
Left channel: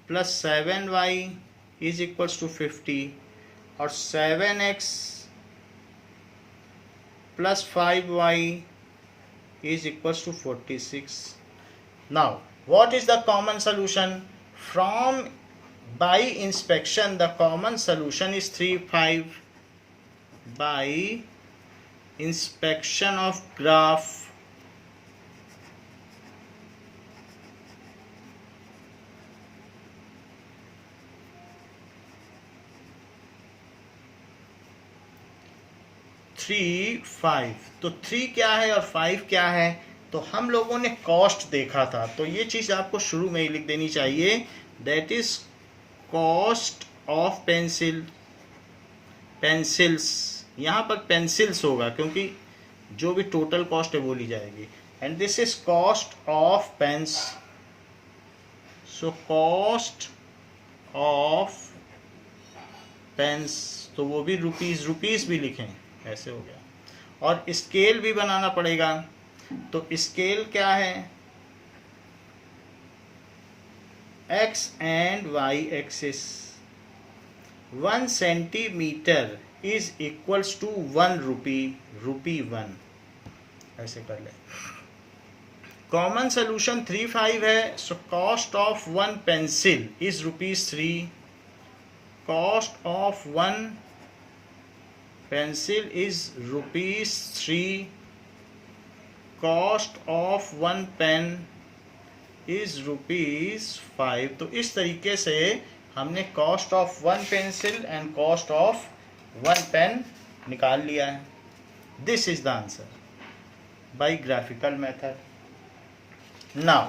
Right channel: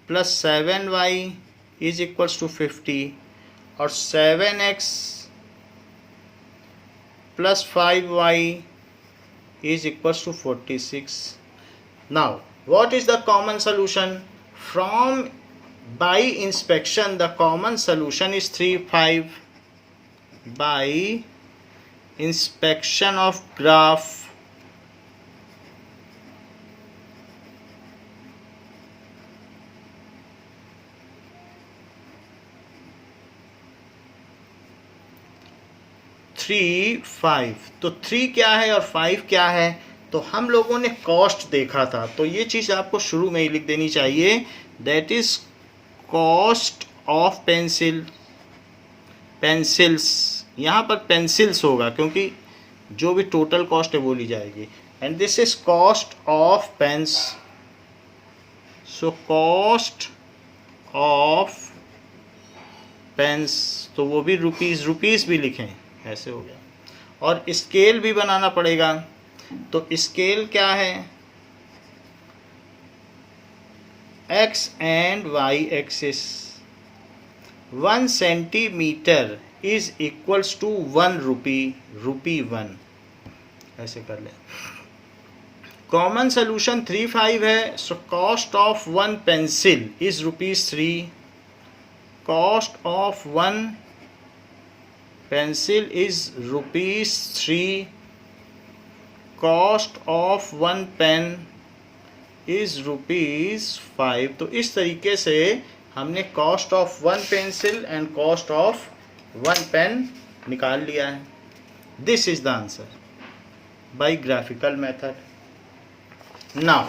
plus 7y is equals to 50 और 7x plus 5y is equals to 46. Now, what is the common solution? From by inspection, the common solution is 3, 5. By inspection of graph, three 5। तो 3 क्या है और 5 क्या है? तो हम लोगों ने कॉस्ट देखा था, तो ये चीज़ आपको शुरू में ही लिख देनी चाहिए, that is cost of pencils. यहाँ पर पेंसिल्स होगा क्योंकि जो भी टोटल कॉस्ट है वो ली जाएगी। And this is cost of pens, so cost of pens, तो वो भी रुपीज़ भी लिखें, ऐसे हो गया। और स्केल भी बनाना पड़ेगा, तो स्केल क्या है, x and y axis. 1 centimetre is equals to 1 rupee 1, ऐसे कर ले। कॉमन सोल्यूशन 3, 5 है, so cost of 1 pencil is ₹3, cost of 1 pencil is ₹3, cost of 1 pen is ₹5। तो इस तरीके से हमने cost of 1 pencil and cost of 1 pen निकाल लिया है। This is the answer by graphical method. Now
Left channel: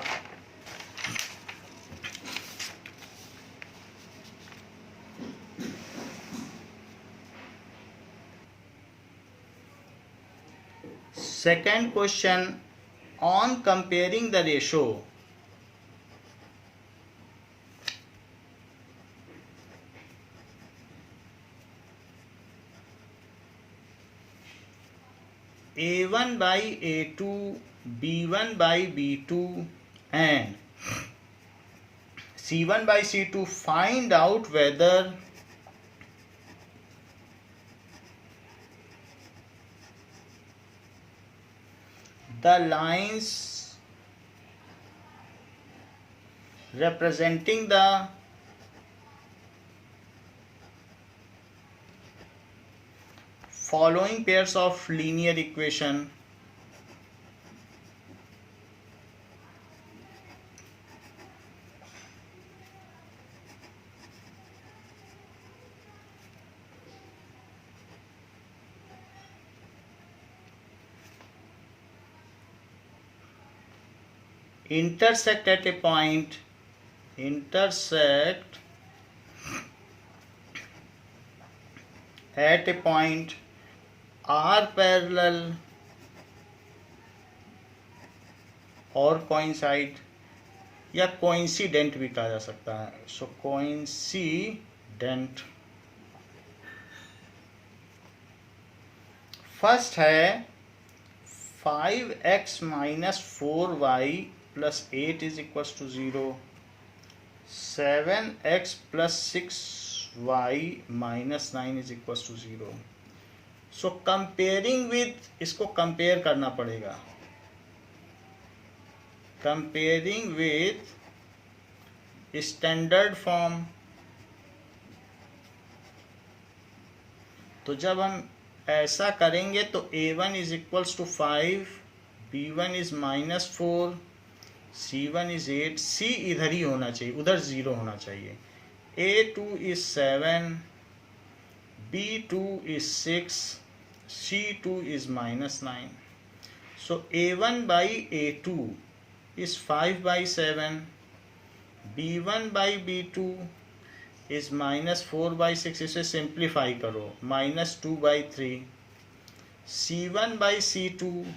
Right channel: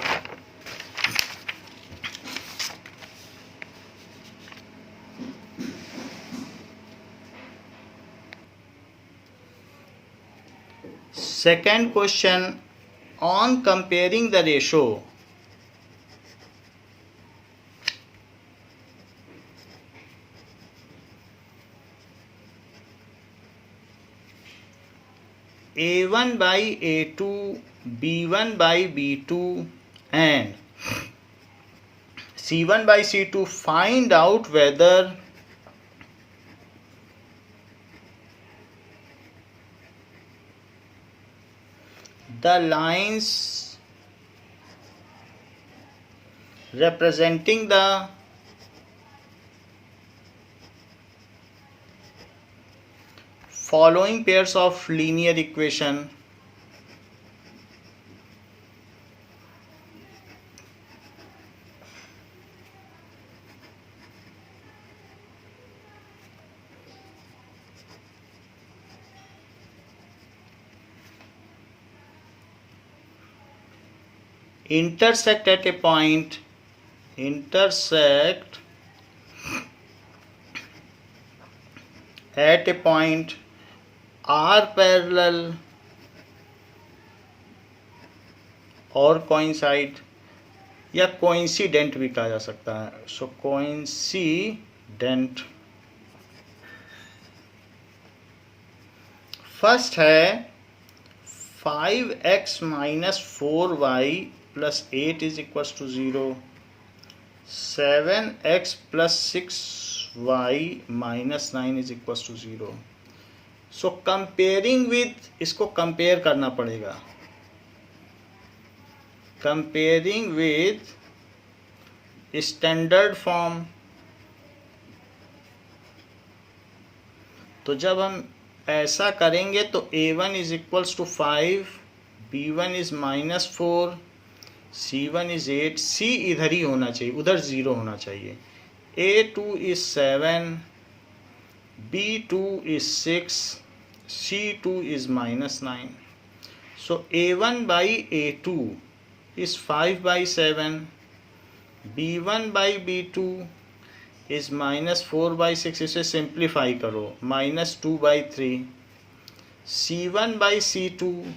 second question on comparing the ratio, A1 by A2, B1 by B2 and C1 by C2, find out whether the lines representing the following pairs of linear equation intersect at a point, intersect at a point, are parallel और coincide या coincident भी कहा जा सकता है, so coincident। First है 5x minus 4y plus 8 is equals to 0, 7x plus 6y minus 9 is equals to 0। So comparing with, इसको compare करना पड़ेगा, कंपेयरिंग विथ स्टैंडर्ड फॉर्म। तो जब हम ऐसा करेंगे तो A1 is equals to 5, B1 is -4, C1 is 8, C इधर ही होना चाहिए, उधर 0 होना चाहिए। A2 is 7, B2 is 6, C2 is -9. So A1 by A2 is 5 by 7. B1 by B2 is -4 by 6. इसे सिंप्लीफाई करो, -2 by 3. C1/C2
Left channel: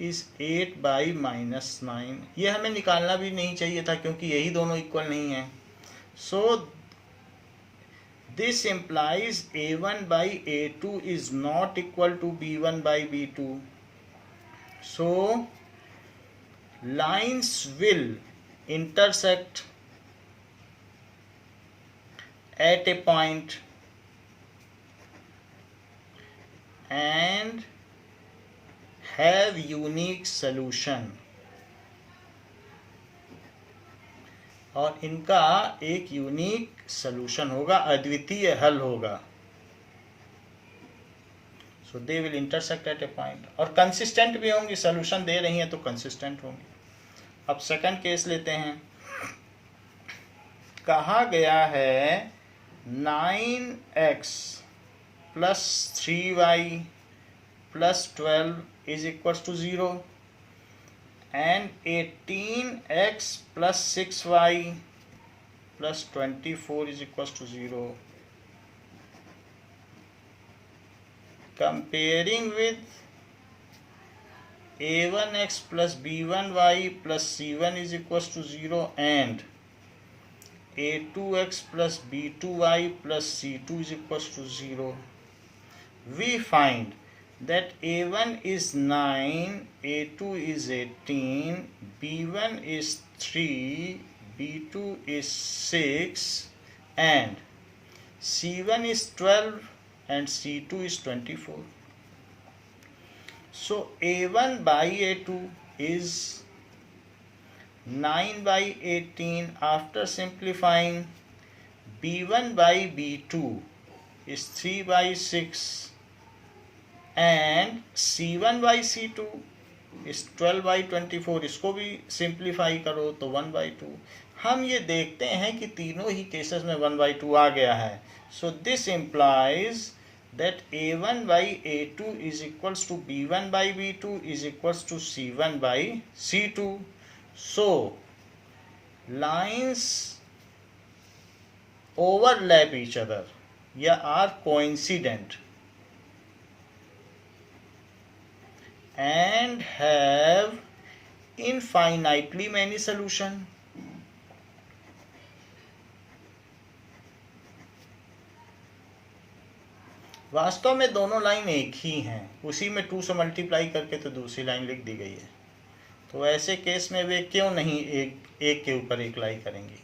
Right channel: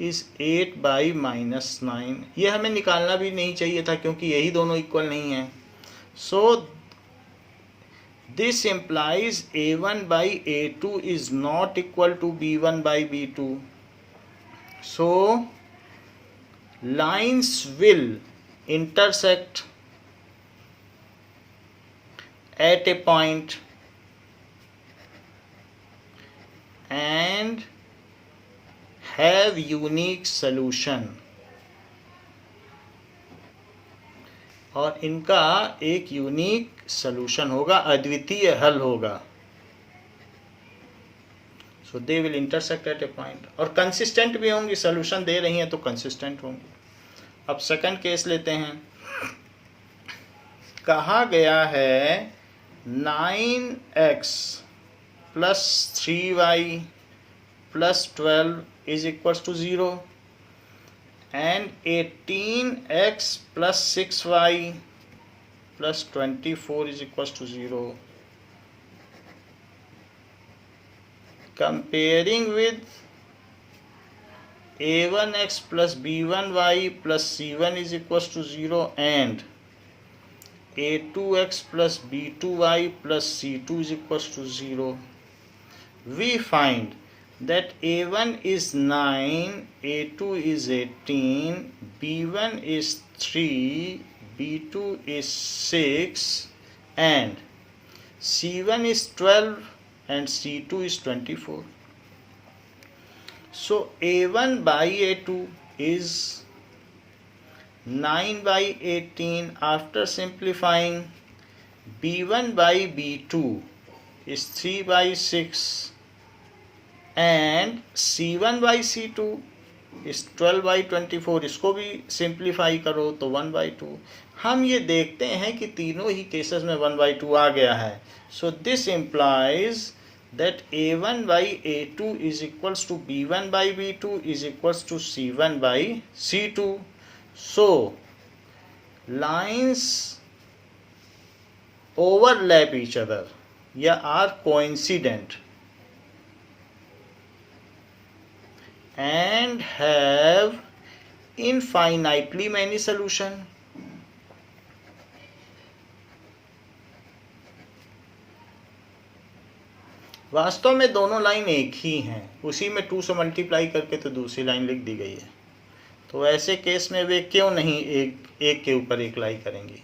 is 8/-9। ये हमें निकालना भी नहीं चाहिए था क्योंकि यही दोनों इक्वल नहीं है। So this implies A1/A2 is not equal to B1/B2. So lines will intersect at a point and have unique solution, और इनका एक यूनिक सॉल्यूशन होगा, अद्वितीय हल होगा। So they will intersect at a point, और कंसिस्टेंट भी होंगी। सॉल्यूशन दे रही हैं तो कंसिस्टेंट होंगी। अब सेकंड केस लेते हैं। कहा गया है 9x + 3y + 12 is equals to 0 and 18x + 6y + 24 is equals to 0. Comparing with a1x + b1y + c1 is equals to 0 and a2x + b2y + c2 is equals to 0, we find that a1 is 9, a2 is 18, b1 is 3, b2 is 6, and c1 is 12 and c2 is 24. So a1/a2 is 9/18. After simplifying, b1/b2 is 3/6 and c1/c2 is 12/24. इसको भी simplify करो तो 1/2. हम ये देखते हैं कि तीनों ही केसेस में 1/2 आ गया है। So this implies that a1/a2 is equals to b1/b2 is equals to c1/c2. So lines overlap each other या are coincident and have infinitely many solution. वास्तव में दोनों लाइन एक ही हैं, उसी में 2 से मल्टीप्लाई करके तो दूसरी लाइन लिख दी गई है। तो ऐसे केस में वे क्यों नहीं एक के ऊपर एक लाई करेंगी।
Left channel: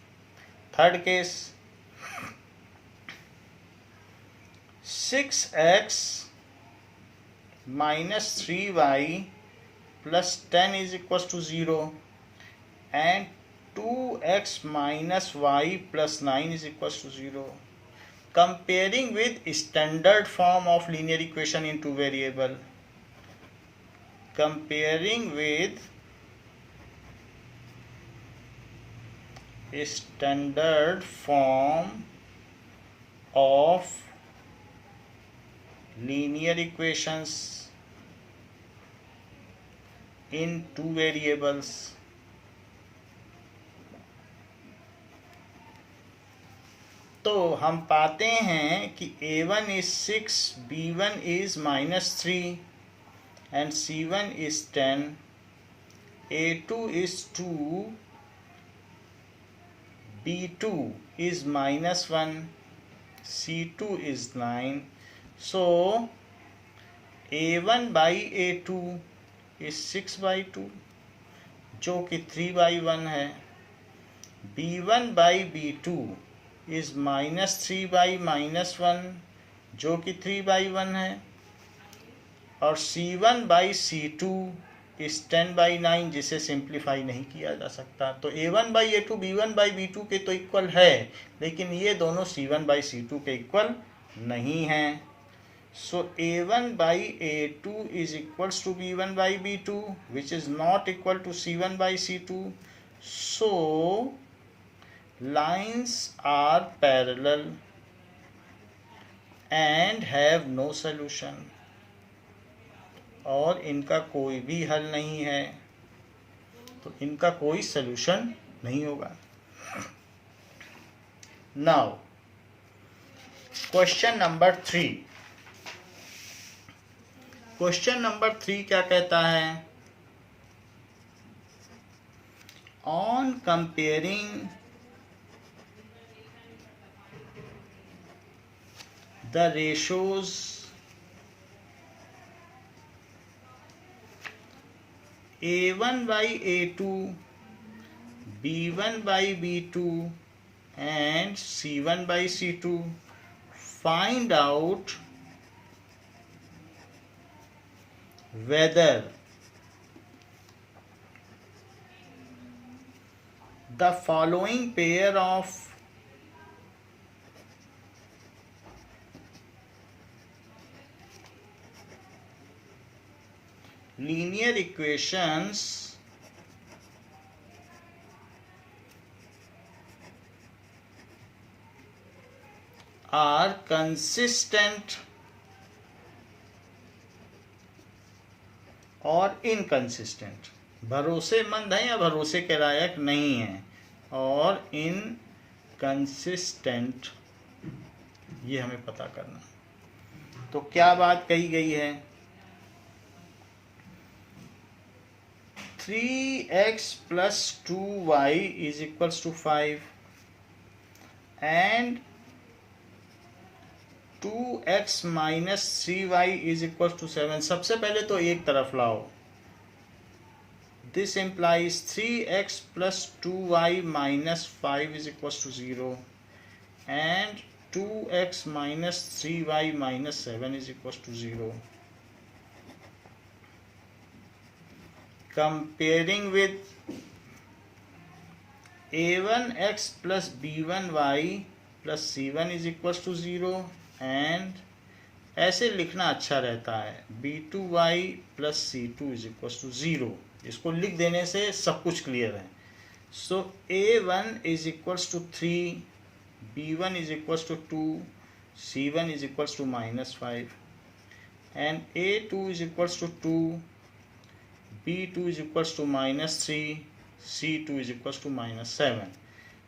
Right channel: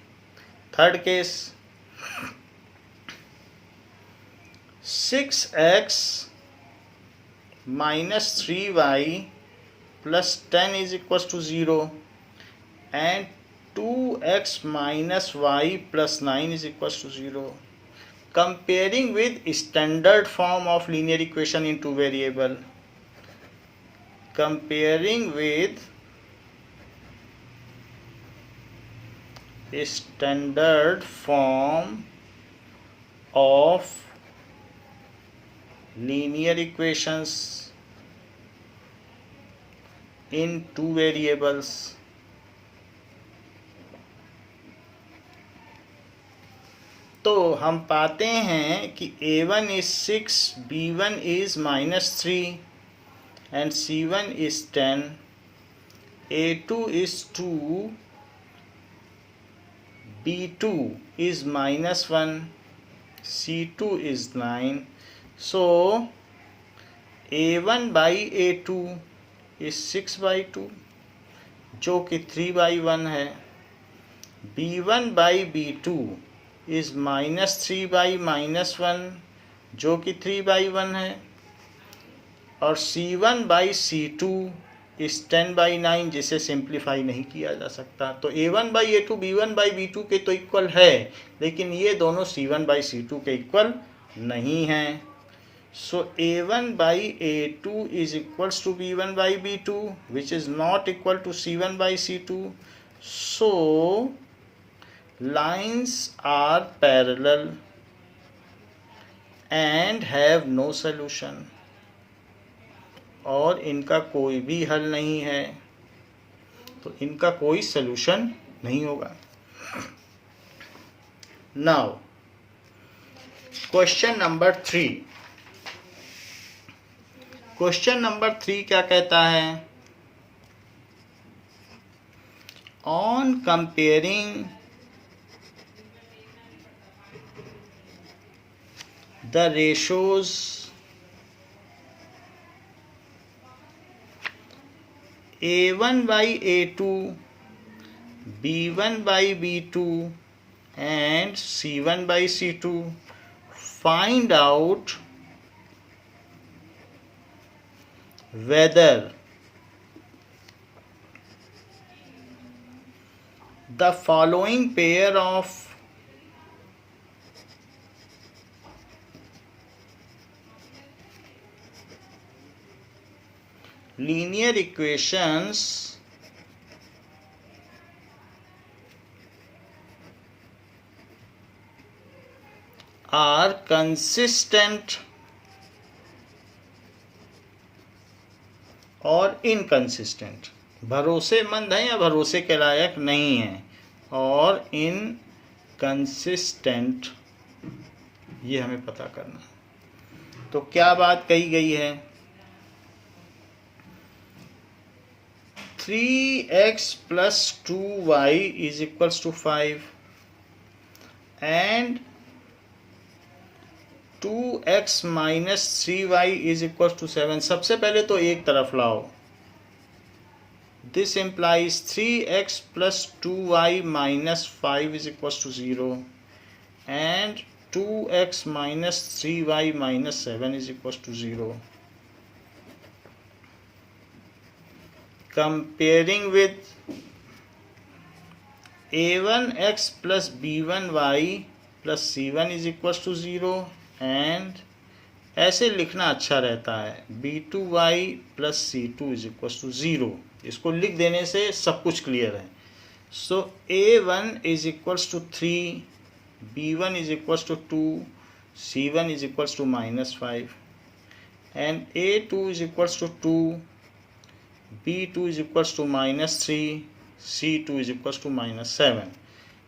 Third case, 6x - 3y + 10 is equals to 0 and 2x - y + 9 is equals to 0. Comparing with standard form of linear equation in two variable. Comparing with a standard form of linear equations in two variables. तो हम पाते हैं कि a1 is 6, b1 is -3 and c1 is 10, a2 is 2, b2 is -1, c2 is 9. So a1/a2 is 6/2 जो कि 3/1 है, b1/b2 is -3/-1 जो कि 3/1 है, और c1/c2 is 10/9 जिसे सिंप्लीफाई नहीं किया जा सकता। तो a1/a2 b1/b2 के तो इक्वल है, लेकिन ये दोनों c1/c2 के इक्वल नहीं हैं। सो a1/a2 is equals to b1/b2 which is not equal to c1/c2. So lines are parallel and have no solution, और इनका कोई भी हल नहीं है, तो इनका कोई सलूशन नहीं होगा। Now question number 3। Question number 3 क्या कहता है? On comparing the ratios A1 by A2, B1 by B2 and C1 by C2, find out whether the following pair of linear equations are consistent और inconsistent, भरोसेमंद है या भरोसे के लायक नहीं है, और इनकंसिस्टेंट, ये हमें पता करना है। तो क्या बात कही गई है? 3x plus 2y is equals to 5 and 2x minus 3y is equals to 7। सबसे पहले तो एक तरफ लाओ। This implies 3x plus 2y minus 5 is equals to 0 and 2x minus 3y minus 7 is equals to 0. Comparing with a1x plus b1y plus c1 is equals to 0 and ऐसे लिखना अच्छा रहता है b2y plus c2 is equals to 0। इसको लिख देने से सब कुछ क्लियर है। सो a1 is equals to 3, b1 is equals to 2, c1 is equals to minus 5 and a2 is equals to 2, b2 is equals to minus 3, c2 is equals to minus 7.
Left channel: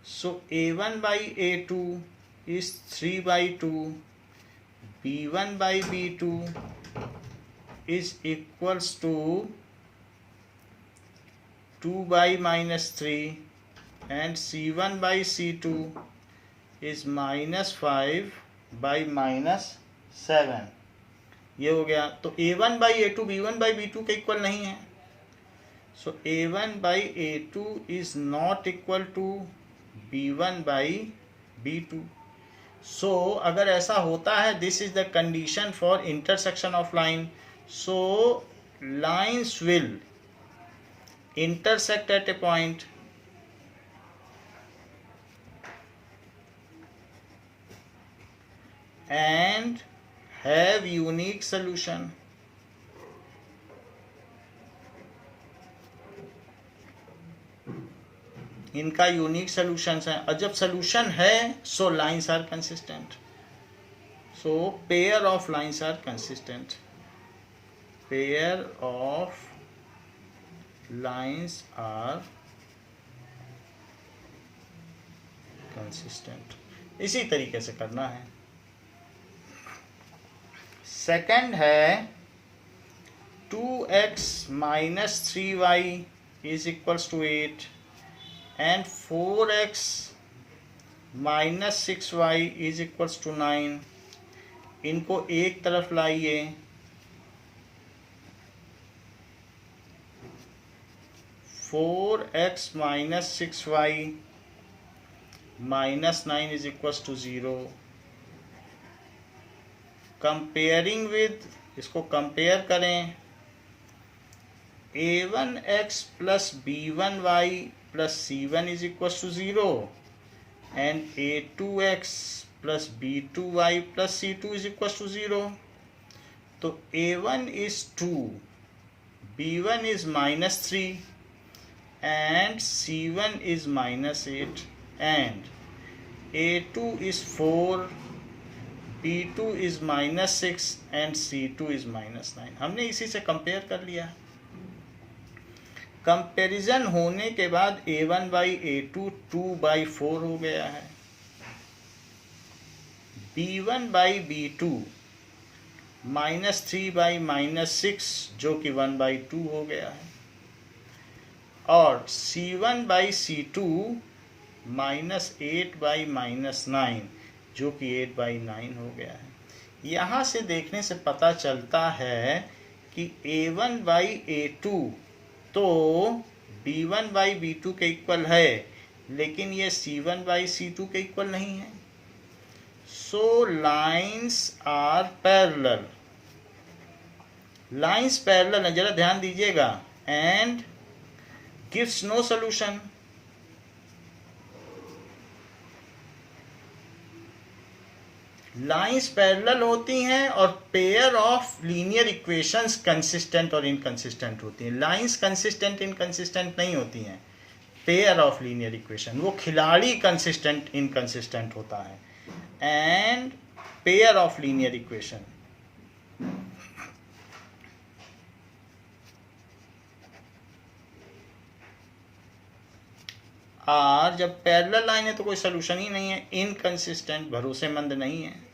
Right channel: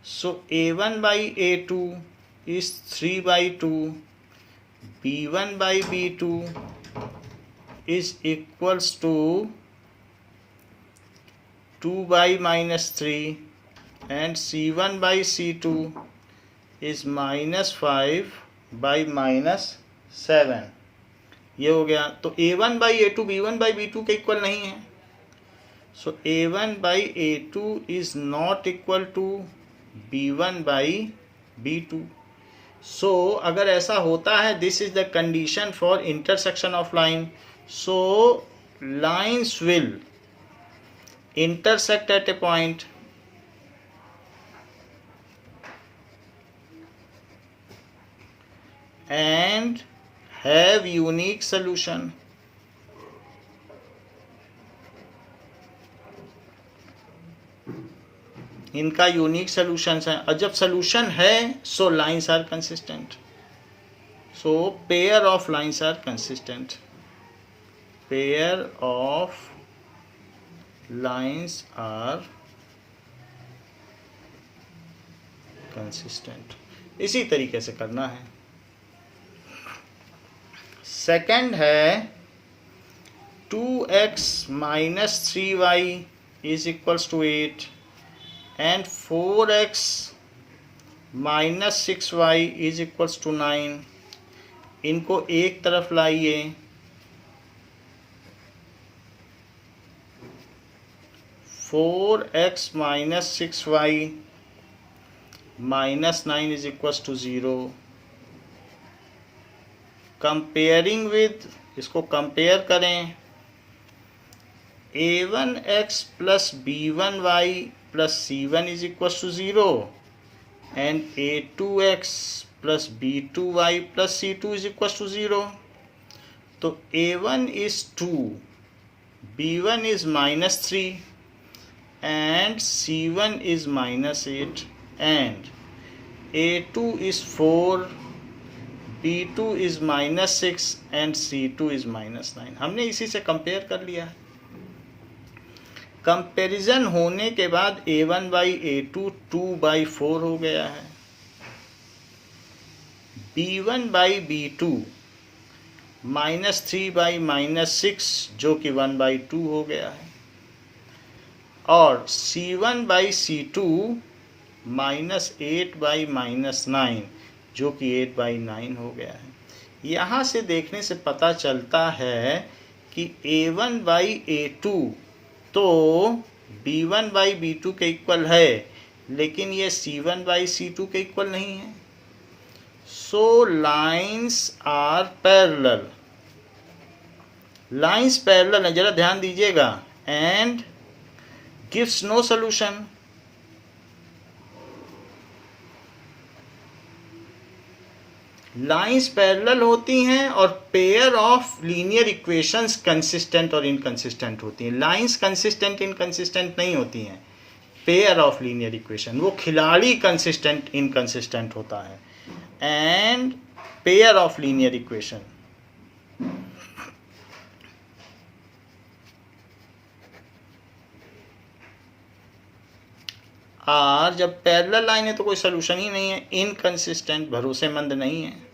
So a1 by a2 is 3 by 2, b1 by b2 is equals to 2 by minus 3 and c1 by c2 is minus 5 by minus 7। ये हो गया। तो a1 by a2 b1 by b2 के equal नहीं है। So a1 by a2 is not equal to b1 by b2। So अगर ऐसा होता है, this is the condition for intersection of line. So lines will intersect at a point and have unique solution। इनका unique solutions हैं, और जब solution है so lines are consistent. So pair of lines are consistent, pair of lines are consistent. इसी तरीके से करना है। सेकंड है 2x minus 3y is equals to 8 and 4x minus 6y is equals to 9। इनको एक तरफ लाइए। 4x minus 6y minus 9 is equals to 0। Comparing with, इसको कंपेयर करें, a1x plus b1y plus c1 is equals to 0 and a2x plus b2y plus c2 is equals to 0। तो a1 is 2, b1 is minus 3 and c1 is minus 8 and a2 is 4, b2 is minus 6 and c2 is minus 9। हमने इसी से compare कर लिया है। Comparison होने के बाद a1 by a2 2 by 4 हो गया है। b1 by b2 -3/-6 जो कि 1/2 हो गया है, और C1/C2 -8/-9 जो कि 8/9 हो गया है। यहाँ से देखने से पता चलता है कि A1/A2 तो B1/B2 के इक्वल है, लेकिन ये C1/C2 के इक्वल नहीं है। So lines are parallel, lines parallel है, जरा ध्यान दीजिएगा, and gives no solution. Lines parallel होती हैं और pair of linear equations consistent और इनकंसिस्टेंट होती हैं। लाइन्स कंसिस्टेंट इनकंसिस्टेंट नहीं होती हैं, पेयर ऑफ लीनियर इक्वेशन, वो खिलाड़ी कंसिस्टेंट इनकंसिस्टेंट होता है, and pair of linear equation. Are जब पैरेलल लाइन है तो कोई सोल्यूशन ही नहीं है, इनकंसिस्टेंट, भरोसेमंद नहीं है।